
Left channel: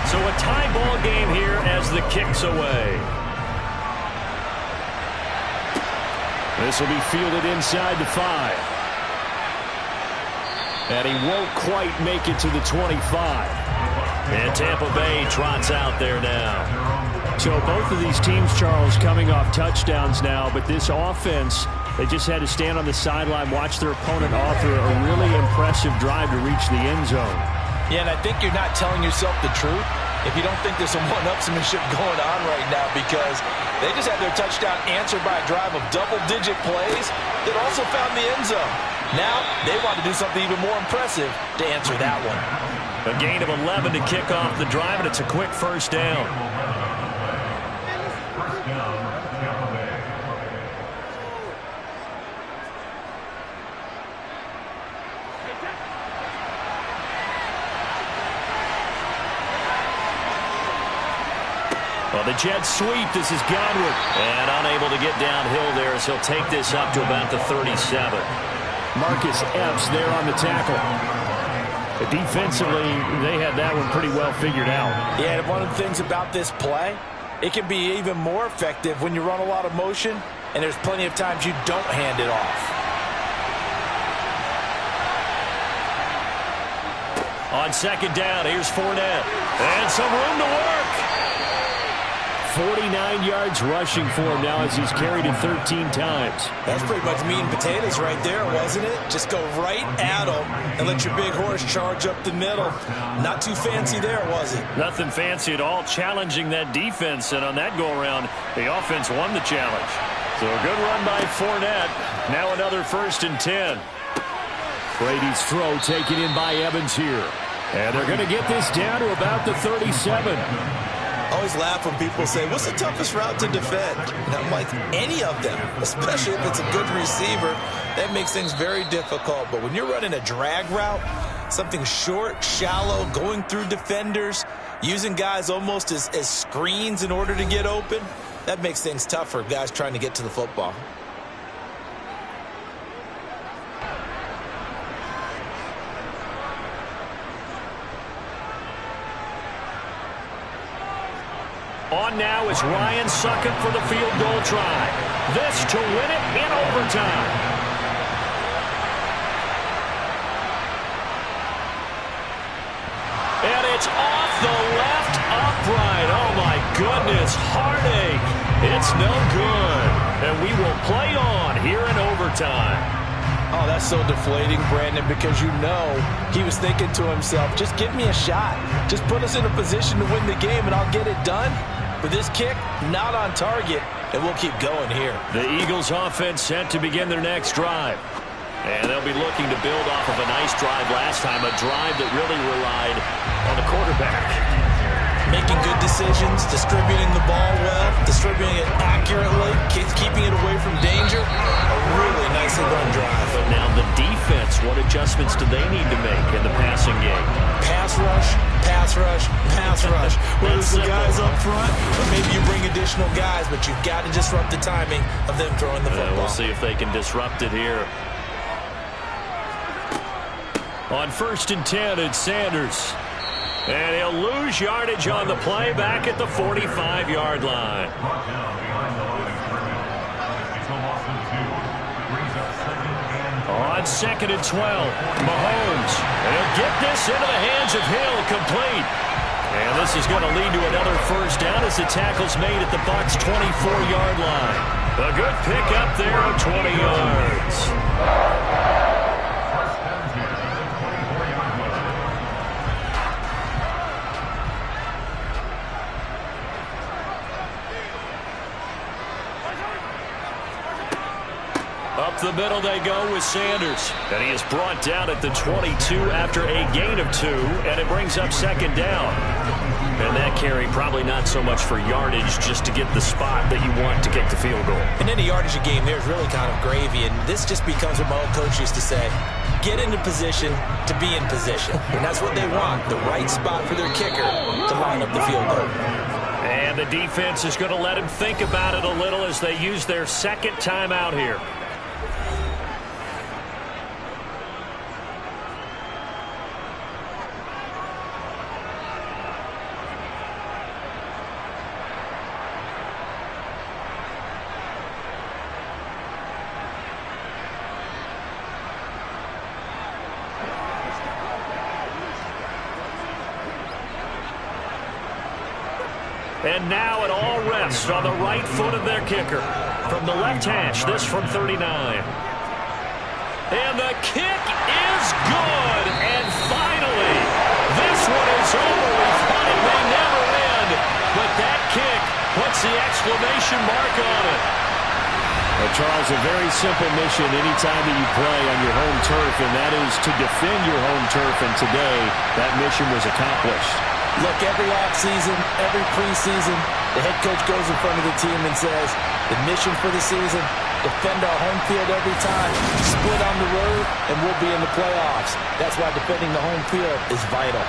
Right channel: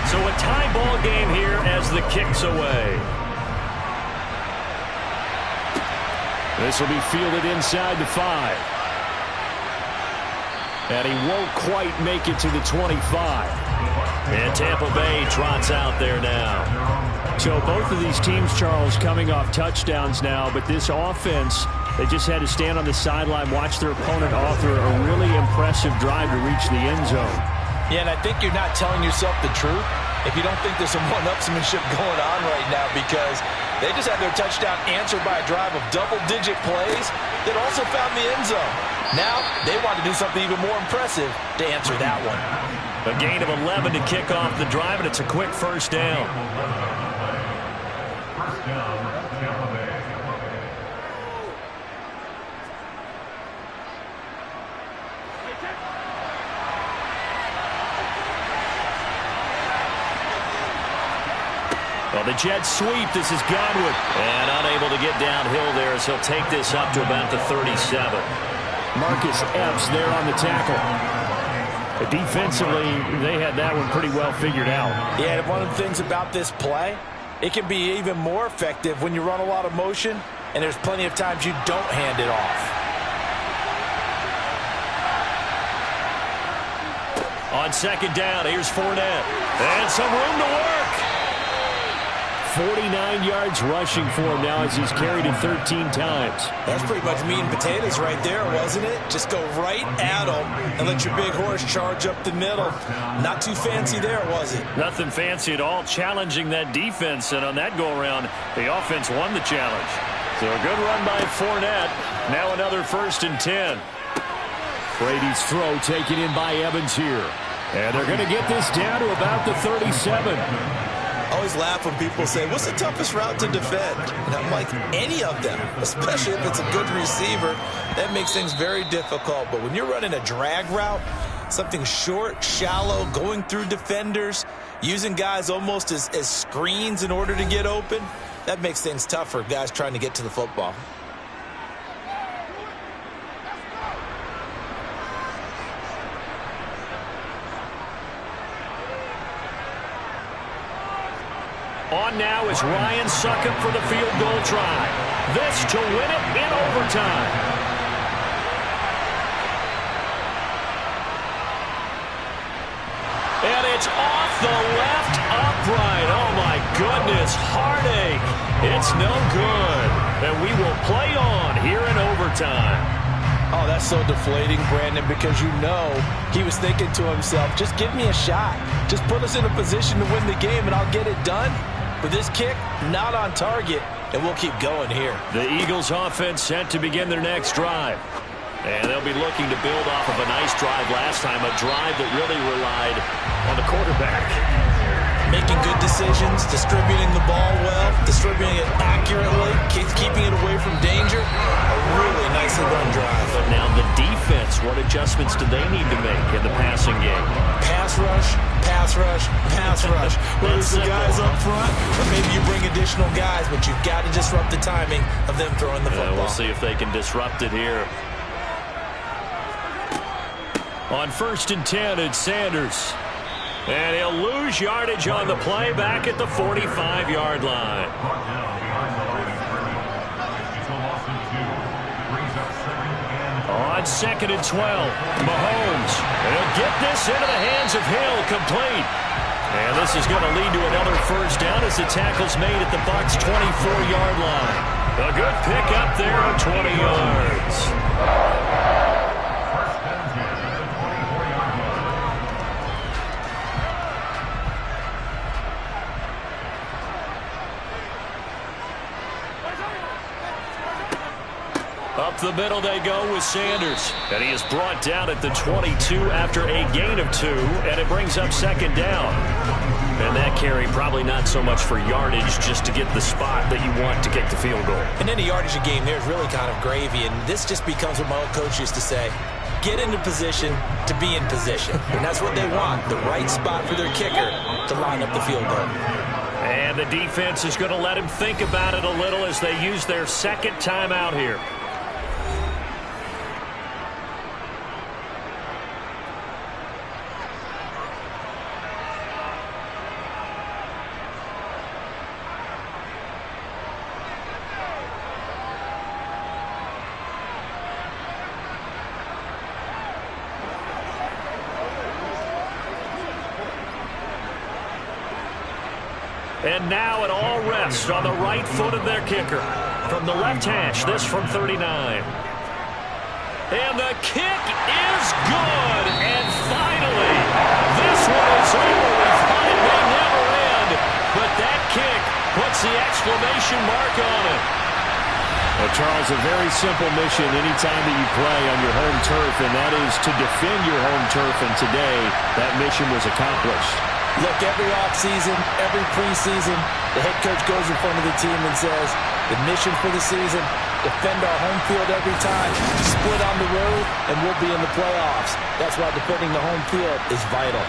So a tie ball game here as the kick's away. This will be fielded inside the 5. And he won't quite make it to the 25. And Tampa Bay trots out there now. So both of these teams, Charles, coming off touchdowns now, but this offense, they just had to stand on the sideline, watch their opponent author a really impressive drive to reach the end zone. Yeah, and I think you're not telling yourself the truth if you don't think there's some one-upsmanship going on right now, because they just had their touchdown answered by a drive of double-digit plays that also found the end zone. Now they want to do something even more impressive to answer that one. A gain of 11 to kick off the drive, and it's a quick first down. First down, Tampa Bay. Well, the Jets sweep. This is Godwin. And unable to get downhill there as he'll take this up to about the 37. Marcus Epps there on the tackle. Defensively, they had that one pretty well figured out. Yeah, and one of the things about this play, it can be even more effective when you run a lot of motion, and there's plenty of times you don't hand it off. On second down, here's Fournette. And some room to work. 49 yards rushing for him now as he's carried it 13 times. That's pretty much meat and potatoes right there, wasn't it? Just go right at him and let your big horse charge up the middle. Not too fancy there, was it? Nothing fancy at all, challenging that defense. And on that go-around, the offense won the challenge. So a good run by Fournette. Now another 1st and 10. Brady's throw taken in by Evans here. And they're going to get this down to about the 37. I always laugh when people say, what's the toughest route to defend? And I'm like, any of them, especially if it's a good receiver. That makes things very difficult. But when you're running a drag route, Something short, shallow, going through defenders, using guys almost as screens in order to get open. That makes things tough for guys trying to get to the football. On now is Ryan Succop for the field goal try. This to win it in overtime. And it's off the left upright. Oh, my goodness. Heartache. It's no good. And we will play on here in overtime. Oh, that's so deflating, Brandon, because you know he was thinking to himself, just give me a shot. Just put us in a position to win the game, and I'll get it done. But this kick, not on target, and we'll keep going here. The Eagles offense set to begin their next drive. And they'll be looking to build off of a nice drive last time, a drive that really relied on the quarterback. Making good decisions, distributing the ball well, distributing it accurately, keeping it away from danger. A really nicely run drive. But now the defense, what adjustments do they need to make in the passing game? Pass rush, pass rush, pass rush. Whether it's the guys up front, or maybe you bring additional guys, but you've got to disrupt the timing of them throwing the football. We'll see if they can disrupt it here. On 1st and 10, it's Sanders. And he'll lose yardage on the play back at the 45-yard line. Brought down behind the line of scrimmage. It's a loss of 2. Brings up 2nd and 12. On 2nd and 12, Mahomes. And he'll get this into the hands of Hill, complete. And this is going to lead to another first down as the tackle's made at the Bucs' 24-yard line. A good pick up there of 20 yards. First and 10 at the 24-yard line. Up the middle they go with Sanders. And he is brought down at the 22 after a gain of 2, and it brings up 2nd down. And that carry probably not so much for yardage, just to get the spot that you want to kick the field goal. In any yardage game, there's really kind of gravy, and this just becomes what my old coach used to say. Get into position to be in position. And that's what they want, the right spot for their kicker to line up the field goal. And the defense is going to let him think about it a little as they use their 2nd timeout here. And now it all rests on the right foot of their kicker. From the left hash, this from 39. And the kick is good. And finally, this one is over. We thought it may never end. But that kick puts the exclamation mark on it. Well, Charles, a very simple mission anytime that you play on your home turf, and that is to defend your home turf. And today, that mission was accomplished. Look, every offseason, every preseason, the head coach goes in front of the team and says, the mission for the season, defend our home field every time, split on the road, and we'll be in the playoffs. That's why defending the home field is vital.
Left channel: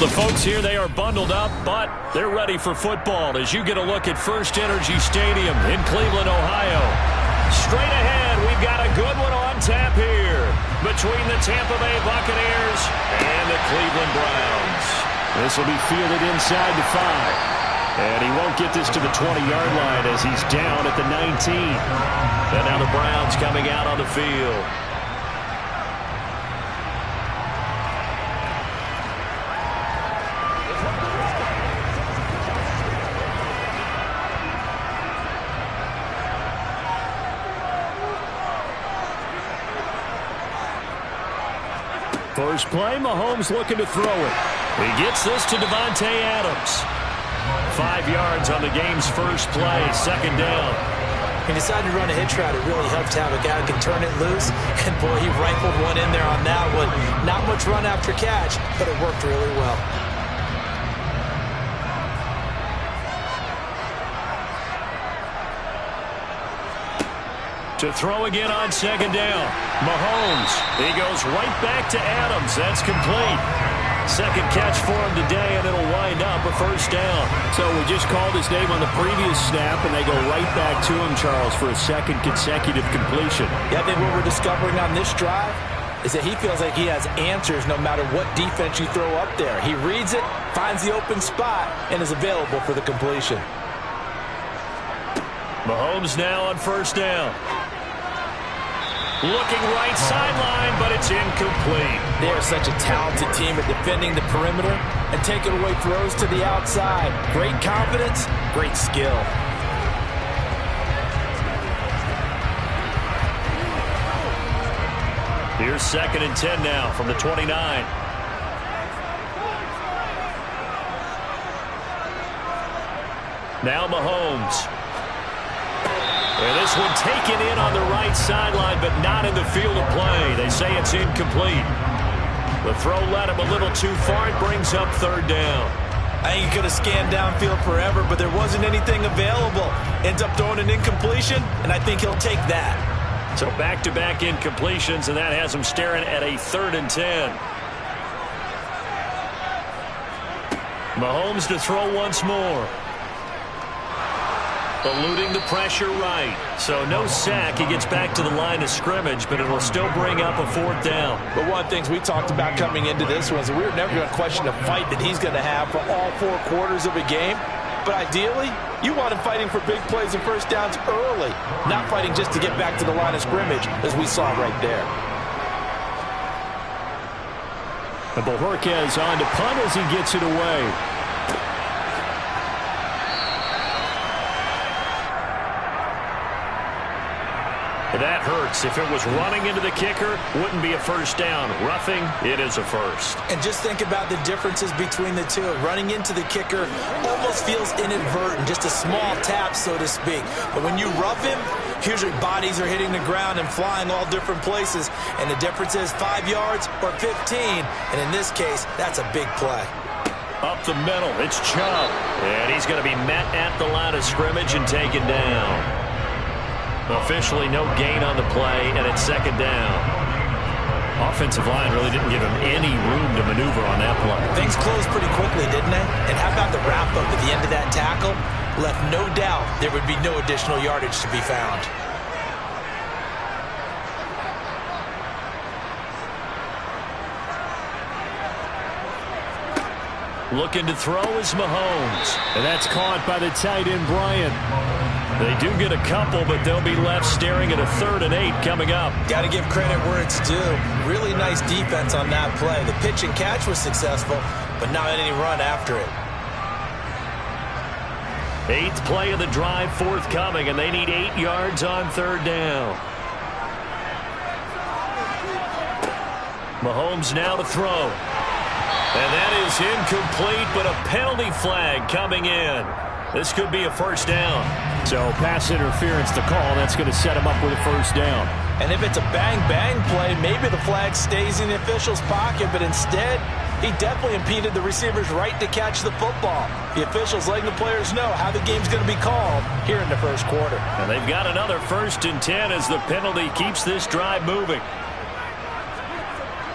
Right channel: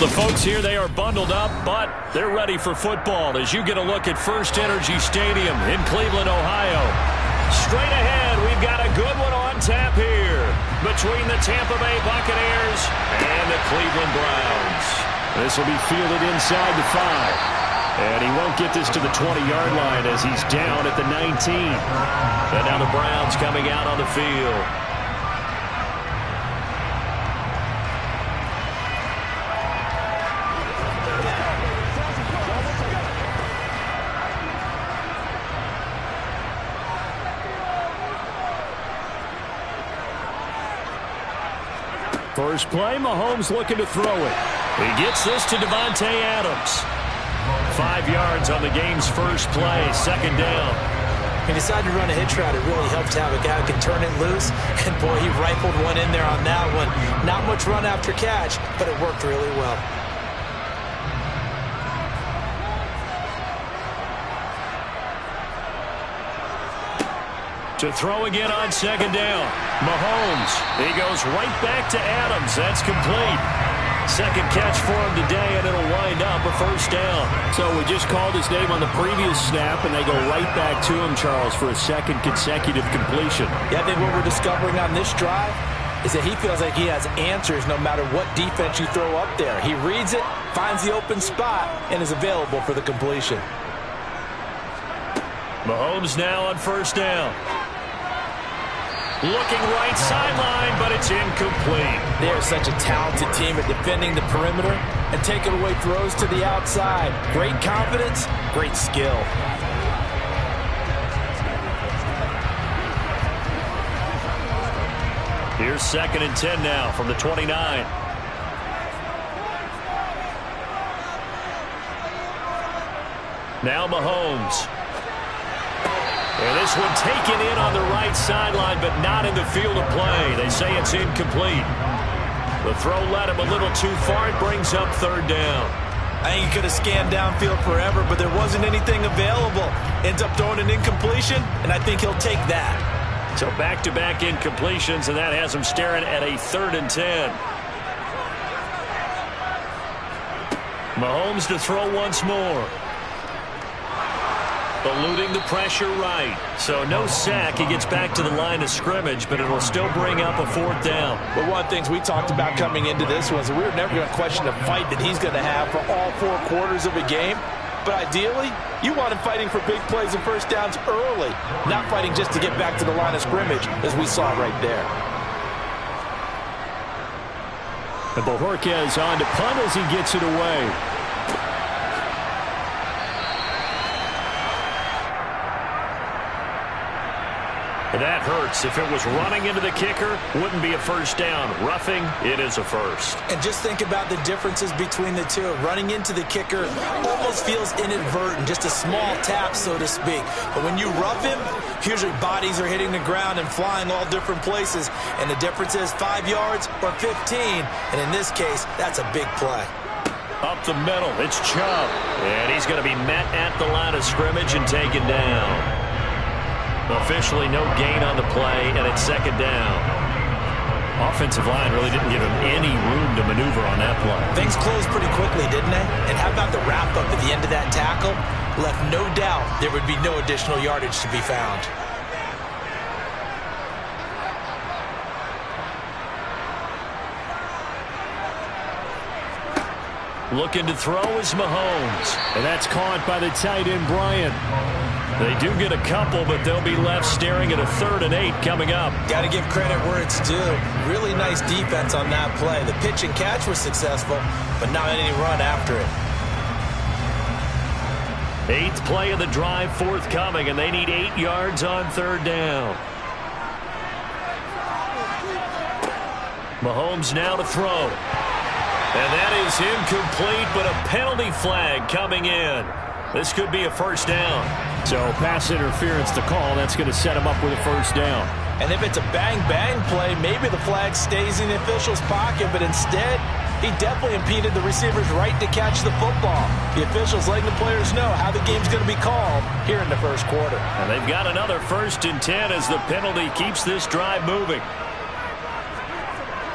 The folks here, they are bundled up, but they're ready for football as you get a look at First Energy Stadium in Cleveland, Ohio. Straight ahead, we've got a good one on tap here between the Tampa Bay Buccaneers and the Cleveland Browns. This will be fielded inside the 5. And he won't get this to the 20-yard line as he's down at the 19. And now the Browns coming out on the field. First play, Mahomes looking to throw it. He gets this to Davante Adams. 5 yards on the game's first play, second down. He decided to run a hitch route. It really helped to have a guy who can turn it loose. And, boy, he rifled one in there on that one. Not much run after catch, but it worked really well. To throw again on second down. Mahomes, he goes right back to Adams. That's complete. Second catch for him today, and it'll wind up a first down. So we just called his name on the previous snap, and they go right back to him, Charles, for a second consecutive completion. Yeah, I think what we're discovering on this drive is that he feels like he has answers no matter what defense you throw up there. He reads it, finds the open spot, and is available for the completion. Mahomes now on first down. Looking right sideline, but it's incomplete. They are such a talented team at defending the perimeter and taking away throws to the outside. Great confidence, great skill. Here's 2nd and 10 now from the 29. Now Mahomes. And this one taken in on the right sideline, but not in the field of play. They say it's incomplete. The throw led him a little too far. It brings up third down. I think he could have scanned downfield forever, but there wasn't anything available. Ends up throwing an incompletion, and I think he'll take that. So back-to-back incompletions, and that has him staring at a 3rd and 10. Mahomes to throw once more. Eluding the pressure right. So no sack. He gets back to the line of scrimmage, but it will still bring up a 4th down. But one of the things we talked about coming into this was that we were never going to question the fight that he's going to have for all 4 quarters of a game. But ideally, you want him fighting for big plays and first downs early, not fighting just to get back to the line of scrimmage, as we saw right there. And Bojorquez on to punt as he gets it away. That hurts. If it was running into the kicker, wouldn't be a first down. Roughing, it is a first. And just think about the differences between the two. Running into the kicker almost feels inadvertent, just a small tap, so to speak. But when you rough him, usually bodies are hitting the ground and flying all different places. And the difference is 5 yards or 15. And in this case, that's a big play. Up the middle, it's Chubb. And he's going to be met at the line of scrimmage and taken down. Officially no gain on the play, and it's 2nd down. Offensive line really didn't give him any room to maneuver on that play. Things closed pretty quickly, didn't they? And how about the wrap-up at the end of that tackle? Left no doubt there would be no additional yardage to be found. Looking to throw is Mahomes. And that's caught by the tight end, Bryant. They do get a couple, but they'll be left staring at a 3rd and 8 coming up. Got to give credit where it's due. Really nice defense on that play. The pitch and catch was successful, but not any run after it. 8th play of the drive forthcoming, and they need 8 yards on 3rd down. Mahomes now to throw. And that is incomplete, but a penalty flag coming in. This could be a first down. So pass interference to call. That's going to set him up with a first down. And if it's a bang-bang play, maybe the flag stays in the official's pocket, but instead, he definitely impeded the receiver's right to catch the football. The officials letting the players know how the game's going to be called here in the first quarter. And they've got another 1st and 10 as the penalty keeps this drive moving.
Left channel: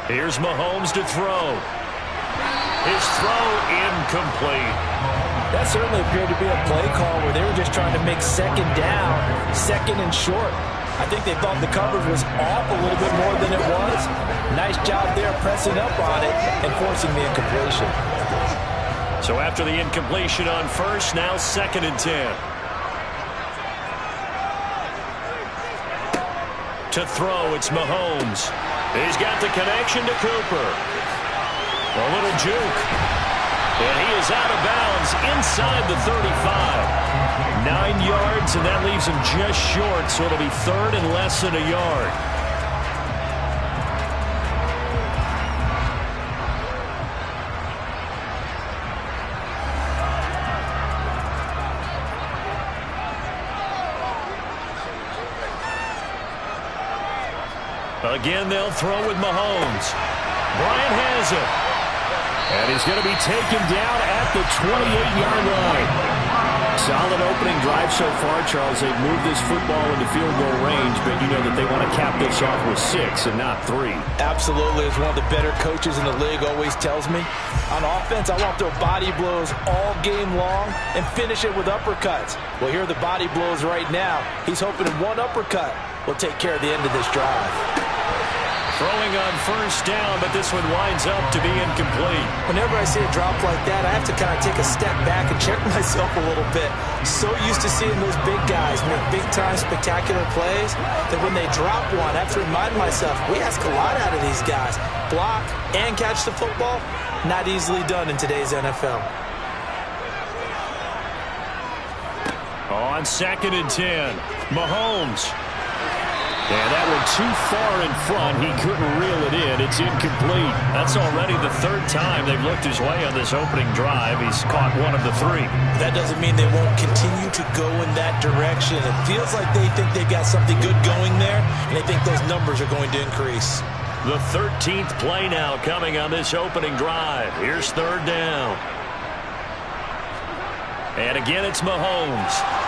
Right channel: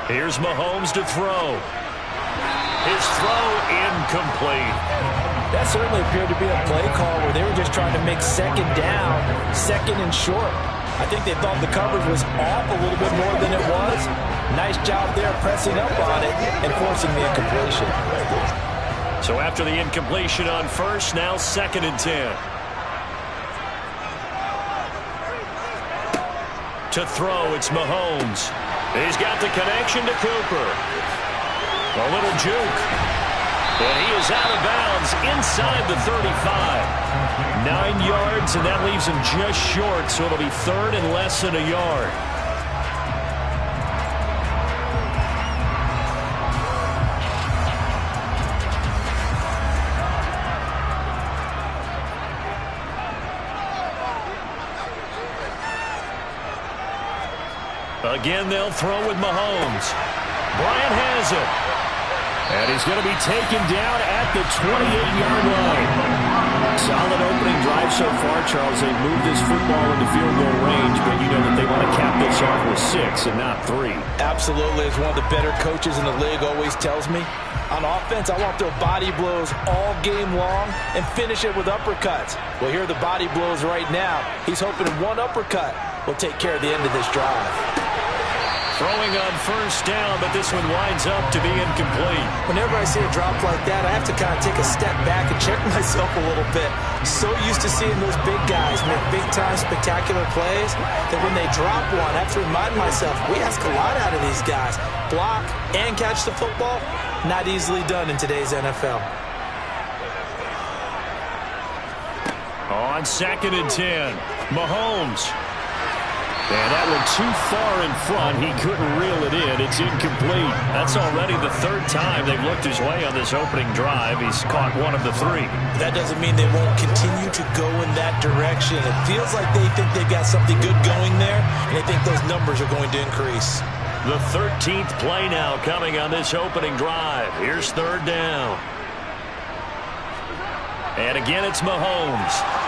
Here's Mahomes to throw. His throw incomplete. That certainly appeared to be a play call where they were just trying to make second down, second and short. I think they thought the coverage was off a little bit more than it was. Nice job there pressing up on it and forcing the incompletion. So after the incompletion on first, now 2nd and 10. To throw, it's Mahomes. He's got the connection to Cooper. A little juke. And he is out of bounds inside the 35. 9 yards, and that leaves him just short, so it'll be 3rd and less than a yard. Again, they'll throw with Mahomes. Bryant has it. And he's going to be taken down at the 28-yard line. Solid opening drive so far, Charles. They've moved this football into field goal range, but you know that they want to cap this off with 6 and not 3. Absolutely. As one of the better coaches in the league always tells me, on offense, I want to throw body blows all game long and finish it with uppercuts. Well, here are the body blows right now. He's hoping one uppercut will take care of the end of this drive. Throwing on first down, but this one winds up to be incomplete. Whenever I see a drop like that, I have to kind of take a step back and check myself a little bit. So used to seeing those big guys make big-time spectacular plays that when they drop one, I have to remind myself, we ask a lot out of these guys. Block and catch the football, not easily done in today's NFL. On 2nd and 10, Mahomes. And that one too far in front. He couldn't reel it in. It's incomplete. That's already the 3rd time they've looked his way on this opening drive. He's caught 1 of the 3. That doesn't mean they won't continue to go in that direction. It feels like they think they've got something good going there, and they think those numbers are going to increase. The 13th play now coming on this opening drive. Here's 3rd down. And again, it's Mahomes.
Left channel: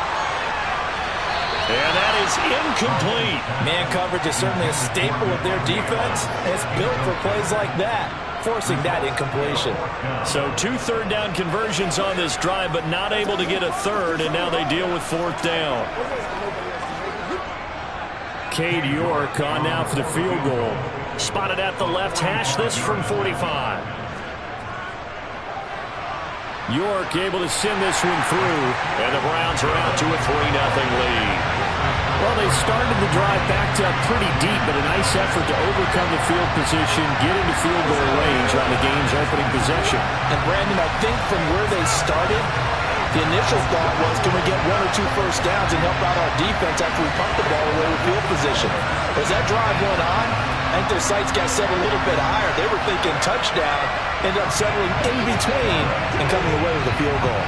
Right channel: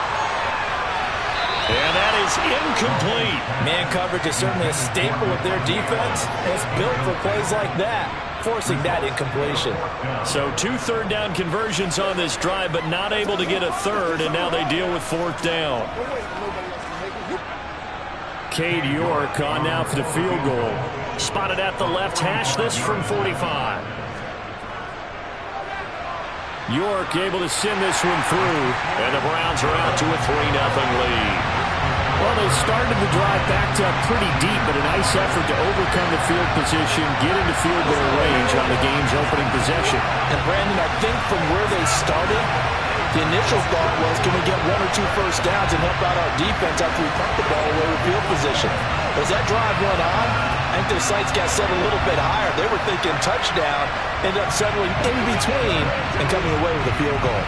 And that is incomplete. Man coverage is certainly a staple of their defense. It's built for plays like that, forcing that incompletion. So 2 3rd down conversions on this drive, but not able to get a 3rd, and now they deal with 4th down. Cade York on now for the field goal. Spotted at the left hash, this from 45. York able to send this one through. And the Browns are out to a 3-0 lead. Well, they started the drive backed up pretty deep, but a nice effort to overcome the field position, get into field goal range on the game's opening possession. And, Brandon, I think from where they started, the initial thought was, can we get 1 or 2 first downs and help out our defense after we pump the ball away with field position? But as that drive went on, I think their sights got set a little bit higher. They were thinking touchdown, ended up settling in between and coming away with a field goal.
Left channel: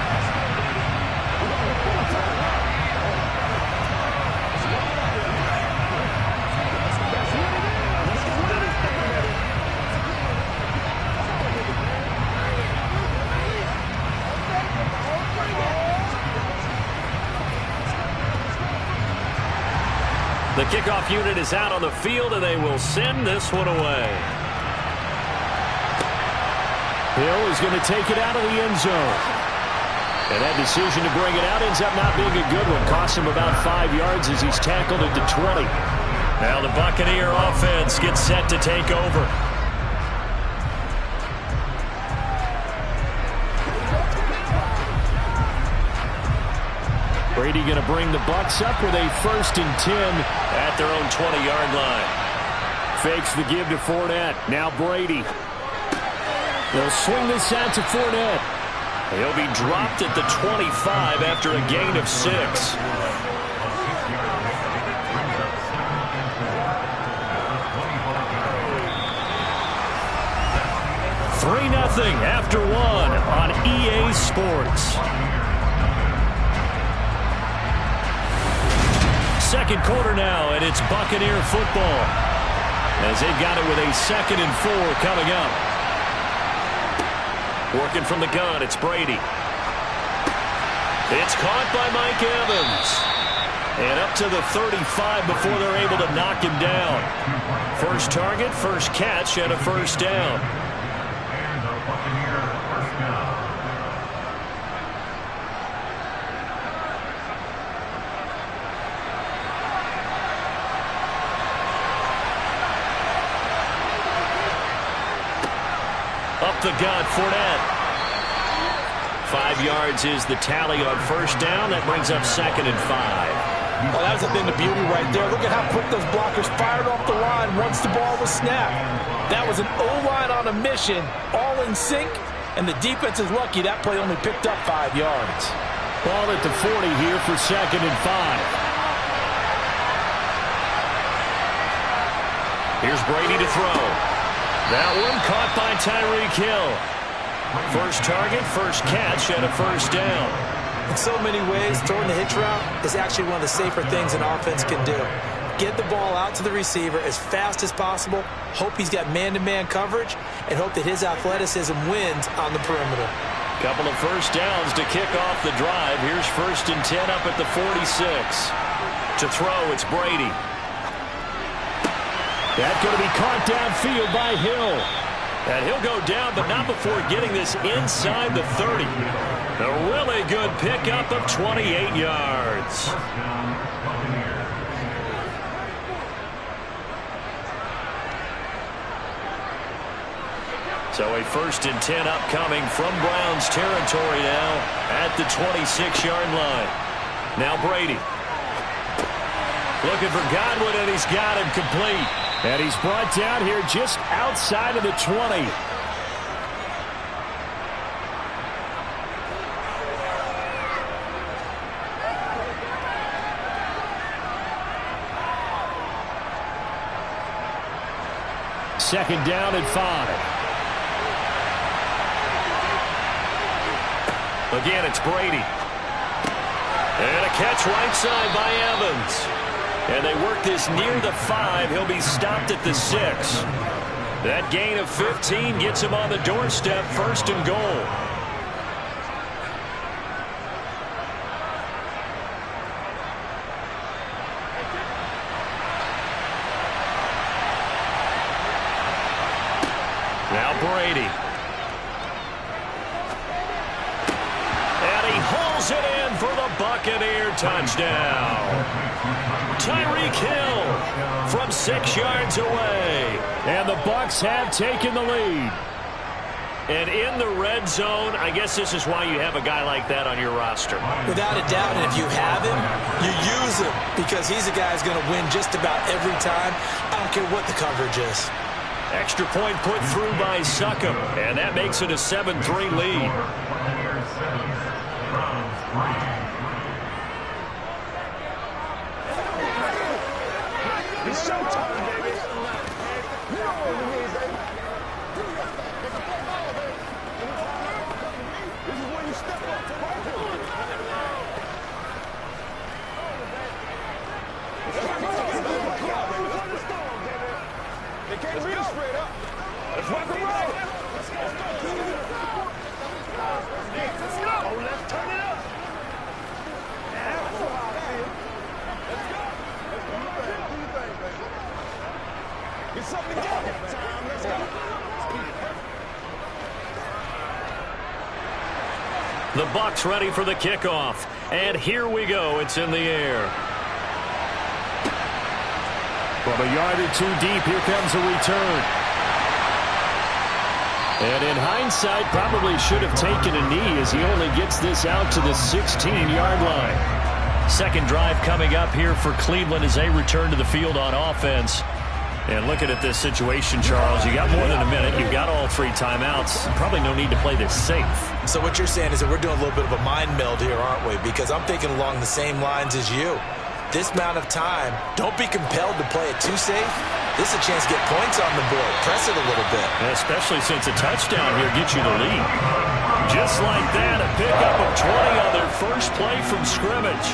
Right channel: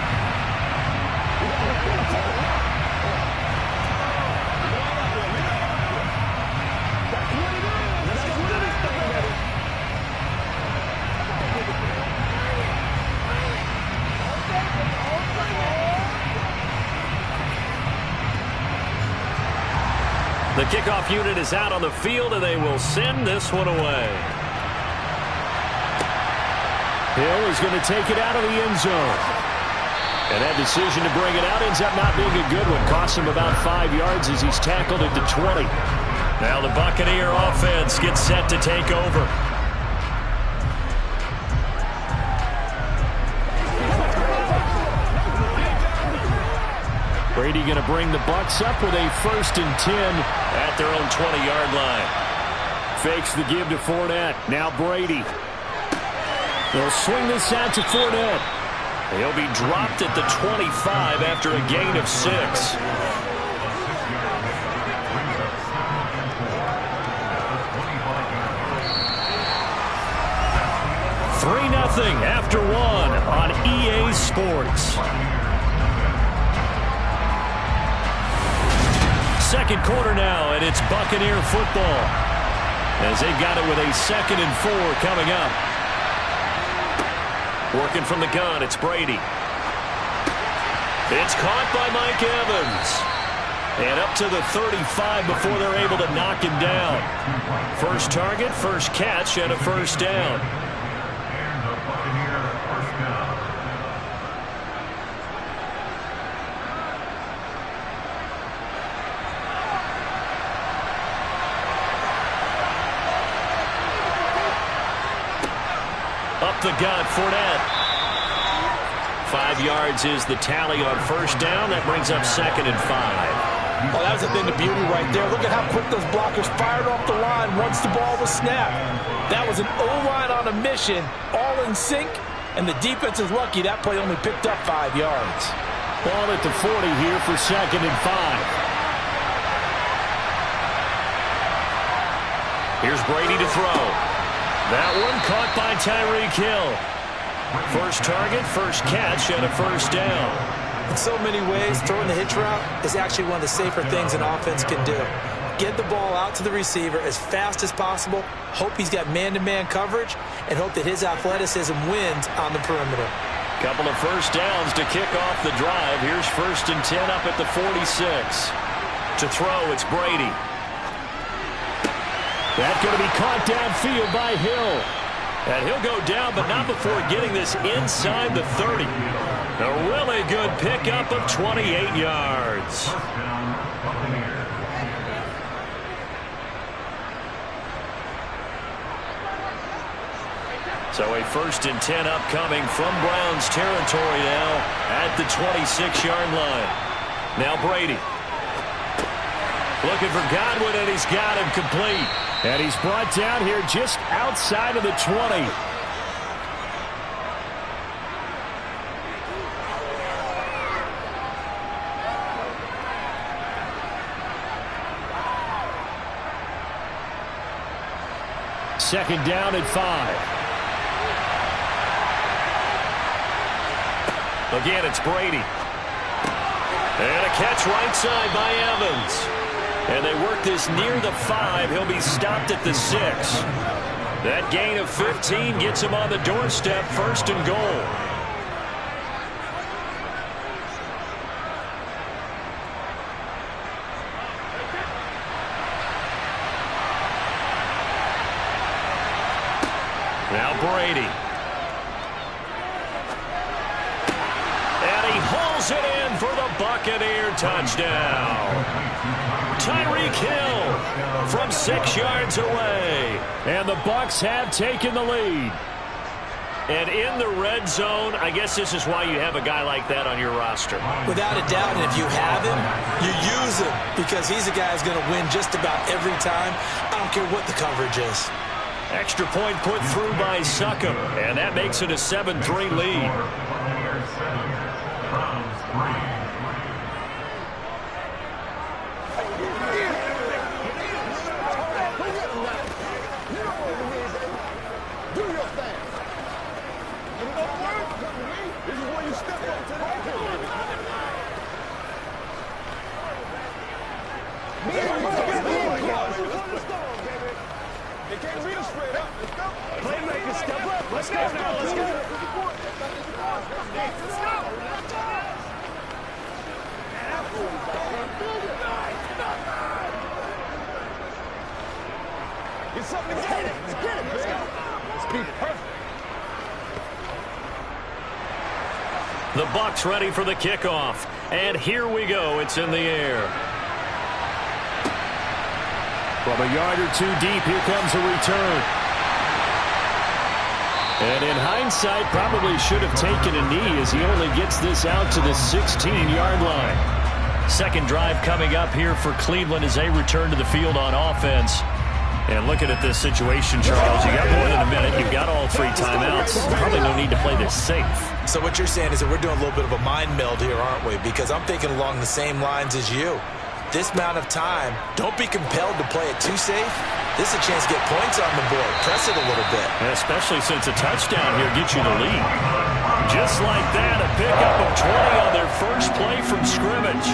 The kickoff unit is out on the field, and they will send this one away. Hill is going to take it out of the end zone. And that decision to bring it out ends up not being a good one. Costs him about 5 yards as he's tackled at the 20. Now the Buccaneer offense gets set to take over. Brady going to bring the Bucs up with a 1st and 10 at their own 20-yard line. Fakes the give to Fournette. Now Brady. They'll swing this out to Fournette. He'll be dropped at the 25 after a gain of 6. 3-0 after 1 on EA Sports. Second quarter now, and it's Buccaneer football as they've got it with a 2nd and 4 coming up. Working from the gun, it's Brady. It's caught by Mike Evans. And up to the 35 before they're able to knock him down. First target, first catch, and a 1st down. And the Buccaneers Up the gut, Fournette. 5 yards is the tally on first down. That brings up 2nd and 5. Oh, that was a thing of beauty right there. Look at how quick those blockers fired off the line once the ball was snapped. That was an O-line on a mission, all in sync, and the defense is lucky that play only picked up 5 yards. Ball at the 40 here for 2nd and 5. Here's Brady to throw. That one caught by Tyreek Hill. First target, first catch, and a first down. In so many ways, throwing the hitch route is actually one of the safer things an offense can do. Get the ball out to the receiver as fast as possible, hope he's got man-to-man coverage, and hope that his athleticism wins on the perimeter. Couple of first downs to kick off the drive. Here's 1st and 10 up at the 46. To throw, it's Brady. That's going to be caught downfield by Hill. And he'll go down, but not before getting this inside the 30. A really good pickup of 28 yards. First down, Buccaneers. So a 1st and 10 upcoming from Browns territory now at the 26-yard line. Now Brady. Looking for Godwin, and he's got him complete. And he's brought down here just outside of the 20. Second down at 5. Again, it's Brady. And a catch right side by Evans. And they work this near the 5. He'll be stopped at the 6. That gain of 15 gets him on the doorstep, 1st and goal. Now Brady. And he hauls it in for the Buccaneer touchdown. Tyreek Hill from 6 yards away. And the Bucs have taken the lead. And in the red zone, I guess this is why you have a guy like that on your roster. Without a doubt, and if you have him, you use him because he's a guy who's going to win just about every time. I don't care what the coverage is. Extra point put through by Succop, and that makes it a 7-3 lead. Buccaneers 7, Browns 3. They can't read it straight up. Let's go. Get something together. Let's go. Let's be perfect. The Bucs ready for the kickoff. And here we go. It's in the air. From a yard or two deep, here comes a return. And in hindsight, probably should have taken a knee as he only gets this out to the 16-yard line. Second drive coming up here for Cleveland as they return to the field on offense. And looking at this situation, Charles, you got more than a minute. You've got all 3 timeouts. Probably no need to play this safe. So what you're saying is that we're doing a little bit of a mind meld here, aren't we? Because I'm thinking along the same lines as you. This amount of time, don't be compelled to play it too safe. This is a chance to get points on the board. Press it a little bit. Especially since a touchdown here gets you the lead. Just like that, a pickup of 20 on their first play from scrimmage.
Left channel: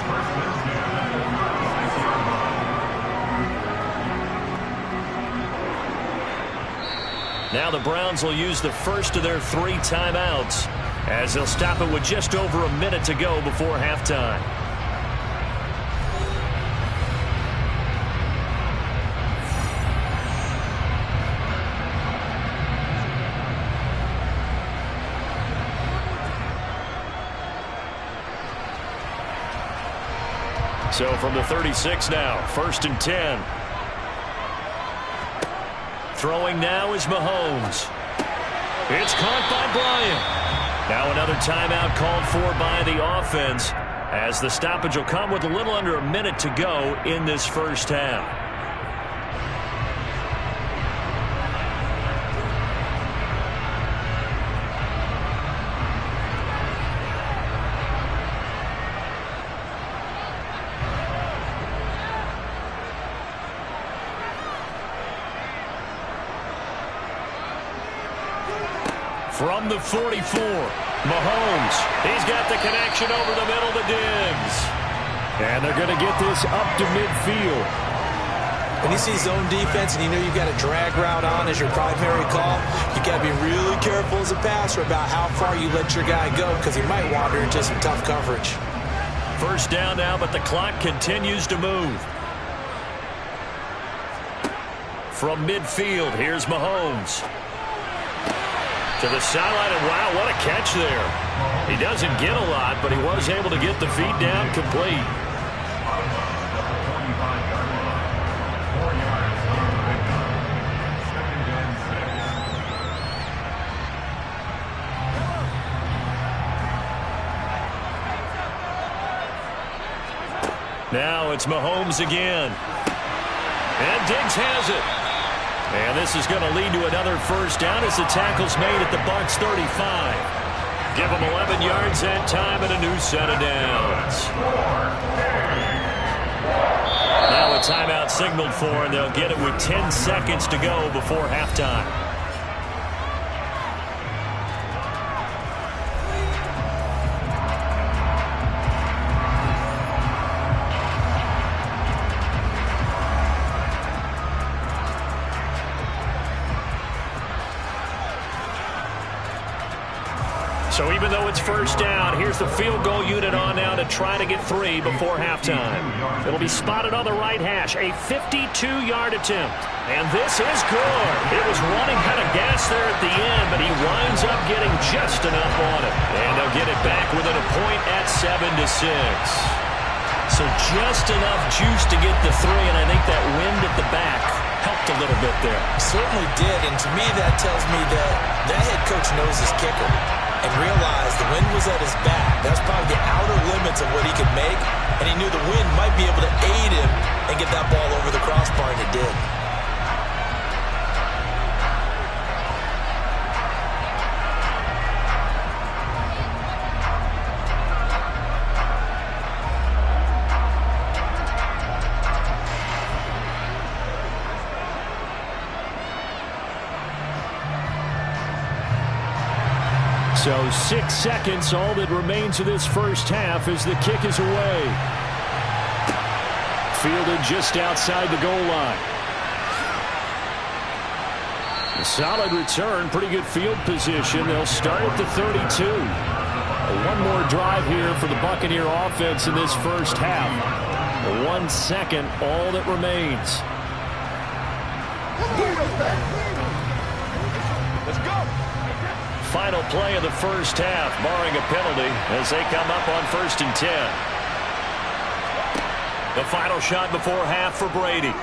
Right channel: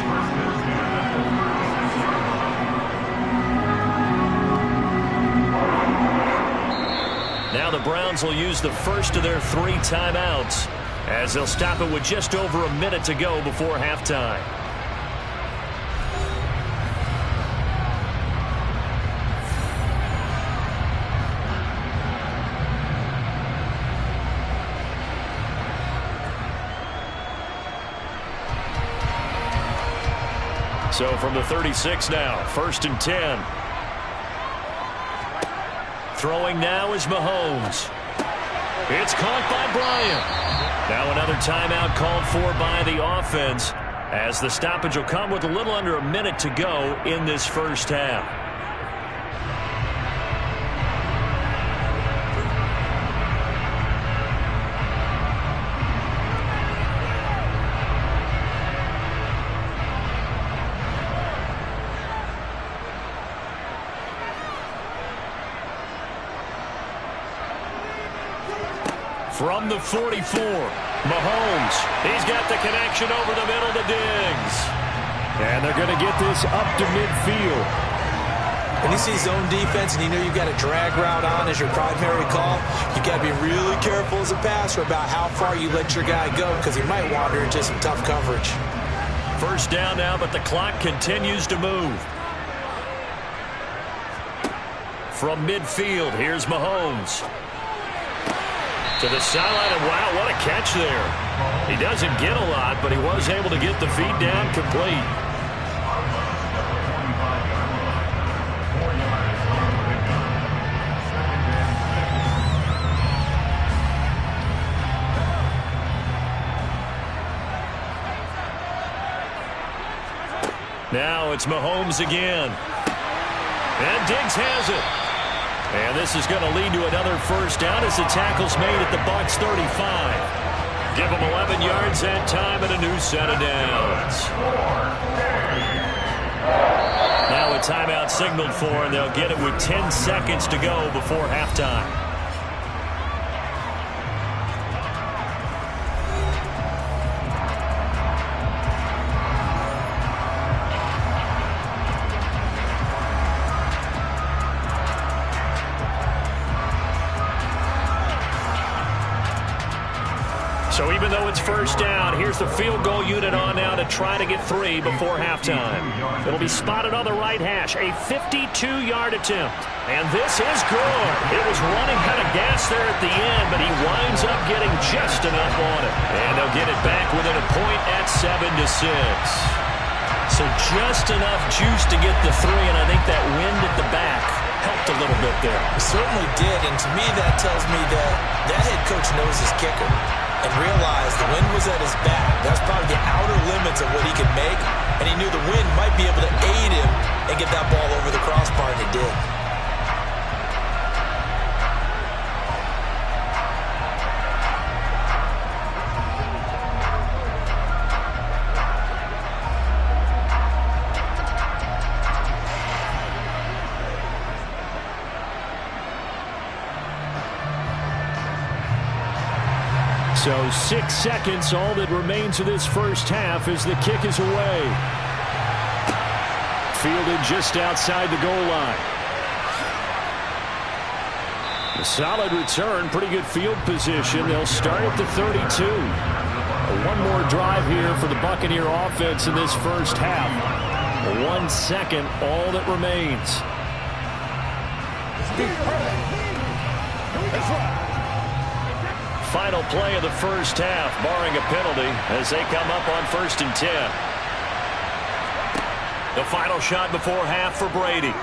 Now the Browns will use the first of their 3 timeouts as they'll stop it with just over a minute to go before halftime. So from the 36 now, 1st and 10. Throwing now is Mahomes. It's caught by Bryant. Now another timeout called for by the offense, as the stoppage will come with a little under a minute to go in this first half. From the 44, Mahomes. He's got the connection over the middle to Diggs. And they're going to get this up to midfield. When you see zone defense and you know you've got a drag route on as your primary call, you got to be really careful as a passer about how far you let your guy go, because he might wander into some tough coverage. First down now, but the clock continues to move. From midfield, here's Mahomes. To the sideline, and wow, what a catch there. He doesn't get a lot, but he was able to get the feet down complete. 45-yard line. 4 yards on the pickup. 2nd and 6. Now it's Mahomes again. And Diggs has it. And this is going to lead to another first down as the tackle's made at the Bucs 35. Give them 11 yards that time and a new set of downs. Now a timeout signaled for, and they'll get it with 10 seconds to go before halftime. So even though it's first down, here's the field goal unit on now to try to get 3 before halftime. It'll be spotted on the right hash, a 52-yard attempt. And this is good. It was running out of gas there at the end, but he winds up getting just enough on it. And they'll get it back within a point at 7-6. So just enough juice to get the 3, and I think that wind at the back helped a little bit there. Certainly did, and to me that tells me that head coach knows his kicker and realized the wind was at his back. That's probably the outer limits of what he could make, and he knew the wind might be able to aid him and get that ball over the crossbar, and it did. So 6 seconds, all that remains of this first half as the kick is away. Fielded just outside the goal line. A solid return, pretty good field position. They'll start at the 32. One more drive here for the Buccaneer offense in this first half. 1 second, all that remains. Final play of the first half, barring a penalty, as they come up on 1st and 10. The final shot before half for Brady.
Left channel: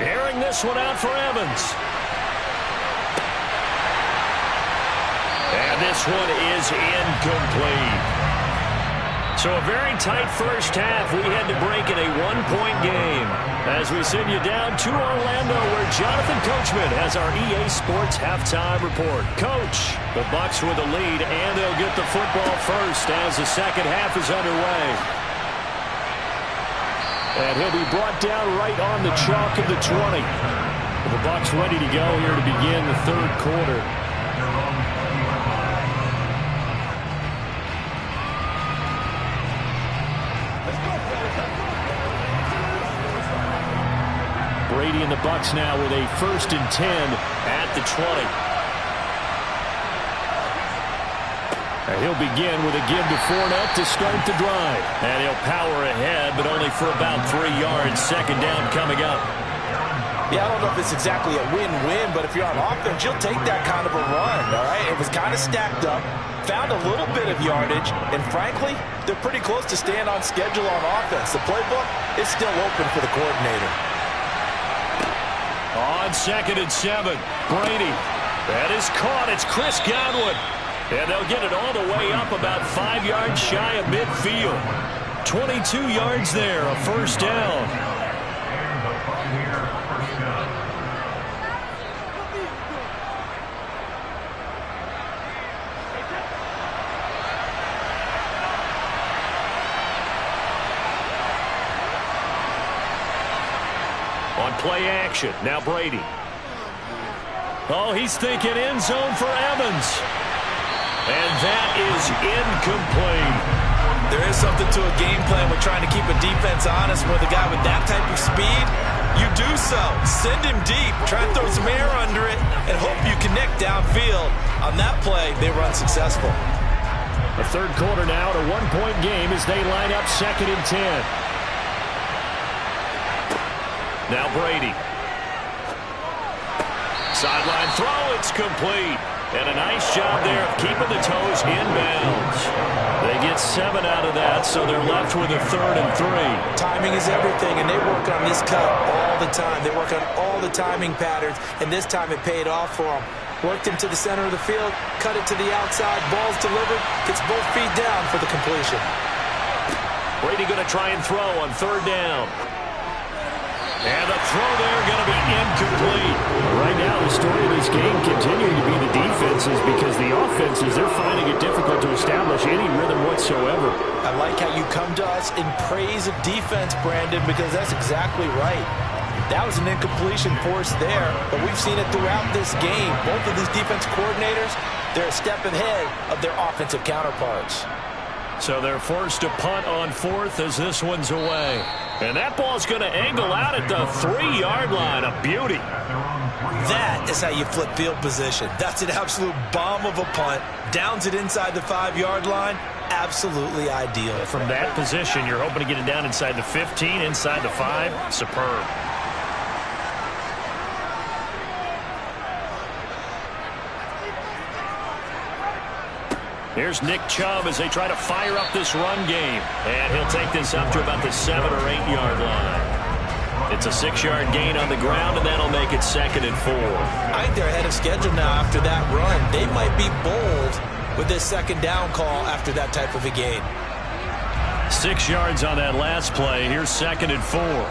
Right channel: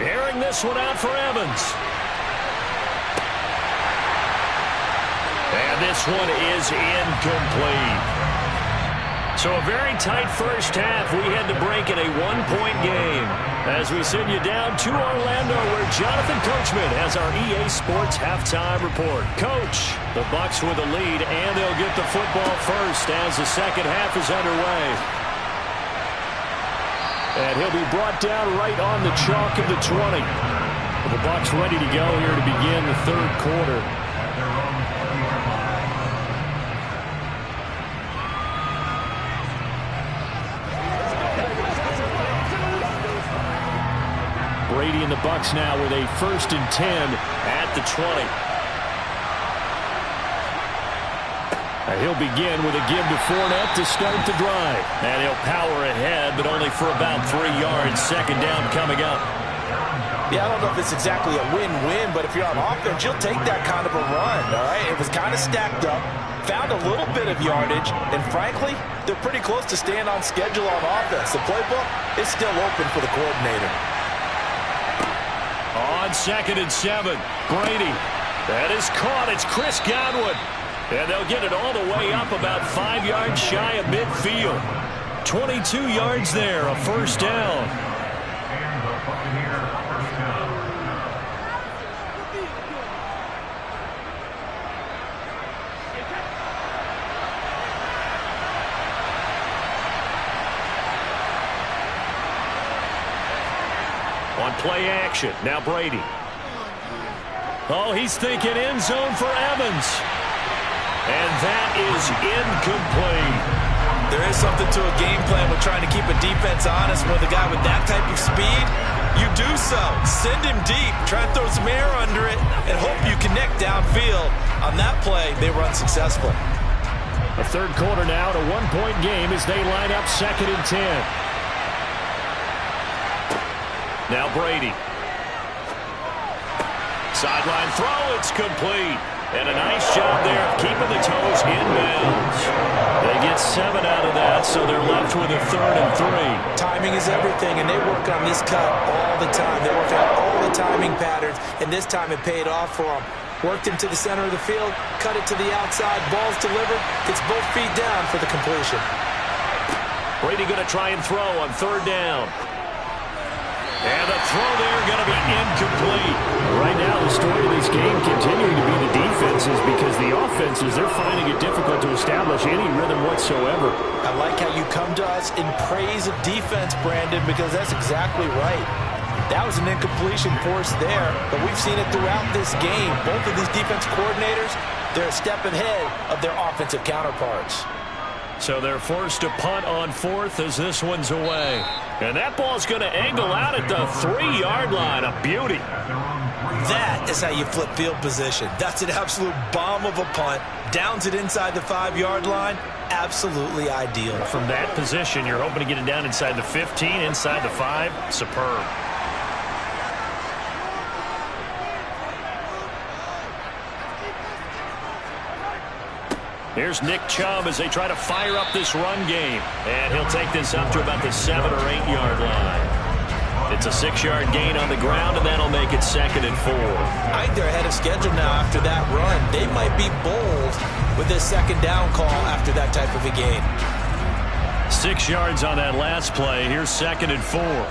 Airing this one out for Evans. And this one is incomplete. So a very tight first half. We had to break in a 1-point game as we send you down to Orlando, where Jonathan Coachman has our EA Sports halftime report. Coach, the Bucs with the lead, and they'll get the football first as the second half is underway. And he'll be brought down right on the chalk of the 20. The Bucs ready to go here to begin the third quarter. Brady and the Bucs now with a 1st and 10 at the 20. And he'll begin with a give to Fournette to start the drive. And he'll power ahead, but only for about 3 yards. Second down coming up. Yeah, I don't know if it's exactly a win-win, but if you're on offense, you'll take that kind of a run, all right? It was kind of stacked up, found a little bit of yardage, and frankly, they're pretty close to staying on schedule on offense. The playbook is still open for the coordinator. On 2nd and 7, Brady. That is caught. It's Chris Godwin. And they'll get it all the way up about 5 yards shy of midfield. 22 yards there, a first down. And the Buccaneers first down. On play action, now Brady. Oh, he's thinking end zone for Evans. And that is incomplete. There is something to a game plan with trying to keep a defense honest with a guy with that type of speed. You do so. Send him deep. Try and throw some air under it and hope you connect downfield. On that play, they were unsuccessful. A third quarter now, a one-point game as they line up 2nd and 10. Now Brady. Sideline throw, it's complete. And a nice job there of keeping the toes inbounds. They get 7 out of that, so they're left with a 3rd and 3. Timing is everything, and they work on this cut all the time. They work on all the timing patterns, and this time it paid off for them. Worked him to the center of the field, cut it to the outside, ball's delivered, gets both feet down for the completion. Brady going to try and throw on 3rd down. And the throw there going to be incomplete. Right now, the story of this game continuing to be the defenses because the offenses, they're finding it difficult to establish any rhythm whatsoever. I like how you come to us in praise of defense, Brandon, because that's exactly right. That was an incompletion forced there, but we've seen it throughout this game. Both of these defense coordinators, they're a step ahead of their offensive counterparts. So they're forced to punt on 4th as this one's away. And that ball's going to angle out at the 3-yard line. A beauty. That is how you flip field position. That's an absolute bomb of a punt. Downs it inside the 5-yard line. Absolutely ideal. From that position, you're hoping to get it down inside the 15, inside the 5. Superb. Here's Nick Chubb as they try to fire up this run game. And he'll take this up to about the 7- or 8-yard line. It's a 6-yard gain on the ground, and that'll make it 2nd and 4. I think they're ahead of schedule now after that run. They might be bold with this 2nd down call after that type of a gain. 6 yards on that last play. Here's 2nd and 4.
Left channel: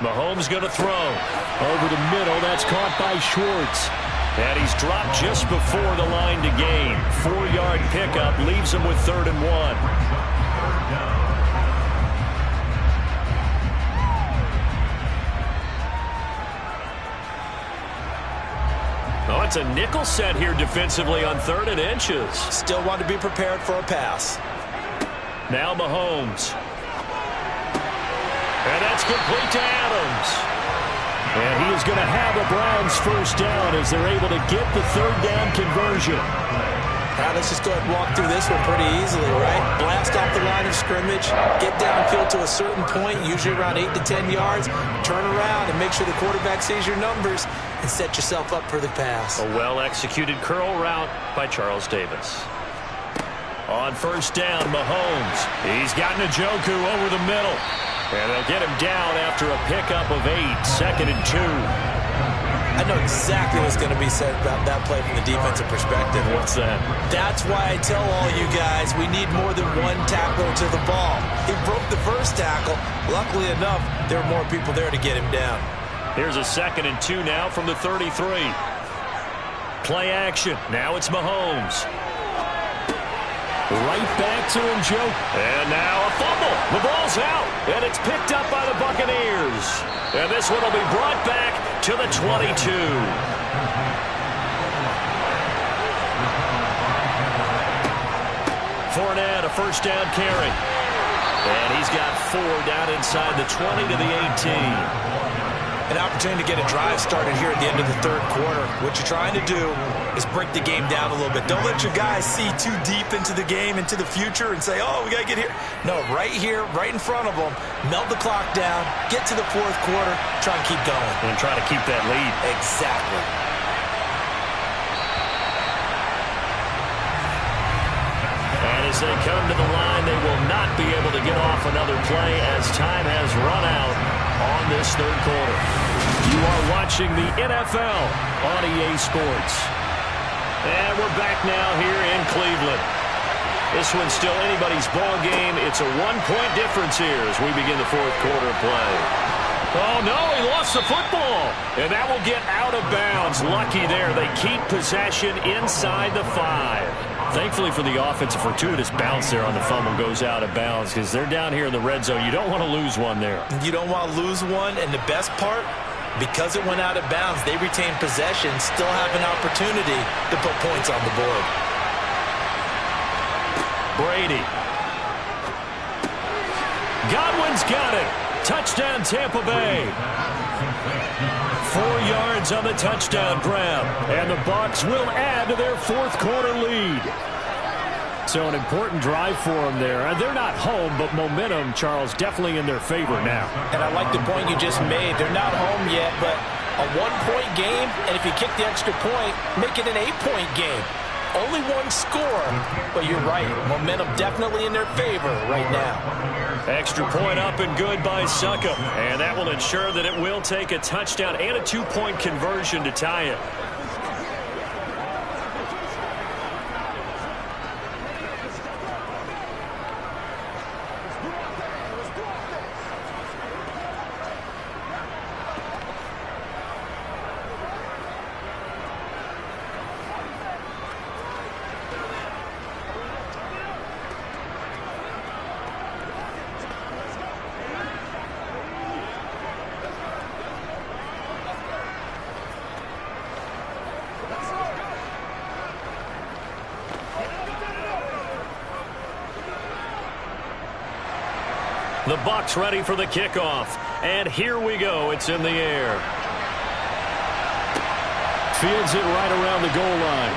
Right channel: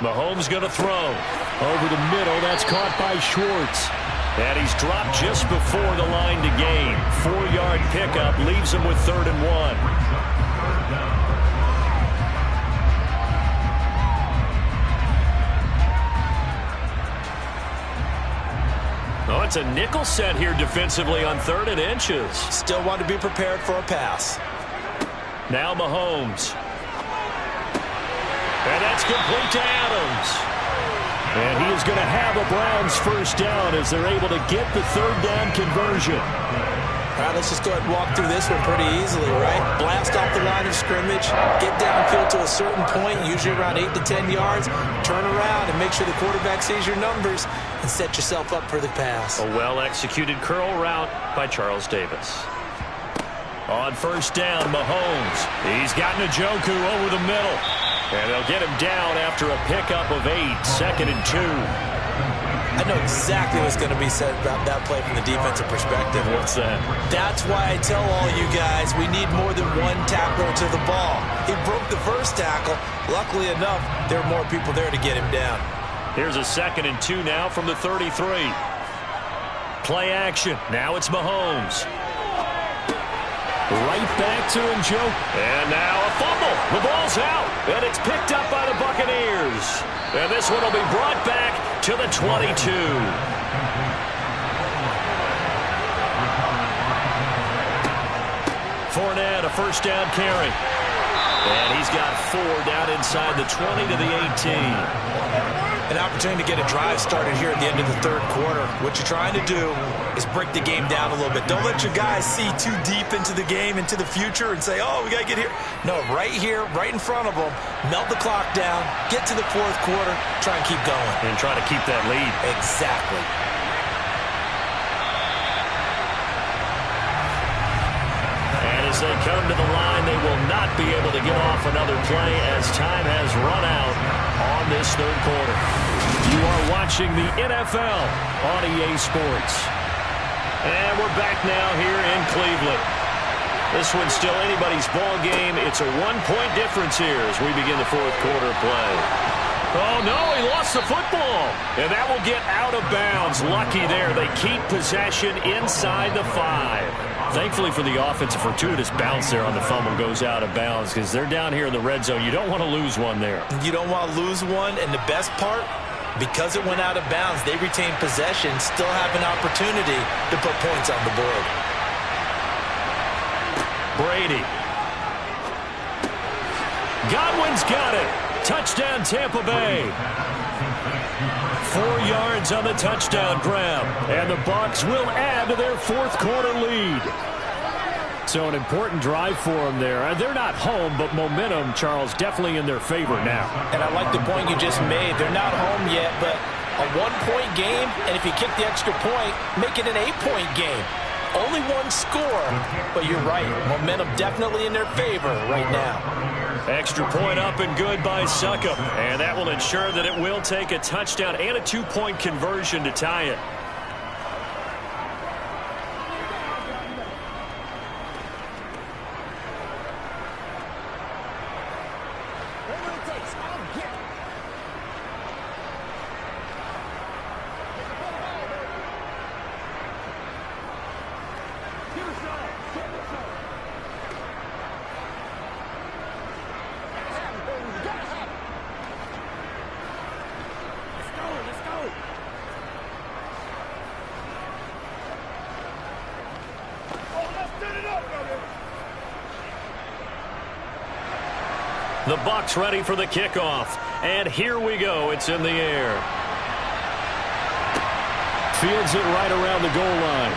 Mahomes going to throw. Over the middle, that's caught by Schwartz. And he's dropped just before the line to gain. 4-yard pickup leaves him with 3rd and 1. Oh, it's a nickel set here defensively on 3rd and inches. Still want to be prepared for a pass. Now Mahomes. And that's complete to Adams. And he is going to have a Browns first down as they're able to get the 3rd down conversion. All right, let's just go ahead and walk through this one pretty easily, right? Blast off the line of scrimmage, get downfield to a certain point, usually around 8 to 10 yards, turn around and make sure the quarterback sees your numbers and set yourself up for the pass. A well-executed curl route by Charles Davis. On 1st down, Mahomes. He's got Njoku over the middle. And they'll get him down after a pickup of 8, 2nd and 2. I know exactly what's going to be said about that play from the defensive perspective. What's that? That's why I tell all you guys we need more than one tackler to the ball. He broke the first tackle. Luckily enough, there were more people there to get him down. Here's a 2nd and 2 now from the 33. Play action. Now it's Mahomes. Right back to Njoku. And now a fumble. The ball's out. And it's picked up by the Buccaneers. And this one will be brought back to the 22. Fournette, a first down carry. And he's got 4 down inside the 20 to the 18. An opportunity to get a drive started here at the end of the 3rd quarter. What you're trying to do is break the game down a little bit. Don't let your guys see too deep into the game, into the future, and say, oh, we got to get here. No, right here, right in front of them, melt the clock down, get to the 4th quarter, try and keep going. And try to keep that lead. Exactly. And as As they come to the line, they will not be able to get off another play as time has run out on this third quarter. You are watching the NFL on EA Sports. And we're back now here in Cleveland. This one's still anybody's ball game. It's a 1-point difference here as we begin the fourth quarter play. Oh, no, he lost the football. And that will get out of bounds. Lucky there. They keep possession inside the 5. Thankfully for the offense, a fortuitous bounce there on the fumble goes out of bounds because they're down here in the red zone. You don't want to lose one there. You don't want to lose one, and the best part, because it went out of bounds, they retain possession, still have an opportunity to put points on the board. Brady. Godwin's got it. Touchdown, Tampa Bay. 4 yards on the touchdown grab. And the Bucs will add to their fourth quarter lead. So an important drive for them there. They're not home, but momentum, Charles, definitely in their favor now. And I like the point you just made. They're not home yet, but a 1-point game, and if you kick the extra point, make it an 8-point game. Only one score, but you're right. Momentum definitely in their favor right now. Extra point up and good by Succop. And that will ensure that it will take a touchdown and a 2-point conversion to tie it. The Bucs ready for the kickoff. And here we go. It's in the air. Fields it right around the goal line.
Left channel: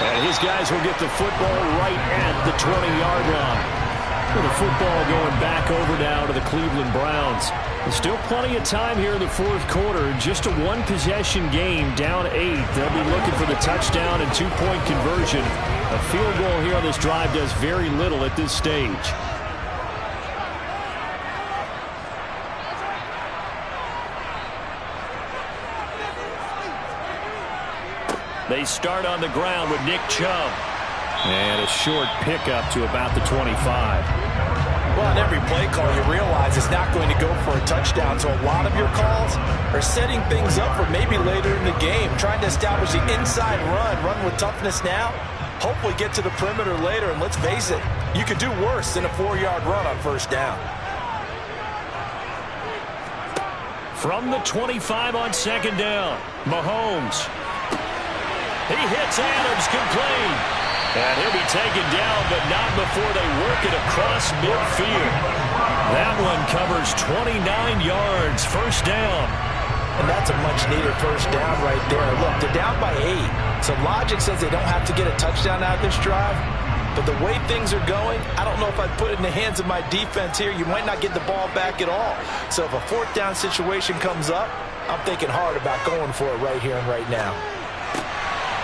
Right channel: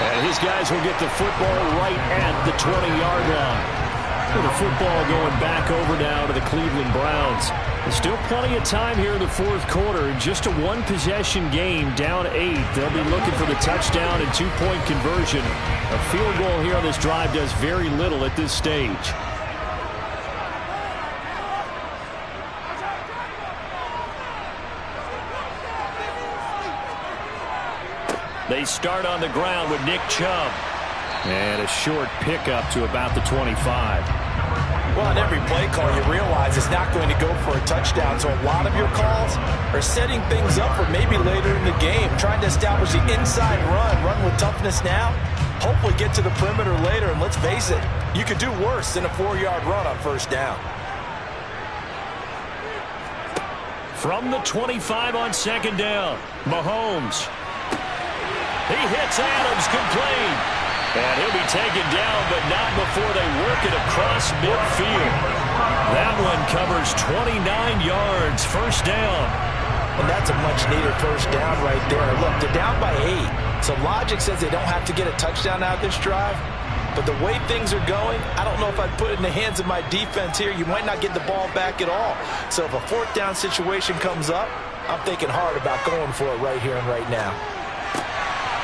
And his guys will get the football right at the 20-yard line. With the football going back over now to the Cleveland Browns. There's still plenty of time here in the fourth quarter. Just a one-possession game, down 8. They'll be looking for the touchdown and 2-point conversion. A field goal here on this drive does very little at this stage. They start on the ground with Nick Chubb. And a short pickup to about the 25. Well, on every play call, you realize it's not going to go for a touchdown. So a lot of your calls are setting things up for maybe later in the game, trying to establish the inside run with toughness now, hopefully get to the perimeter later. And let's face it, you could do worse than a 4-yard run on first down. From the 25 on second down, Mahomes. He hits Adams complete. And he'll be taken down, but not before they work it across midfield. That one covers 29 yards, first down. And that's a much-needed first down right there. Look, they're down by 8. So logic says they don't have to get a touchdown out of this drive. But the way things are going, I don't know if I'd put it in the hands of my defense here. You might not get the ball back at all. So if a fourth down situation comes up, I'm thinking hard about going for it right here and right now.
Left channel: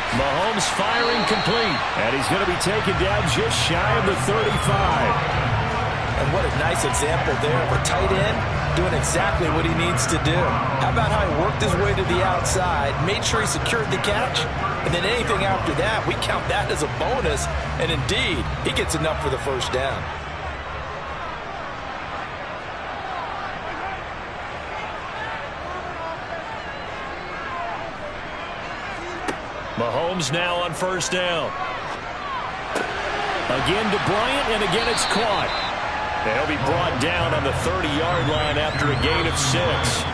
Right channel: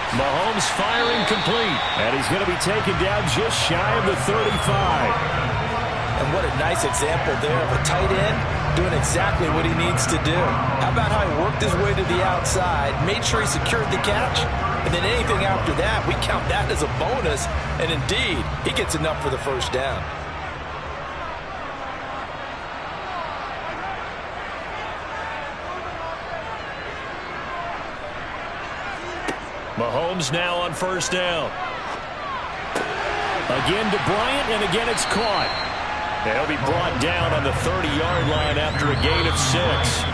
Mahomes firing complete. And he's going to be taken down just shy of the 35. And what a nice example there of a tight end doing exactly what he needs to do. How about how he worked his way to the outside, made sure he secured the catch, and then anything after that, we count that as a bonus. And indeed, he gets enough for the first down. Mahomes now on first down. Again to Bryant, and again it's caught. And he'll be brought down on the 30-yard line after a gain of 6.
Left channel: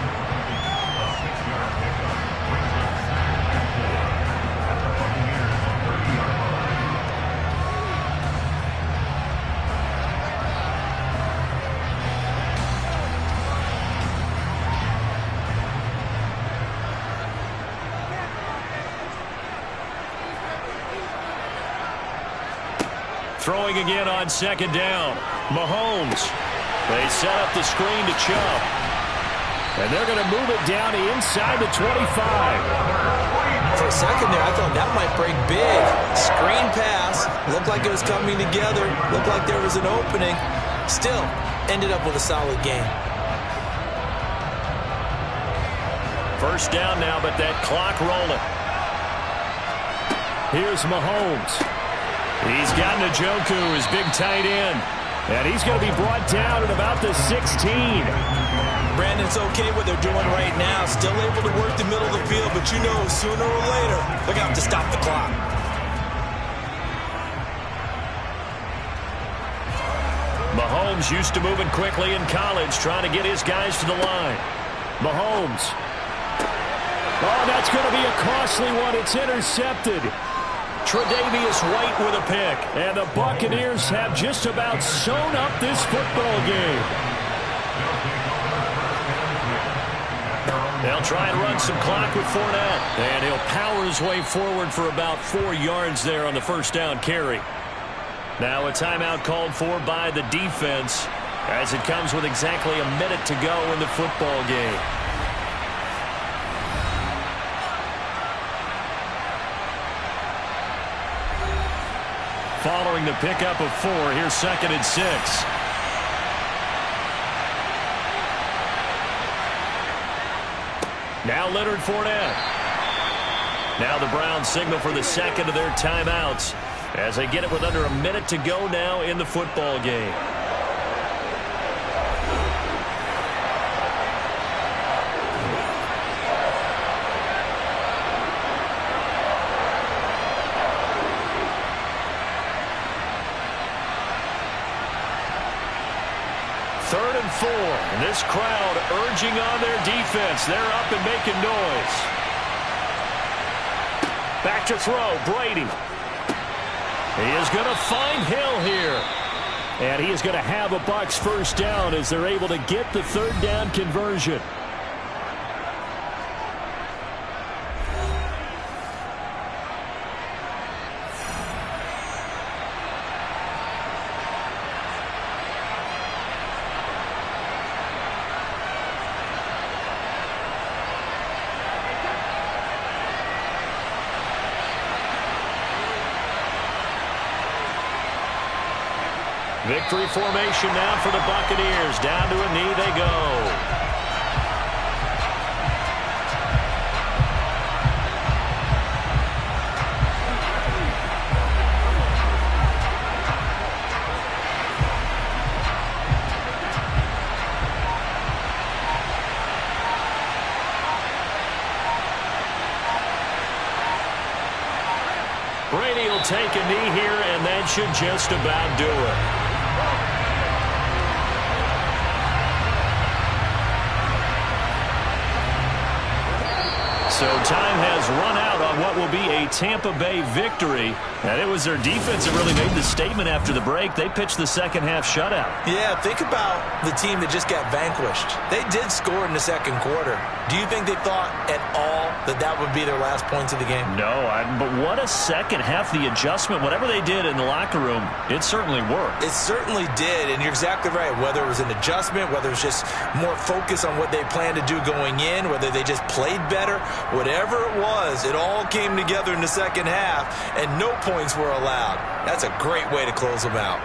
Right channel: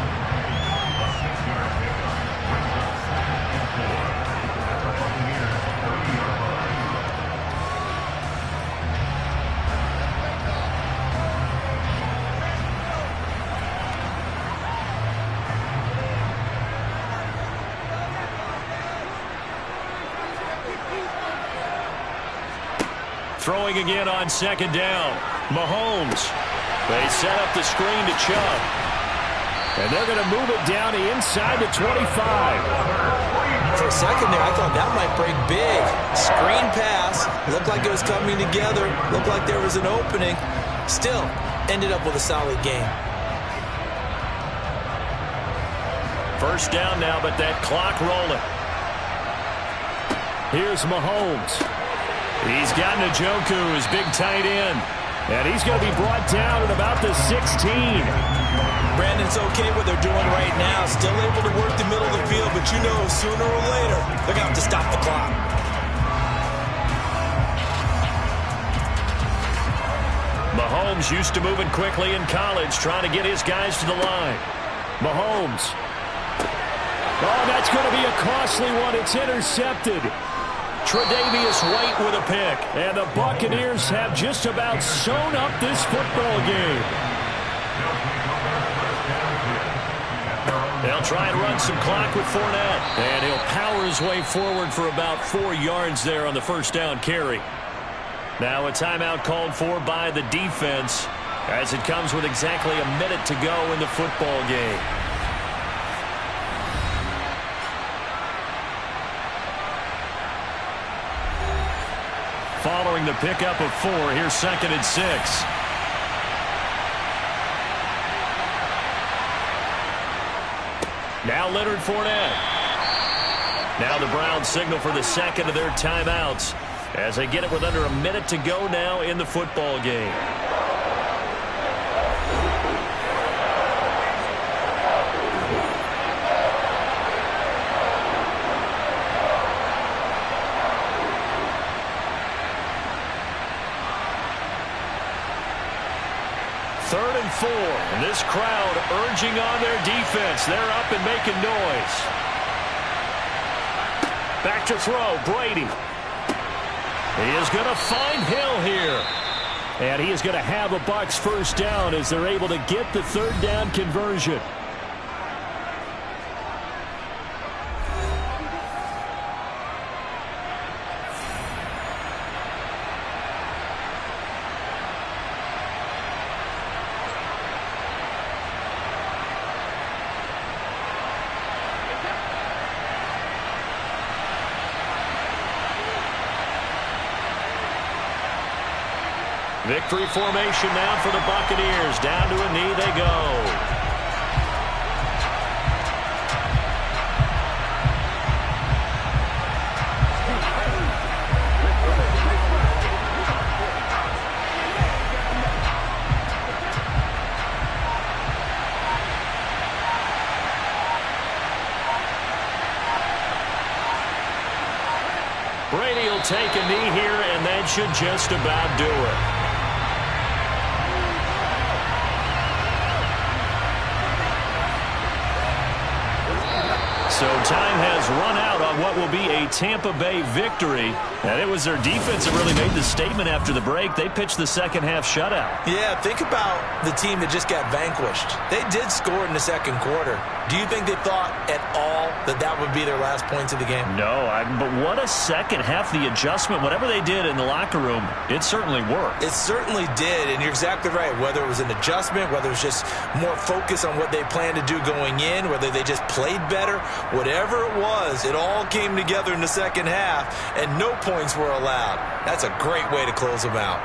Throwing again on second down. Mahomes. They set up the screen to Chubb. And they're going to move it down to inside the 25. For a second there, I thought that might break big. Screen pass. Looked like it was coming together. Looked like there was an opening. Still, ended up with a solid game. First down now, but that clock rolling. Here's Mahomes. He's got Njoku, his big tight end. And he's going to be brought down at about the 16. Brandon's okay what they're doing right now. Still able to work the middle of the field, but you know sooner or later they're going to have to stop the clock. Mahomes used to moving quickly in college, trying to get his guys to the line. Mahomes. Oh, that's going to be a costly one. It's intercepted. Tre'Davious White with a pick. And the Buccaneers have just about sewn up this football game. They'll try and run some clock with Fournette. And he'll power his way forward for about 4 yards there on the first down carry. Now a timeout called for by the defense as it comes with exactly a minute to go in the football game. Following the pickup of 4, here's 2nd and 6. Now Leonard Fournette. Now the Browns signal for the second of their timeouts as they get it with under a minute to go now in the football game. Third and 4, and this crowd urging on their defense. They're up and making noise. Back to throw, Brady. He is going to find Hill here. And he is going to have a Bucs first down as they're able to get the third down conversion. Victory formation now for the Buccaneers. Down to a knee they go. Brady will take a knee here, and that should just about do it. So time has run out on what will be a Tampa Bay victory. And it was their defense that really made the statement after the break. They pitched the second half shutout. Yeah, think about the team that just got vanquished. They did score in the second quarter. Do you think they thought at all that that would be their last points of the game? No, but what a second half. The adjustment, whatever they did in the locker room, it certainly worked. It certainly did, and you're exactly right. Whether it was an adjustment, whether it was just more focus on what they planned to do going in, whether they just played better, whatever it was, it all came together in the second half, and no points were allowed. That's a great way to close them out.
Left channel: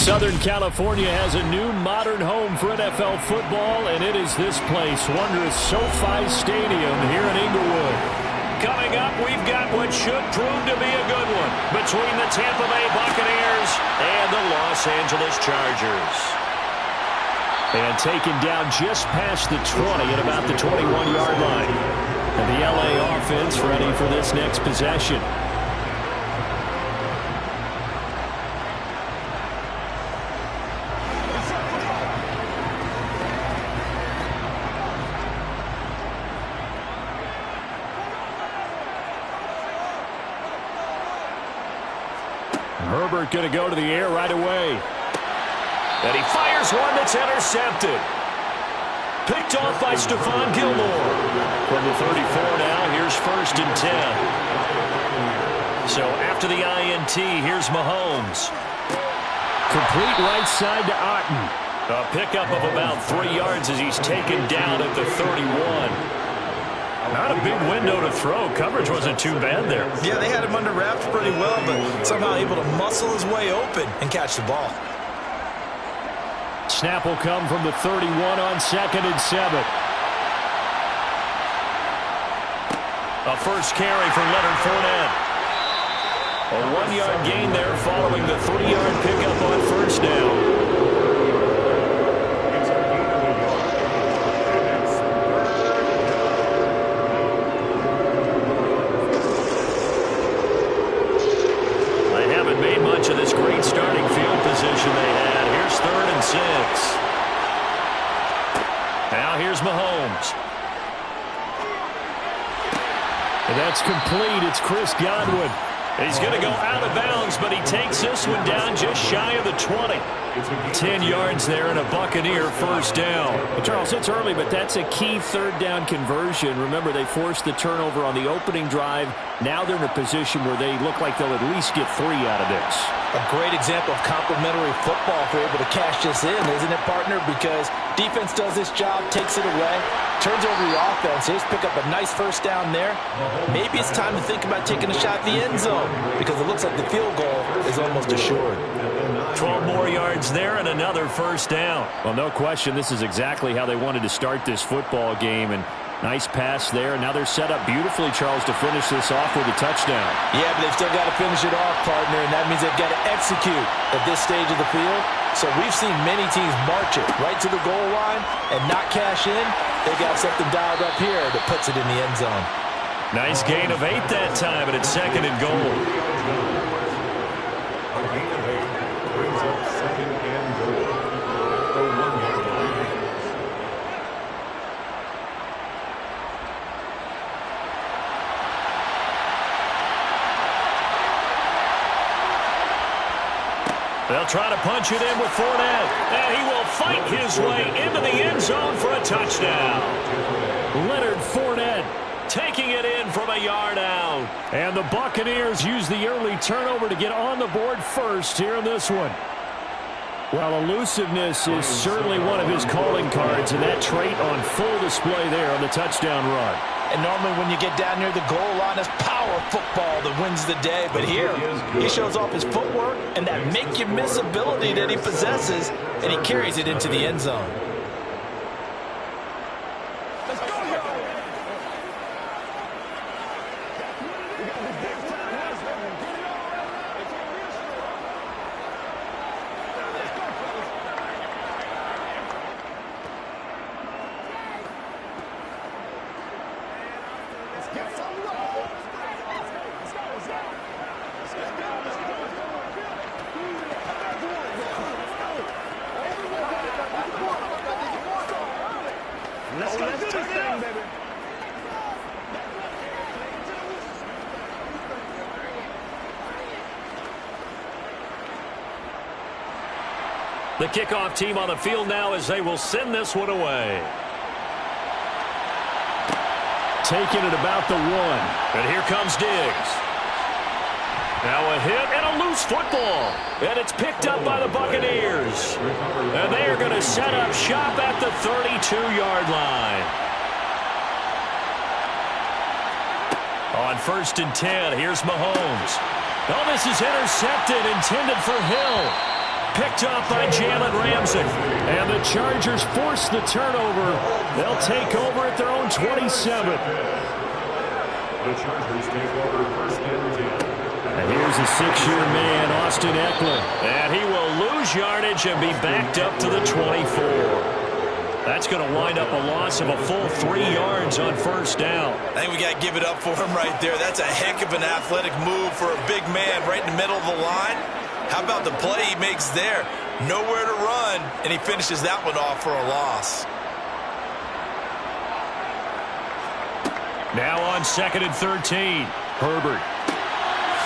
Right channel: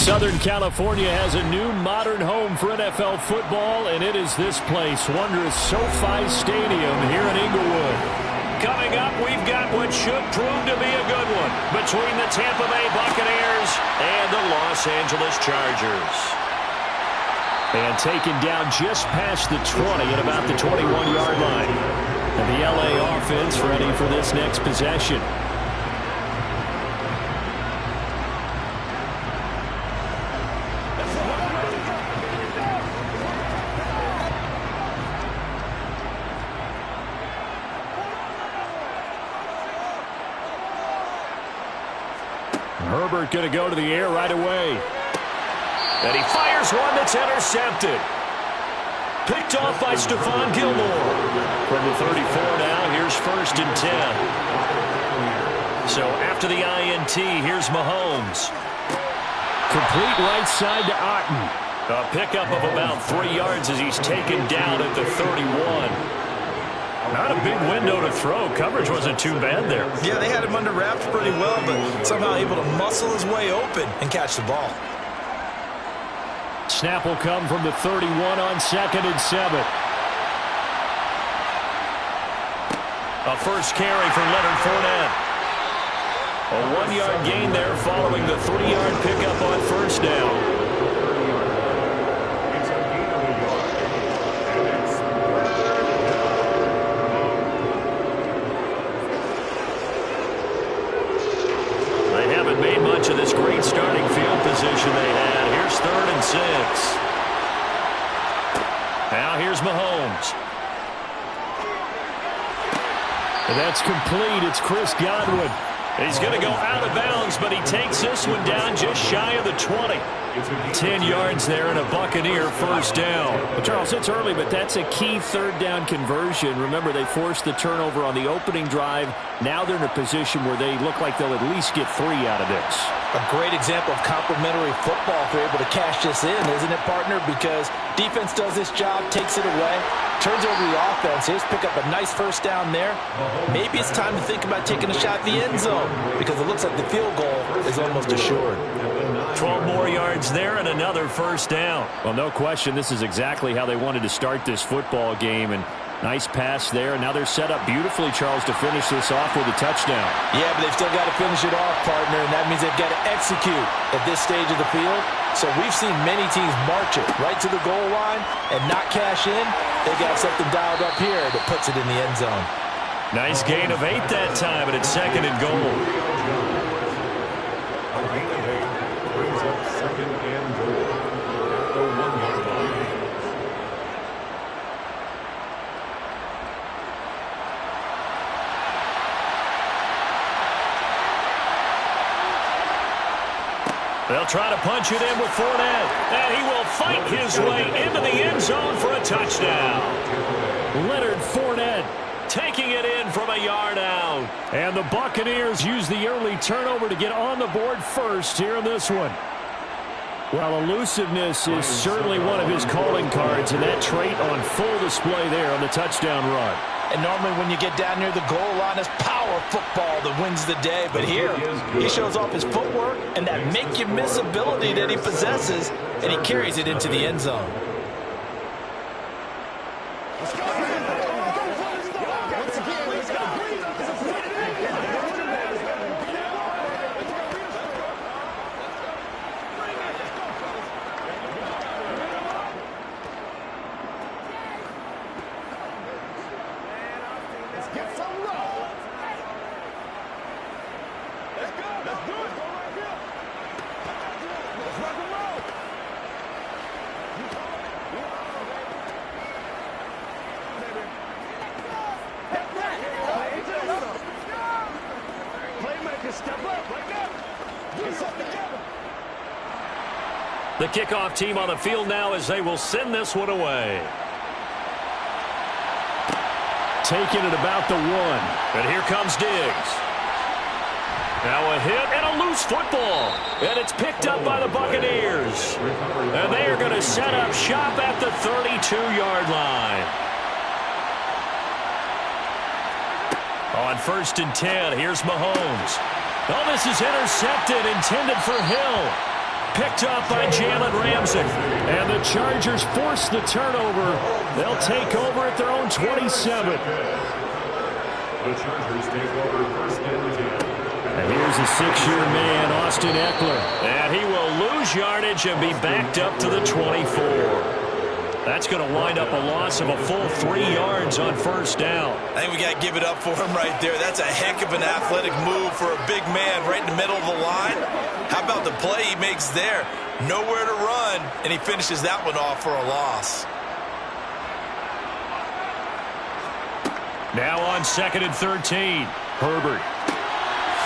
Southern California has a new modern home for NFL football, and it is this place, wondrous SoFi Stadium here in Inglewood. Coming up, we've got what should prove to be a good one between the Tampa Bay Buccaneers and the Los Angeles Chargers. And taken down just past the 20 at about the 21-yard line. And the LA offense ready for this next possession. Herbert going to go to the air right away. And he fires one that's intercepted. Picked off by Stephon Gilmore. From the 34 now, here's 1st and 10. So after the INT, here's Mahomes. Complete right side to Otten. A pickup of about 3 yards as he's taken down at the 31. Not a big window to throw. Coverage wasn't too bad there. Yeah, they had him under wraps pretty well, but somehow able to muscle his way open and catch the ball. Snap will come from the 31 on 2nd and 7. A first carry for Leonard Fournette. A 1-yard gain there following the 3-yard pickup on 1st down. Made much of this great starting field position they had. Here's 3rd and 6. Now here's Mahomes. And that's complete. It's Chris Godwin. He's going to go out of bounds, but he takes this one down just shy of the 20. 10 yards there and a Buccaneer first down. Well, Charles, it's early, but that's a key 3rd down conversion. Remember, they forced the turnover on the opening drive. Now they're in a position where they look like they'll at least get 3 out of this. A great example of complementary football if they're able to cash this in, isn't it, partner? Because defense does this job, takes it away, turns over the offense. Here's pick up a nice first down there. Maybe it's time to think about taking a shot at the end zone because it looks like the field goal is almost assured. 12 more yards there and another first down. Well, no question, this is exactly how they wanted to start this football game. And nice pass there. Now they're set up beautifully, Charles, to finish this off with a touchdown. Yeah, but they've still got to finish it off, partner, and that means they've got to execute at this stage of the field. So we've seen many teams march it right to the goal line and not cash in. They got something dialed up here that puts it in the end zone. Nice gain of 8 that time, and it's 2nd and goal. Brings up 2nd and goal at the 1-yard line. They'll try to punch it in with Fournette, and he will fight his way into the end zone for a touchdown. Leonard Fournette taking it in from a yard out. And the Buccaneers use the early turnover to get on the board first here in this one. Well, elusiveness is certainly one of his calling cards, and that trait on full display there on the touchdown run. And normally when you get down near the goal line, it's power football that wins the day. But here, he shows off his footwork and that make-you-miss ability that he possesses, and he carries it into the end zone. The kickoff team on the field now as they will send this one away. Taking it about the 1. And here comes Diggs. Now a hit and a loose football. And it's picked up by the Buccaneers. And they are going to set up shop at the 32-yard line. On 1st and 10, here's Mahomes. Oh, this is intercepted, intended for Hill. picked off by Jalen Ramsey. And the Chargers force the turnover. They'll take over at their own 27. The Chargers take over first and 10. And here's a 6-year man, Austin Eckler. And he will lose yardage and be backed up to the 24. That's going to wind up a loss of a full 3 yards on first down. I think we got to give it up for him right there. That's a heck of an athletic move for a big man right in the middle of the line. How about the play he makes there? Nowhere to run, and he finishes that one off for a loss. Now on 2nd and 13. Herbert.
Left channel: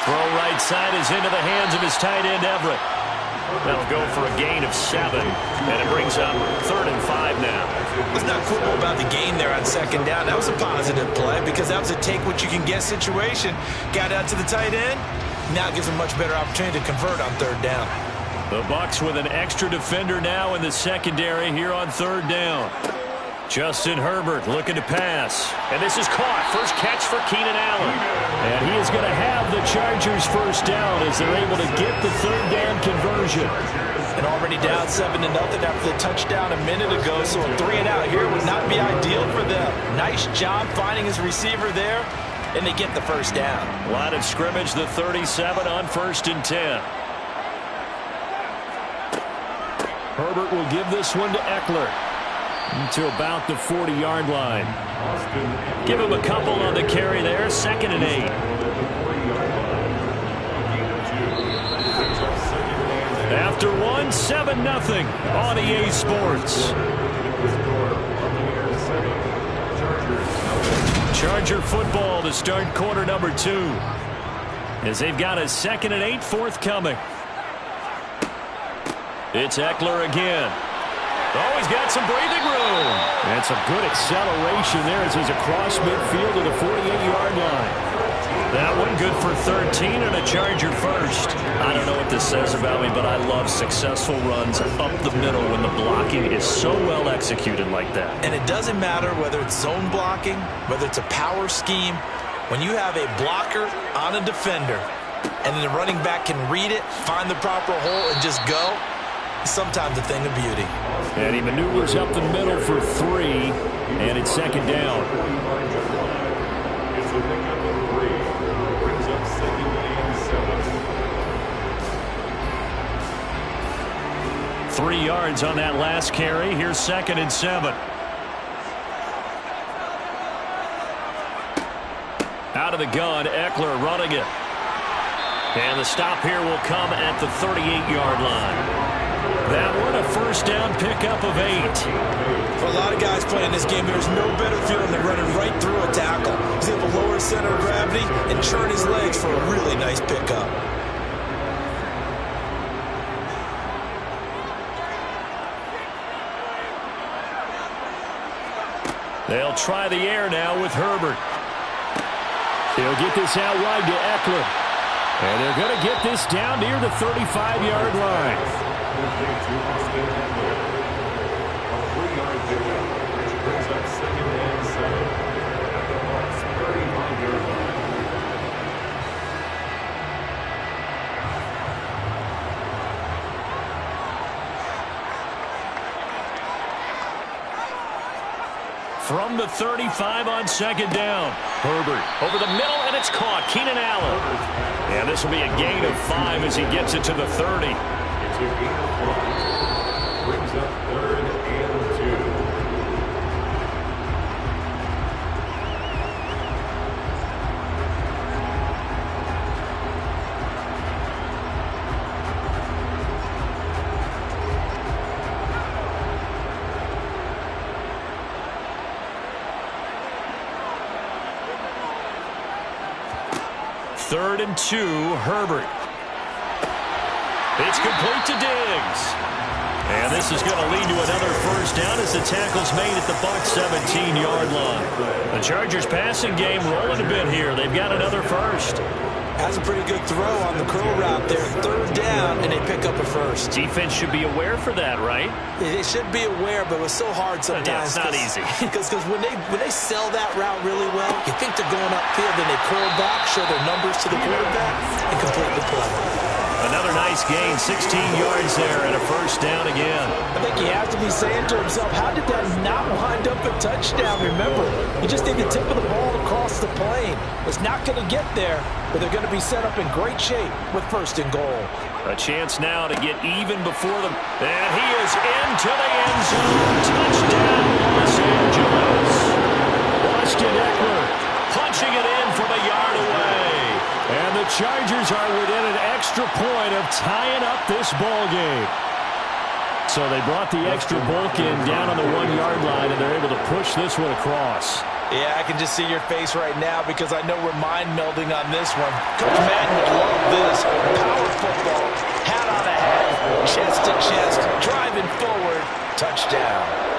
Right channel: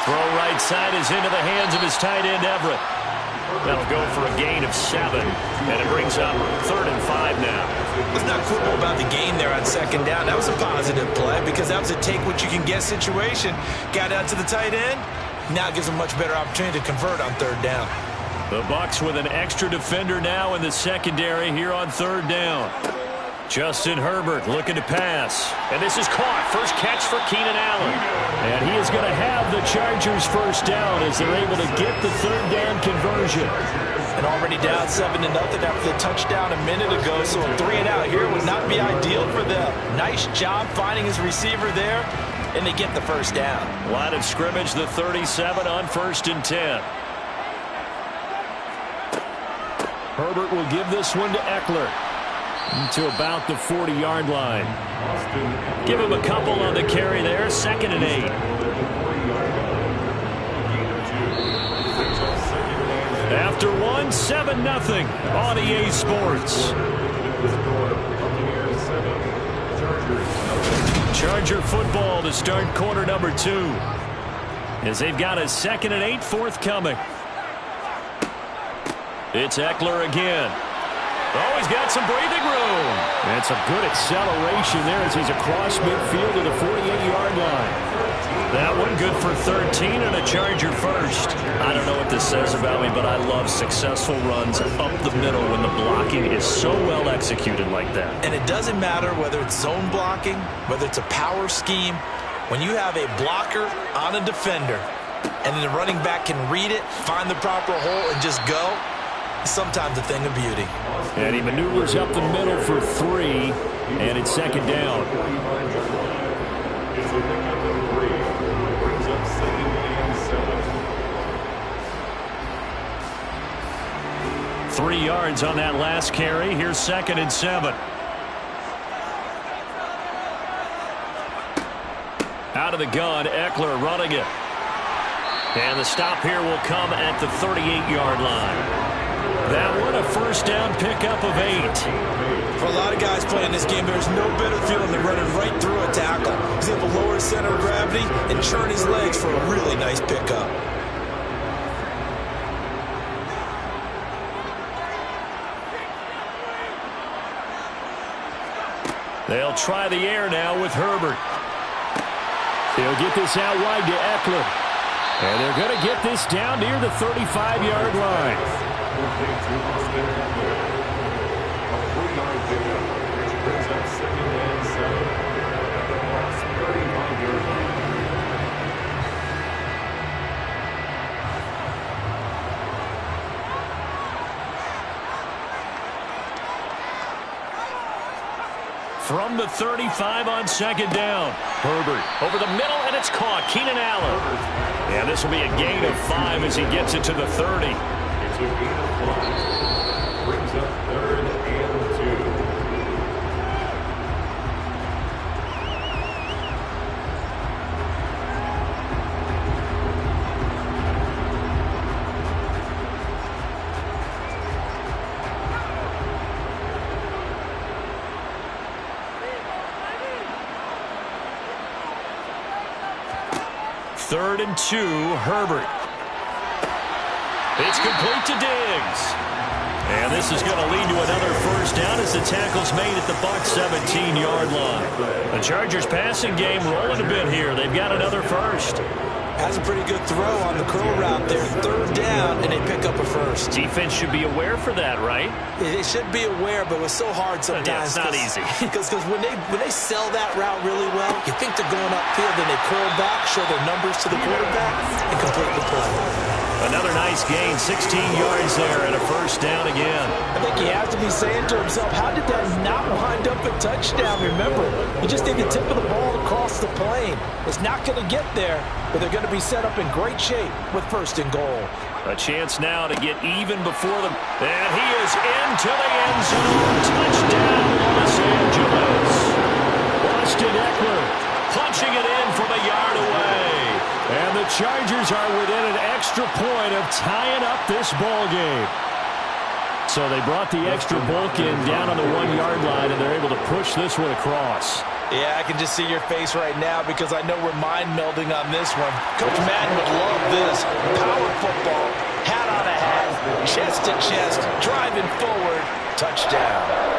Throw right side is into the hands of his tight end, Everett. That'll go for a gain of 7, and it brings up 3rd and 5 now. Let's not quibble about the gain there on 2nd down. That was a positive play because that was a take-what-you-can-get situation. Got out to the tight end. Now it gives him a much better opportunity to convert on 3rd down. The Bucs with an extra defender now in the secondary here on 3rd down. Justin Herbert looking to pass. And this is caught. First catch for Keenan Allen. And he is going to have the Chargers first down as they're able to get the 3rd down conversion. And already down 7-0 after the touchdown a minute ago. So a 3-and-out here would not be ideal for them. Nice job finding his receiver there. And they get the first down. Line of scrimmage, the 37 on 1st and 10. Herbert will give this one to Eckler. To about the 40-yard line. Give him a couple on the carry there. 2nd and 8. After one, 7-0 on EA Sports. Charger football to start quarter number 2. As they've got a 2nd and 8 forthcoming. It's Eckler again. Oh, he's got some breathing room. And some good acceleration there as he's across midfield to the 48-yard line. That one good for 13 and a Charger first. I don't know what this says about me, but I love successful runs up the middle when the blocking is so well executed like that. And it doesn't matter whether it's zone blocking, whether it's a power scheme. When you have a blocker on a defender and the running back can read it, find the proper hole, and just go, sometimes a thing of beauty. And he maneuvers up the middle for 3, and it's 2nd down. It's a pickup of 3. Brings up 2nd and 7. 3 yards on that last carry. Here's 2nd and 7. Out of the gun, Eckler running it. And the stop here will come at the 38-yard line. That one, a first down pickup of 8. For a lot of guys playing this game, there's no better feeling than running right through a tackle. He's able to lower his center of gravity and churn his legs for a really nice pickup. They'll try the air now with Herbert. They'll get this out wide to Eckler. And they're going to get this down near the 35-yard line. A 3-yard pickup, which brings up 2nd and 7 at the Bucs' 35-yard line. From the 35 on 2nd down. Herbert over the middle, and it's caught. Keenan Allen. And this will be a gain of 5 as he gets it to the 30. It's a gain of 5. Brings up 3rd and 2. Third and 2, Herbert. It's complete to Diggs. And this is going to lead to another first down as the tackle's made at the Bucs' 17-yard line. The Chargers passing game rolling a bit here. They've got another first. Has a pretty good throw on the curl route there. 3rd down, and they pick up a first. Defense should be aware for that, right? They should be aware, but it was so hard sometimes. Yeah, it's not easy. Because when they sell that route really well, you think they're going upfield, then they curl back, show their numbers to the quarterback, and complete the play. Another nice gain, 16 yards there and a first down again. I think he has to be saying to himself, how did that not wind up a touchdown? Remember, you just need the tip of the ball across the plane. It's not going to get there, but they're going to be set up in great shape with first and goal. A chance now to get even before them. And he is into the end zone. Touchdown, Los Angeles. Austin Eckler punching it in from a yard away. And the Chargers are within an extra point of tying up this ball game. So they brought the extra bulk in down on the 1 yard line, and they're able to push this one across. Yeah, I can just see your face right now because I know we're mind melding on this one. Coach Madden would love this. Power football, hat on a hat, chest to chest, driving forward, touchdown.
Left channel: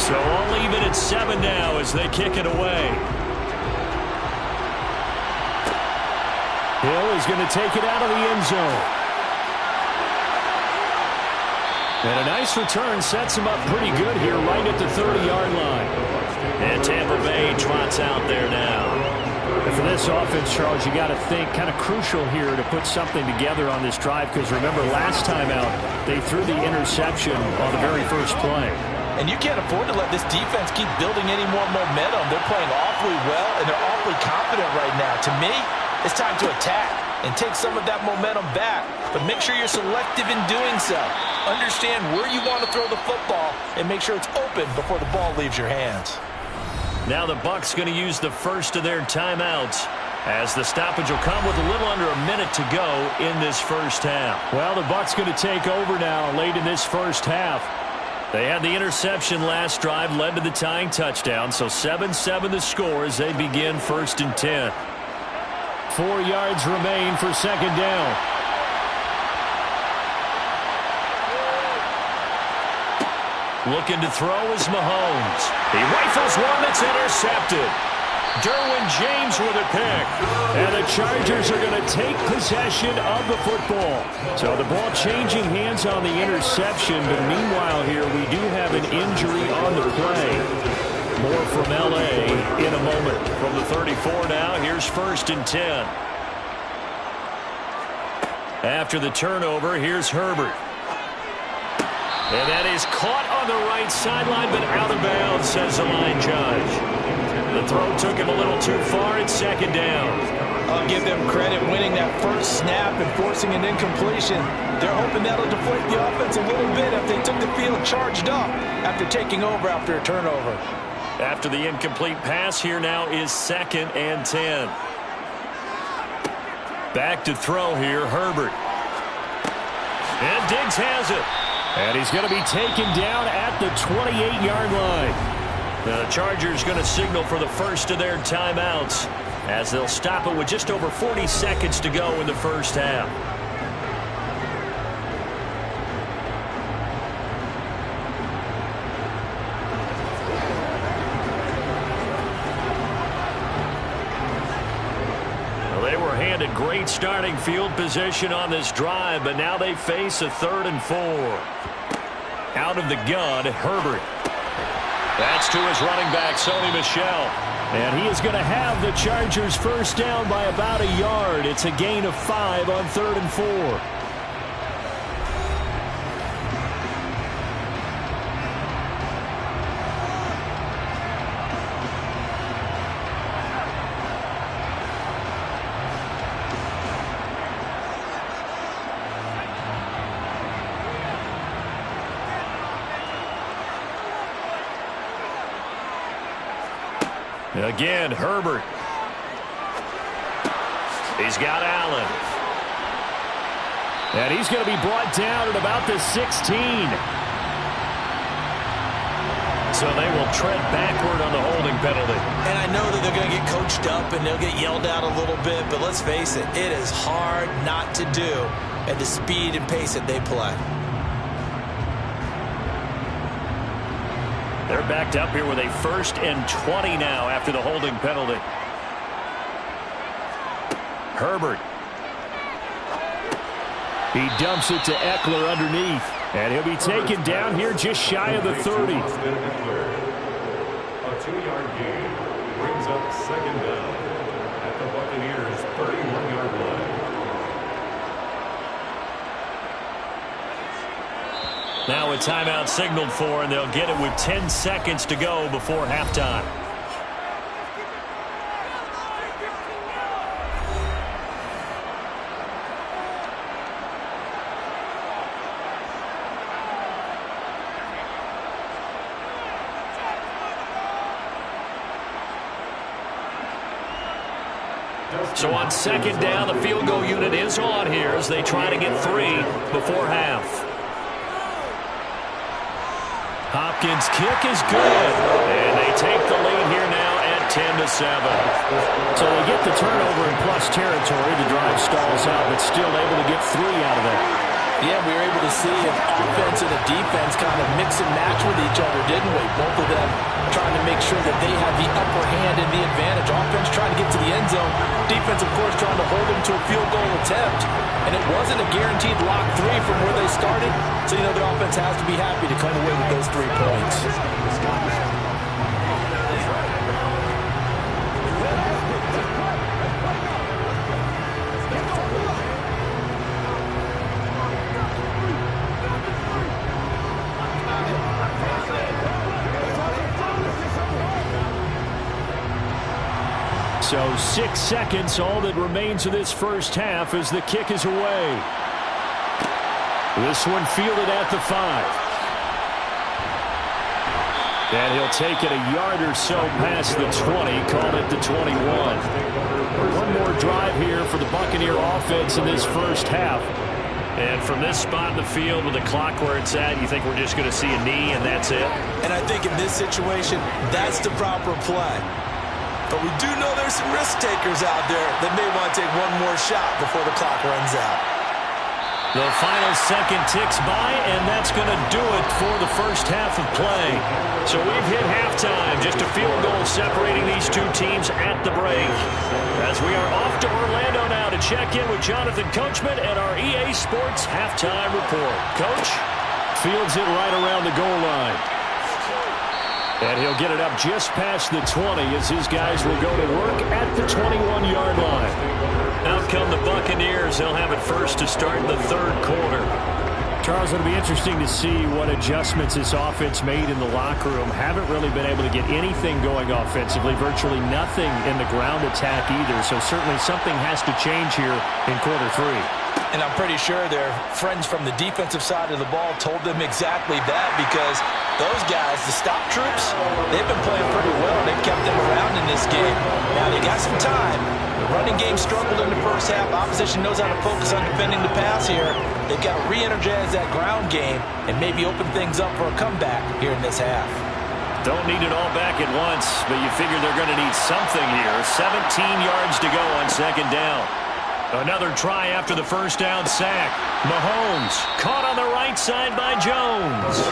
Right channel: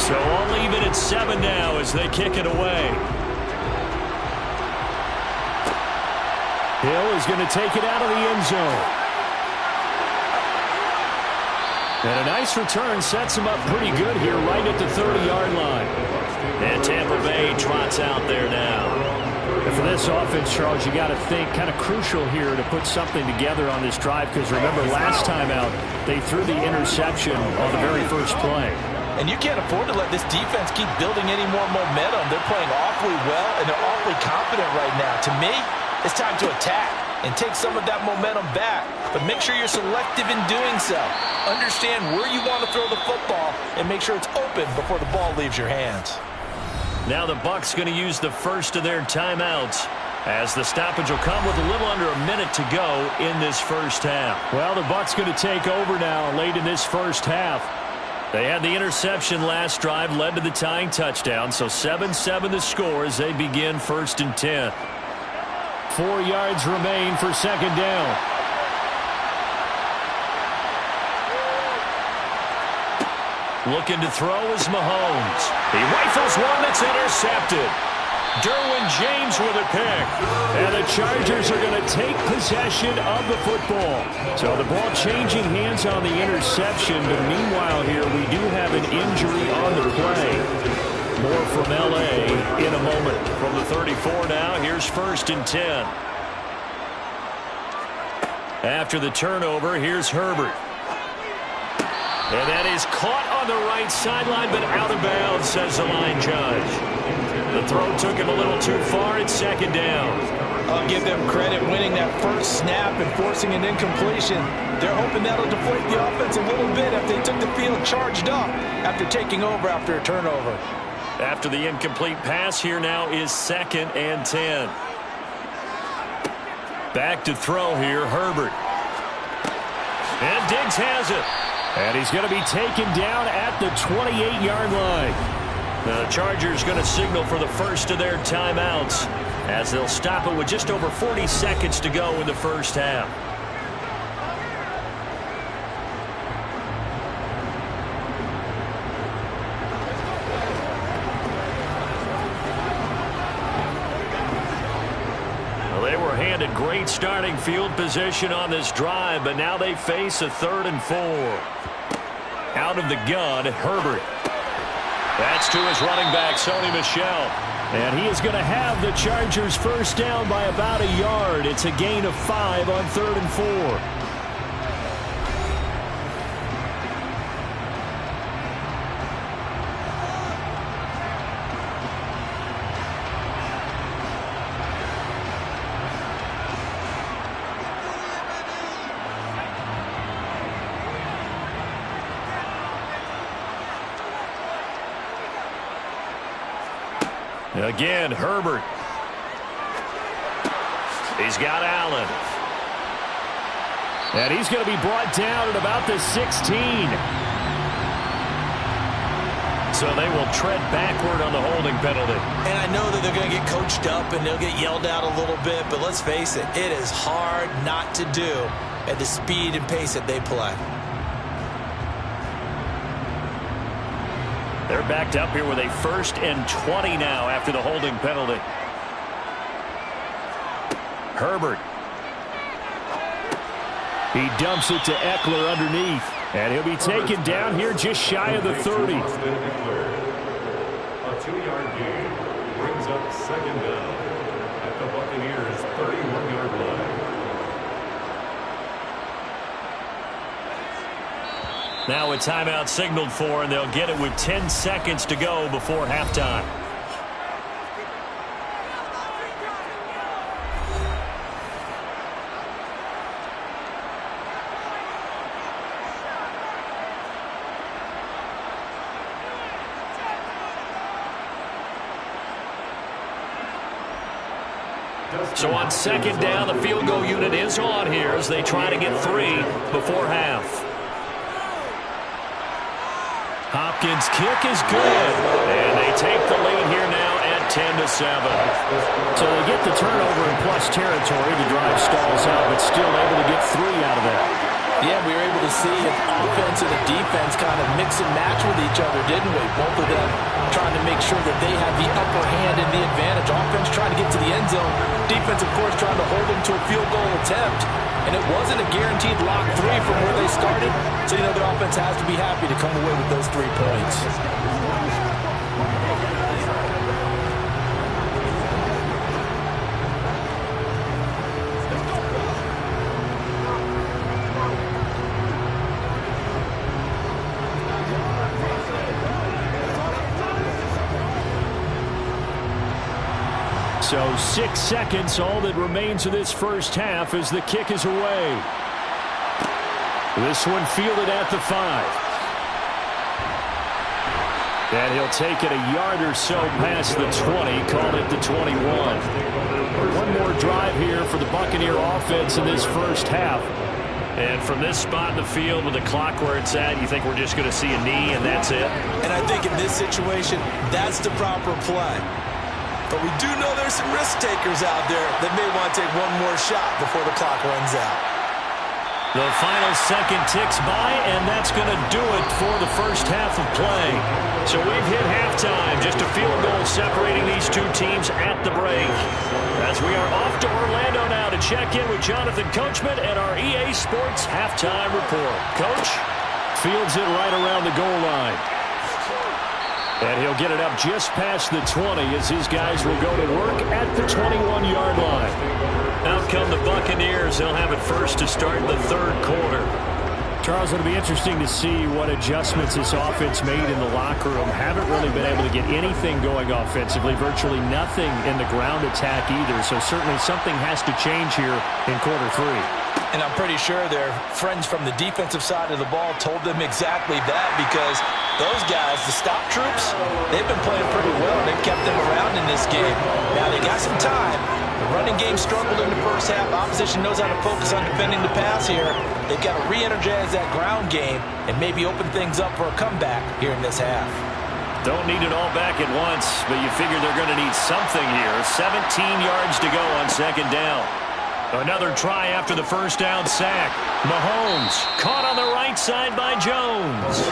So all even at 7 now as they kick it away. Hill is going to take it out of the end zone. And a nice return sets him up pretty good here right at the 30-yard line. And Tampa Bay trots out there now. And for this offense, Charles, you got to think kind of crucial here to put something together on this drive, because remember last time out they threw the interception on the very first play. And you can't afford to let this defense keep building any more momentum. They're playing awfully well, and they're awfully confident right now. To me, it's time to attack and take some of that momentum back. But make sure you're selective in doing so. Understand where you want to throw the football and make sure it's open before the ball leaves your hands. Now the Bucs going to use the first of their timeouts, as the stoppage will come with a little under a minute to go in this first half. Well, the Bucs going to take over now late in this first half. They had the interception last drive, led to the tying touchdown, so 7-7 the score as they begin 1st and 10. 4 yards remain for second down. Looking to throw is Mahomes. He rifles one that's intercepted. Derwin James with a pick. And the Chargers are going to take possession of the football. So the ball changing hands on the interception, but meanwhile here we do have an injury on the play. More from L.A. in a moment. From the 34 now, here's 1st and 10. After the turnover, here's Herbert. And that is caught on the right sideline, but out of bounds, says the line judge. The throw took him a little too far. It's second down. I'll give them credit winning that first snap and forcing an incompletion. They're hoping that'll deflate the offense a little bit if they took the field charged up after taking over after a turnover. After the incomplete pass, here now is 2nd and 10. Back to throw here, Herbert. And Diggs has it. And he's going to be taken down at the 28-yard line. The Chargers going to signal for the first of their timeouts as they'll stop it with just over 40 seconds to go in the first half. Well, they were handed great starting field position on this drive, but now they face a 3rd and 4. Out of the gun, Herbert. That's to his running back, Sony Michel. And he is going to have the Chargers first down by about a yard. It's a gain of 5 on 3rd and 4. Again, Herbert. He's got Allen. And he's going to be brought down at about the 16. So they will tread backward on the holding penalty. And I know that they're going to get coached up and they'll get yelled at a little bit, but let's face it, it is hard not to do at the speed and pace that they play. They're backed up here with a 1st and 20 now after the holding penalty. Herbert. He dumps it to Eckler underneath. And he'll be taken down here just shy of the 30. A 2-yard gain brings up 2nd down at the Buccaneers' 31-yard line. Now a timeout signaled for, and they'll get it with 10 seconds to go before halftime. So on 2nd down, the field goal unit is on here as they try to get 3 before half. Hopkins' kick is good, and they take the lead here now at 10-7. So they get the turnover in plus territory. The drive stalls out, but still able to get 3 out of that. Yeah, we were able to see an offense and a defense kind of mix and match with each other, didn't we? Both of them trying to make sure that they have the upper hand and the advantage. Offense trying to get to the end zone. Defense, of course, trying to hold them to a field goal attempt. And it wasn't a guaranteed lock 3 from where they started. So, you know, the offense has to be happy to come away with those 3 points. So 6 seconds, all that remains of this first half as the kick is away. This one fielded at the 5. And he'll take it a yard or so past the 20, called it the 21. One more drive here for the Buccaneer offense in this first half. And from this spot in the field with the clock where it's at, you think we're just going to see a knee and that's it? And I think in this situation, that's the proper play. But we do know there's some risk takers out there that may want to take one more shot before the clock runs out. The final second ticks by, and that's going to do it for the first half of play. So we've hit halftime, just a field goal separating these two teams at the break. As we are off to Orlando now to check in with Jonathan Coachman and our EA Sports Halftime Report. Coach? Fields it right around the goal line. And he'll get it up just past the 20 as his guys will go to work at the 21-yard line. Out come the Buccaneers. They'll have it first to start the third quarter. Charles, it'll be interesting to see what adjustments this offense made in the locker room. Haven't really been able to get anything going offensively, virtually nothing in the ground attack either. So certainly something has to change here in quarter 3. And I'm pretty sure their friends from the defensive side of the ball told them exactly that, because those guys, the stop troops, they've been playing pretty well. They've kept them around in this game. Now they got some time. The running game struggled in the first half. Opposition knows how to focus on defending the pass here. They've got to re-energize that ground game and maybe open things up for a comeback here in this half. Don't need it all back at once, but you figure they're going to need something here. 17 yards to go on second down. Another try after the first down sack. Mahomes caught on the right side by Jones.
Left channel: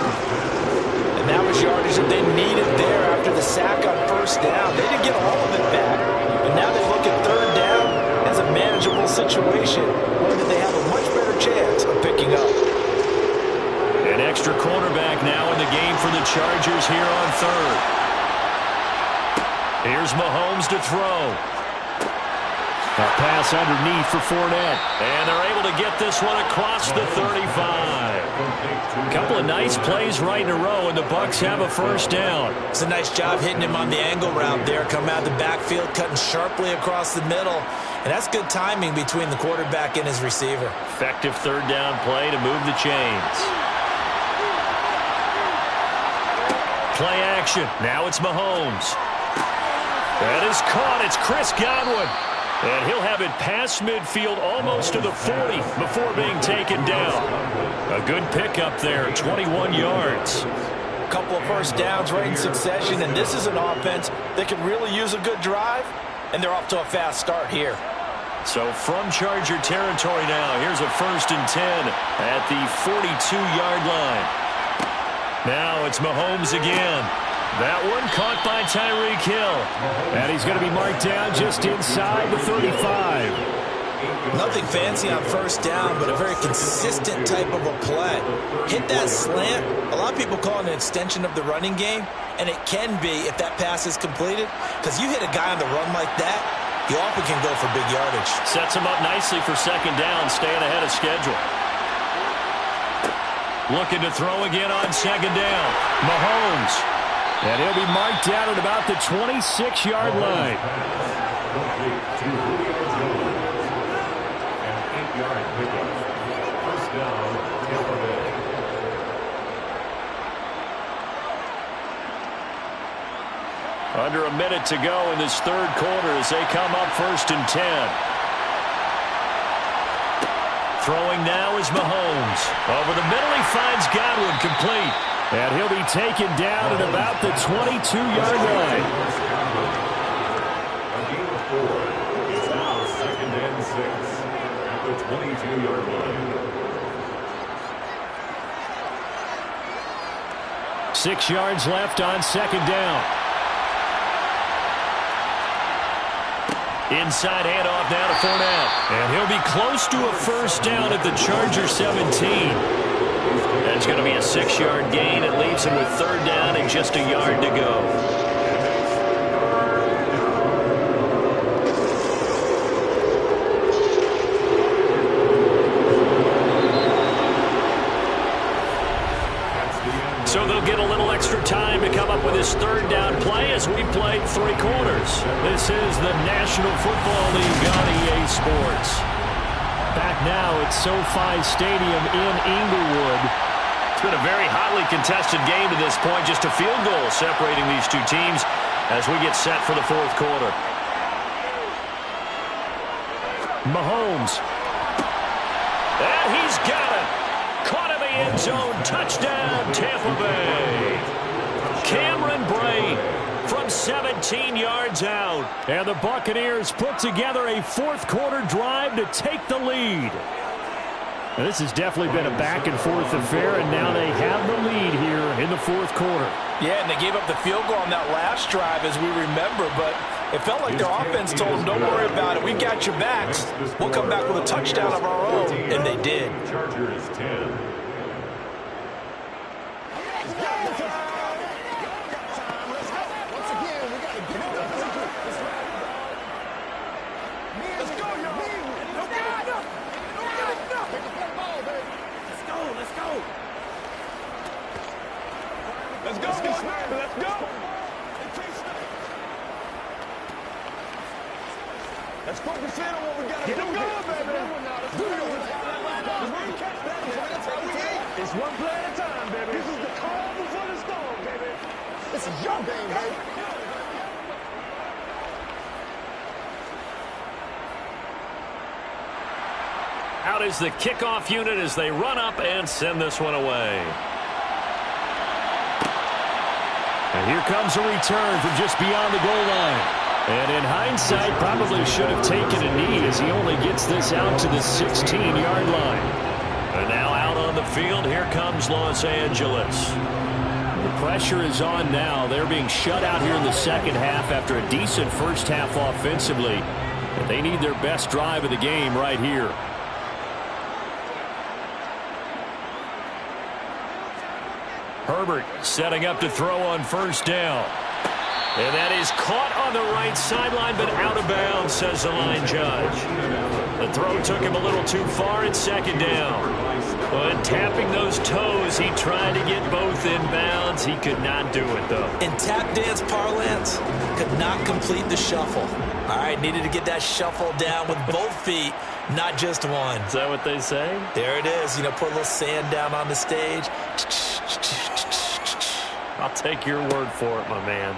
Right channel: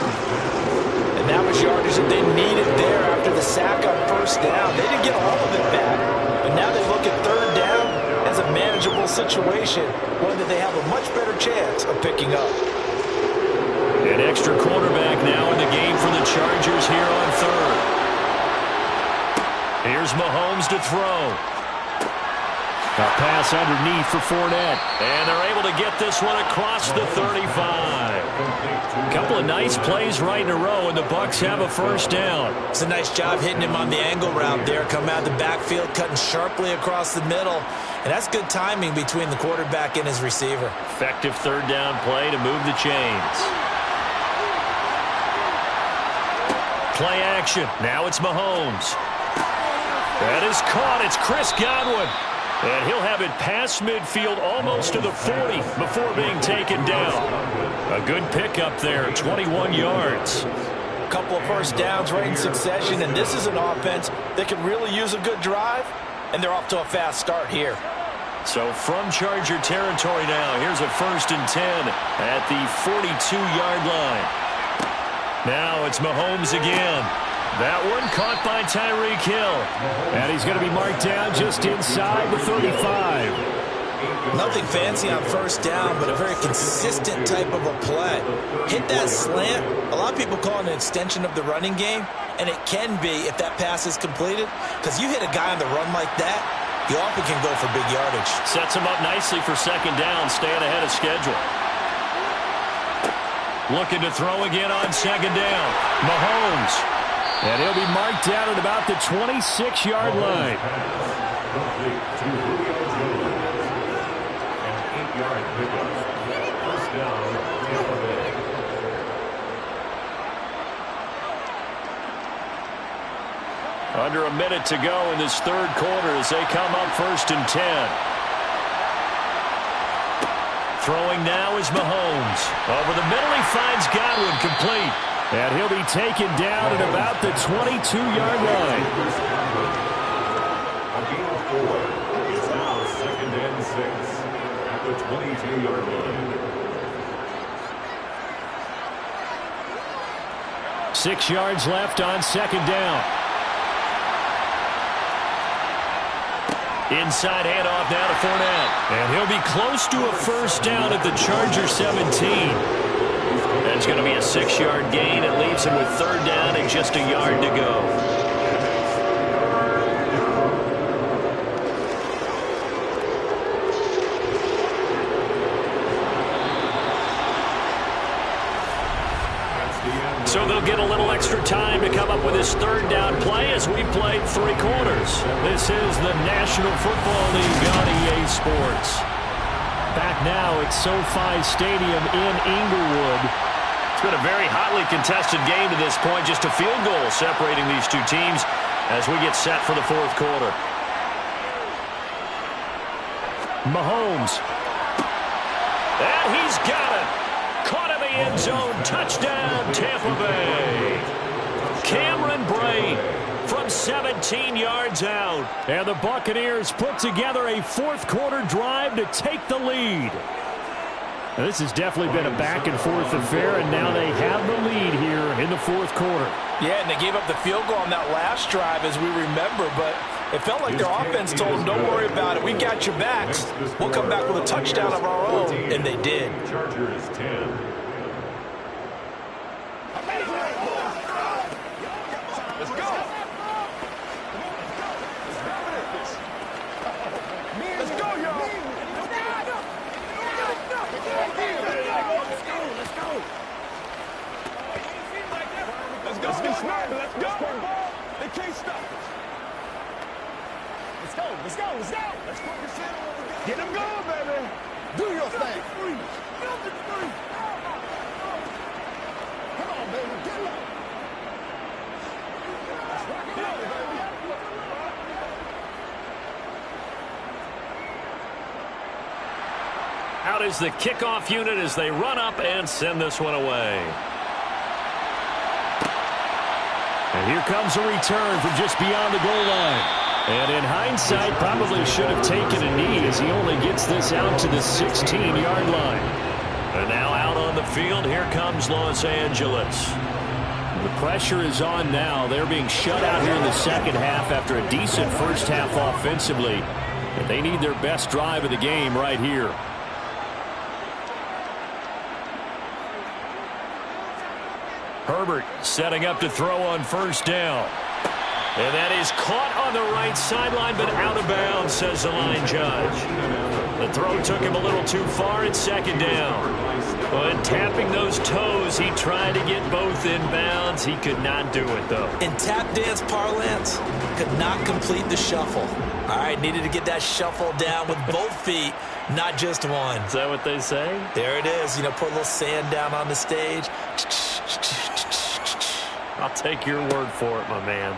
And that was yardage that they needed there after the sack on first down. They didn't get all of it back, but now they look at third down as a manageable situation, one that they have a much better chance of picking up. An extra quarterback now in the game for the Chargers here on third. Here's Mahomes to throw. A pass underneath for Fournette. And they're able to get this one across the 35. A couple of nice plays right in a row, and the Bucs have a first down. It's a nice job hitting him on the angle route there. Coming out of the backfield, cutting sharply across the middle. And that's good timing between the quarterback and his receiver. Effective third down play to move the chains. Play action. Now it's Mahomes. That is caught. It's Chris Godwin. And he'll have it past midfield almost to the 40 before being taken down. A good pickup there, 21 yards. couple of first downs right in succession, and this is an offense that could really use a good drive, and they're off to a fast start here. So from Charger territory now, here's a 1st and 10 at the 42-yard line. Now it's Mahomes again. That one caught by Tyreek Hill. And he's going to be marked down just inside the 35. Nothing fancy on first down, but a very consistent type of a play. Hit that slant. A lot of people call it an extension of the running game, and it can be if that pass is completed, because you hit a guy on the run like that, he often can go for big yardage. Sets him up nicely for 2nd down, staying ahead of schedule. Looking to throw again on 2nd down. Mahomes. And he'll be marked down at about the 26-yard line. An 8-yard pickup. First down, Tampa Bay. Under a minute to go in this 3rd quarter as they come up 1st and 10. Throwing now is Mahomes. Over the middle, he finds Godwin, complete. And he'll be taken down at about the 22-yard line. A gain of 4. It's now 2nd and 6 at the 22-yard line. 6 yards left on 2nd down. Inside handoff now to Fournette. And he'll be close to a 1st down at the Charger 17. That's going to be a 6-yard gain. It leaves him with 3rd down and just a yard to go. So they'll get a little extra time to come up with his 3rd down play as we played 3 quarters. This is the National Football League on EA Sports. Back now at SoFi Stadium in Inglewood. It's been a very hotly contested game to this point. Just a field goal separating these two teams as we get set for the 4th quarter. Mahomes. And he's got it. Caught in the end zone. Touchdown, Tampa Bay. Cameron Brate from 17 yards out. And the Buccaneers put together a 4th quarter drive to take the lead. Now, this has definitely been a back-and-forth affair, and now they have the lead here in the 4th quarter. Yeah, and they gave up the field goal on that last drive, as we remember, but it felt like their offense told them, don't worry about it. We got your backs. We'll come back with a touchdown of our own, and they did. Chargers 10. Out is the kickoff unit as they run up and send this one away. And here comes a return from just beyond the goal line. And in hindsight, probably should have taken a knee as he only gets this out to the 16-yard line. And now out on the field, here comes Los Angeles. The pressure is on now. They're being shut out here in the 2nd half after a decent first half offensively. But they need their best drive of the game right here. Herbert setting up to throw on 1st down. And that is caught on the right sideline, but out of bounds, says the line judge. The throw took him a little too far at 2nd down. But tapping those toes, he tried to get both in bounds. He could not do it, though. In tap dance parlance, could not complete the shuffle. All right, needed to get that shuffle down with both feet, not just one. Is that what they say? There it is. You know, put a little sand down on the stage. I'll take your word for it, my man.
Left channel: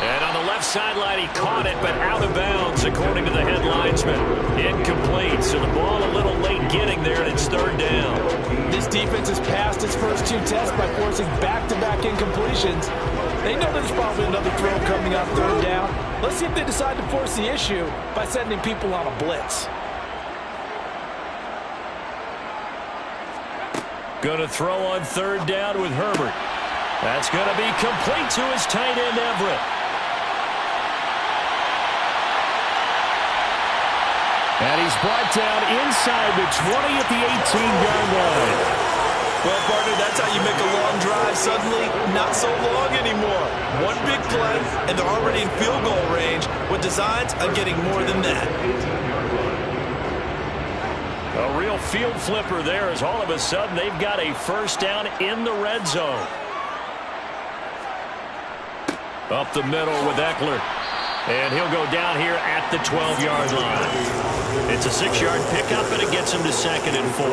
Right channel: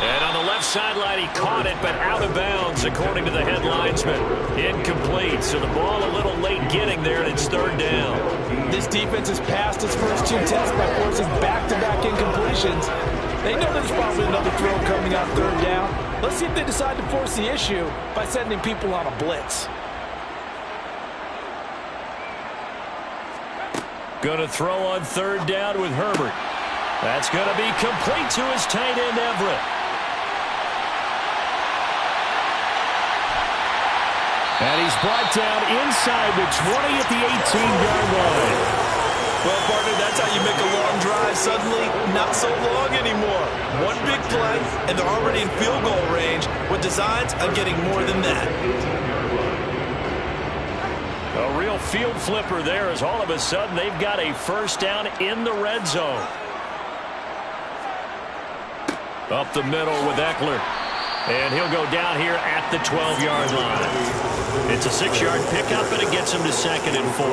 And on the left sideline, he caught it, but out of bounds, according to the head linesman. Incomplete, so the ball a little late getting there, and it's 3rd down. This defense has passed its first 2 tests by forcing back-to-back incompletions. They know there's probably another throw coming on 3rd down. Let's see if they decide to force the issue by sending people on a blitz. Going to throw on 3rd down with Herbert. That's going to be complete to his tight end, Everett. And he's brought down inside the 20 at the 18-yard line. Well, partner, that's how you make a long drive suddenly not so long anymore. One big play, and they're already in field goal range with designs on getting more than that. A real field flipper there as all of a sudden they've got a 1st down in the red zone. Up the middle with Eckler. And he'll go down here at the 12-yard line. It's a 6-yard pickup, and it gets him to 2nd and 4.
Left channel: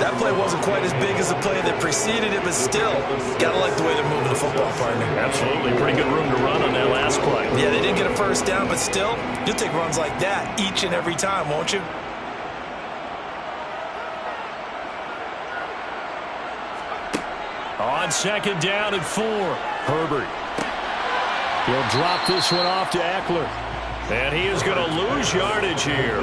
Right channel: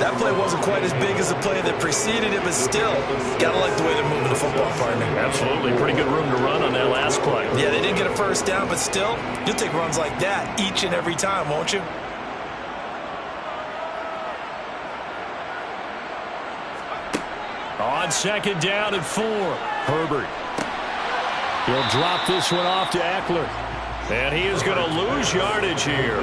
That play wasn't quite as big as the play that preceded it, but still, gotta like the way they're moving the football, partner. Absolutely. Pretty good room to run on that last play. Yeah, they didn't get a 1st down, but still, you'll take runs like that each and every time, won't you? On 2nd down and 4. Herbert. He'll drop this one off to Eckler. And he is going to lose yardage here.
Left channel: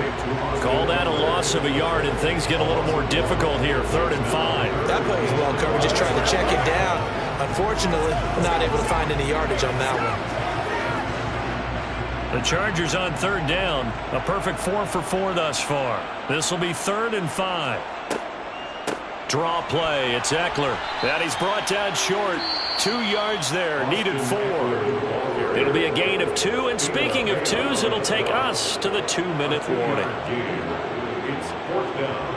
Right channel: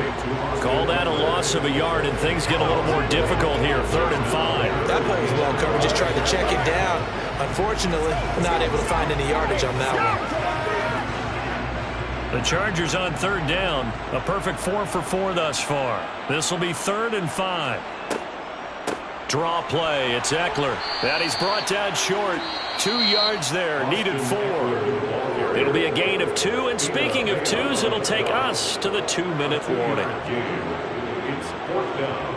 Call that a loss of a yard, and things get a little more difficult here. 3rd and 5. That play was well covered. Just tried to check it down. Unfortunately, not able to find any yardage on that one. The Chargers on 3rd down. A perfect 4 for 4 thus far. This will be 3rd and 5. Draw play. It's Eckler. And he's brought down short. 2 yards there. Needed 4. It'll be a gain of 2. And speaking of 2s, it'll take us to the 2-minute warning. It's 4th down.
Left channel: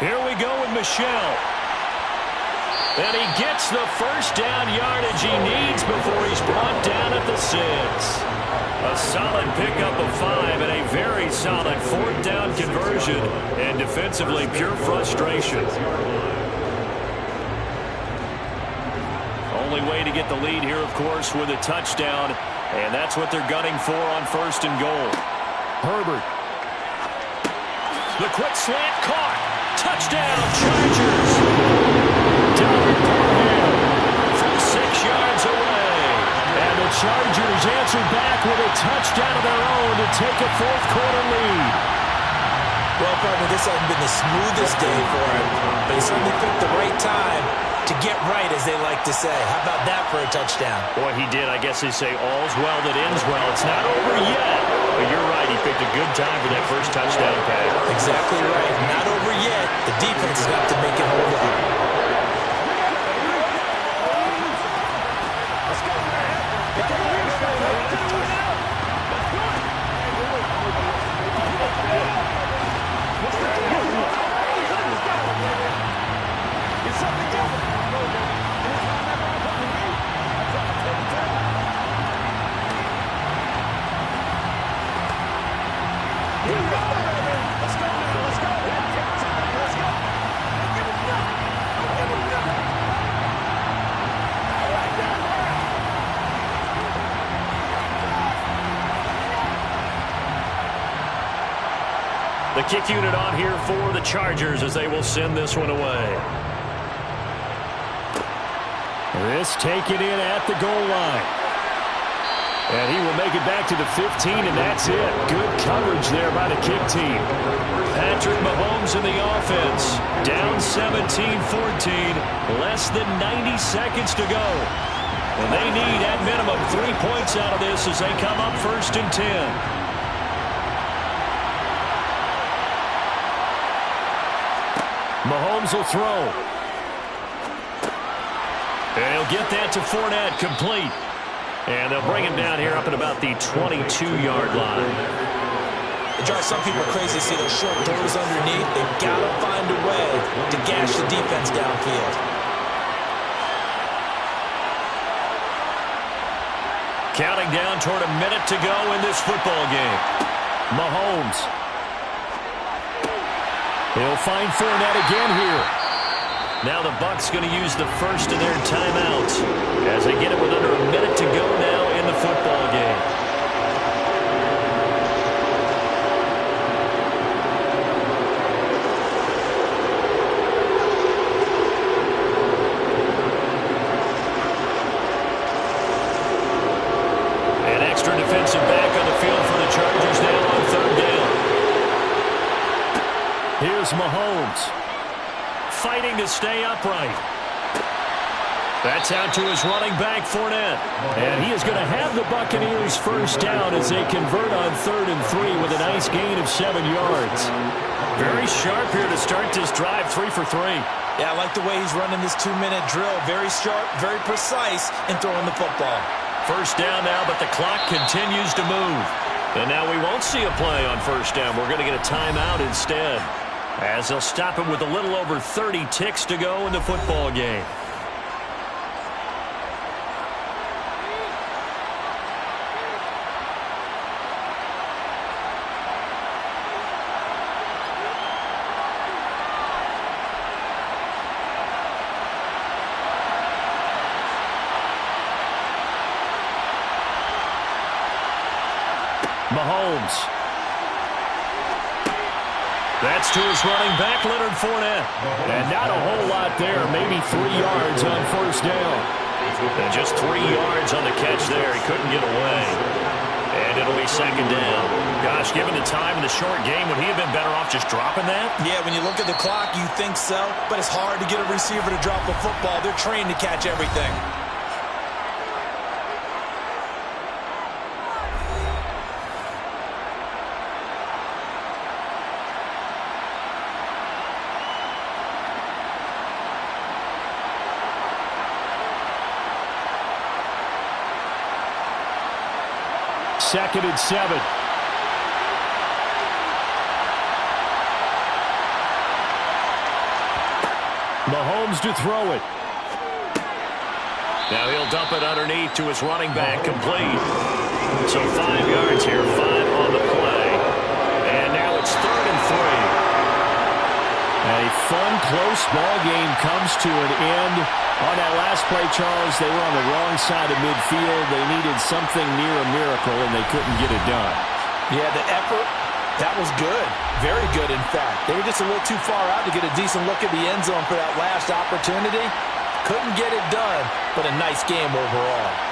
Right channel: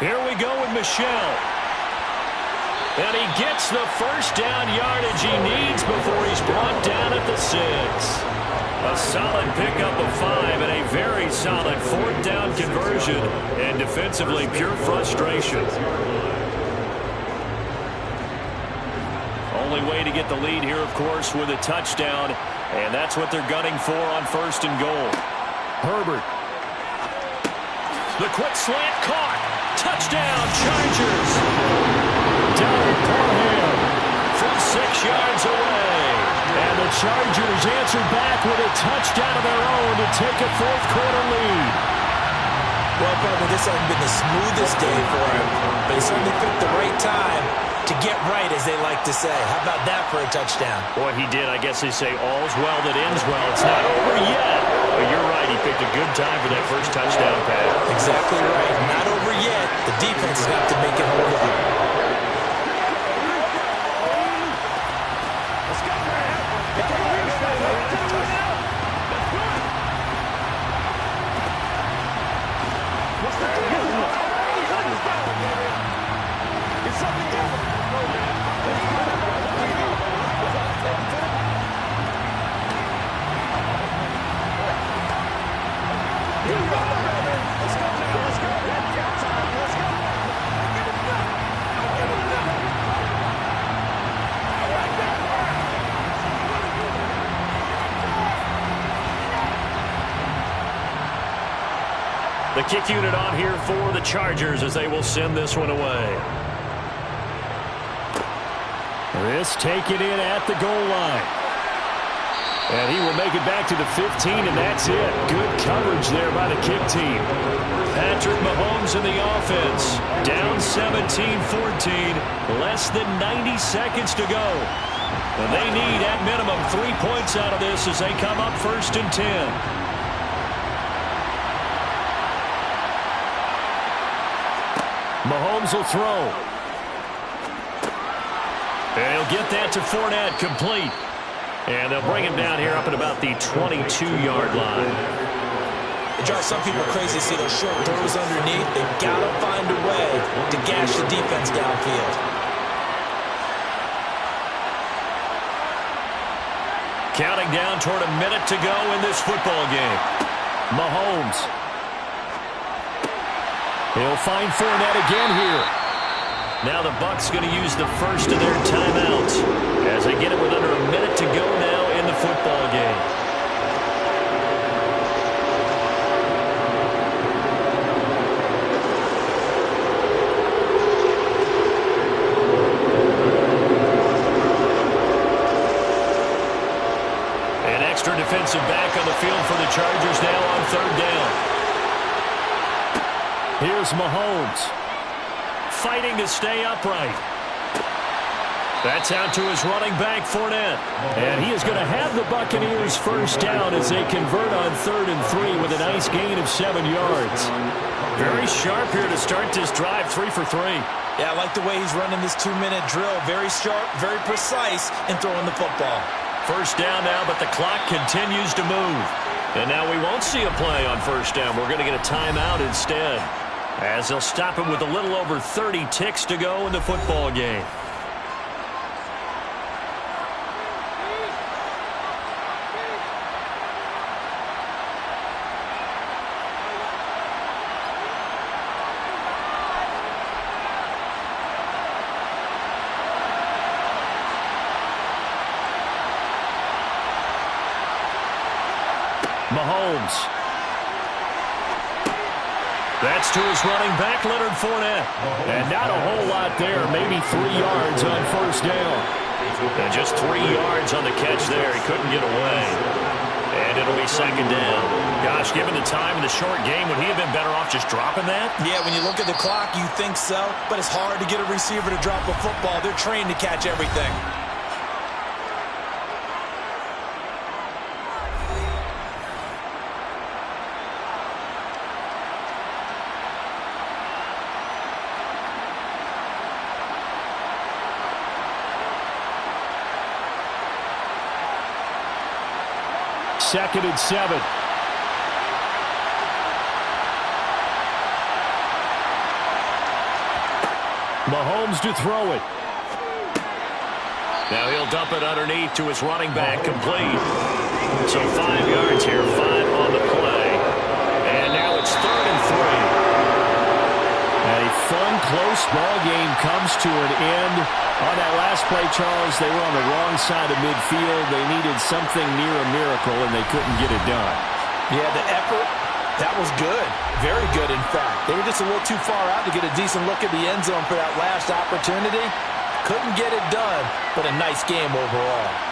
Here we go with Michel. And he gets the 1st down yardage he needs before he's brought down at the 6. A solid pickup of 5 and a very solid 4th down conversion. And defensively, pure frustration. Only way to get the lead here, of course, with a touchdown. And that's what they're gunning for on 1st and goal. Herbert. The quick slant caught. Touchdown, Chargers. Down Parham From 6 yards away. And the Chargers answer back with a touchdown of their own to take a 4th quarter lead. Well, partner, this hasn't been the smoothest day for him, but he certainly picked the right time to get right, as they like to say. How about that for a touchdown? Boy, he did. I guess they say all's well that ends well. It's not over yet. But you're right. He picked a good time for that first touchdown pass. Exactly right. Not over yet. The defense is going to have to make it hold up. The kick unit on here for the Chargers as they will send this one away. This taken in at the goal line. And he will make it back to the 15, and that's it. Good coverage there by the kick team. Patrick Mahomes in the offense. Down 17-14. Less than 90 seconds to go. And they need, at minimum, 3 points out of this as they come up 1st and 10. Mahomes will throw. And he'll get that to Fournette, complete. And they'll bring him down here up at about the 22-yard line. It drives some people crazy to see those short throws underneath. They've got to find a way to gash the defense downfield. Counting down toward a minute to go in this football game. Mahomes. He'll find Fournette again here. Now the Bucs going to use the first of their timeouts as they get it with under a minute to go now in the football game. An extra defensive back on the field for the Chargers now on third down. Here's Mahomes. Fighting to stay upright. That's out to his running back, Fournette. And he is going to have the Buccaneers first down as they convert on 3rd and 3 with a nice gain of 7 yards. Very sharp here to start this drive, 3 for 3. Yeah, I like the way he's running this 2-minute drill. Very sharp, very precise in throwing the football. First down now, but the clock continues to move. And now we won't see a play on first down. We're going to get a timeout instead, as they'll stop him with a little over 30 ticks to go in the football game. Mahomes. That's to his running back, Leonard Fournette. And not a whole lot there, maybe 3 yards on first down. And just 3 yards on the catch there. He couldn't get away. And it'll be second down. Gosh, given the time in the short game, would he have been better off just dropping that? Yeah, when you look at the clock, you think so. But it's hard to get a receiver to drop a football. They're trained to catch everything. Second and 7. Mahomes to throw it. Now he'll dump it underneath to his running back, complete. So 5 yards here, 5 on the play. And now it's 3rd and 3. A fun, close ball game comes to an end. On that last play, Charles, they were on the wrong side of midfield. They needed something near a miracle, and they couldn't get it done. Yeah, the effort, that was good. Very good, in fact. They were just a little too far out to get a decent look at the end zone for that last opportunity. Couldn't get it done, but a nice game overall.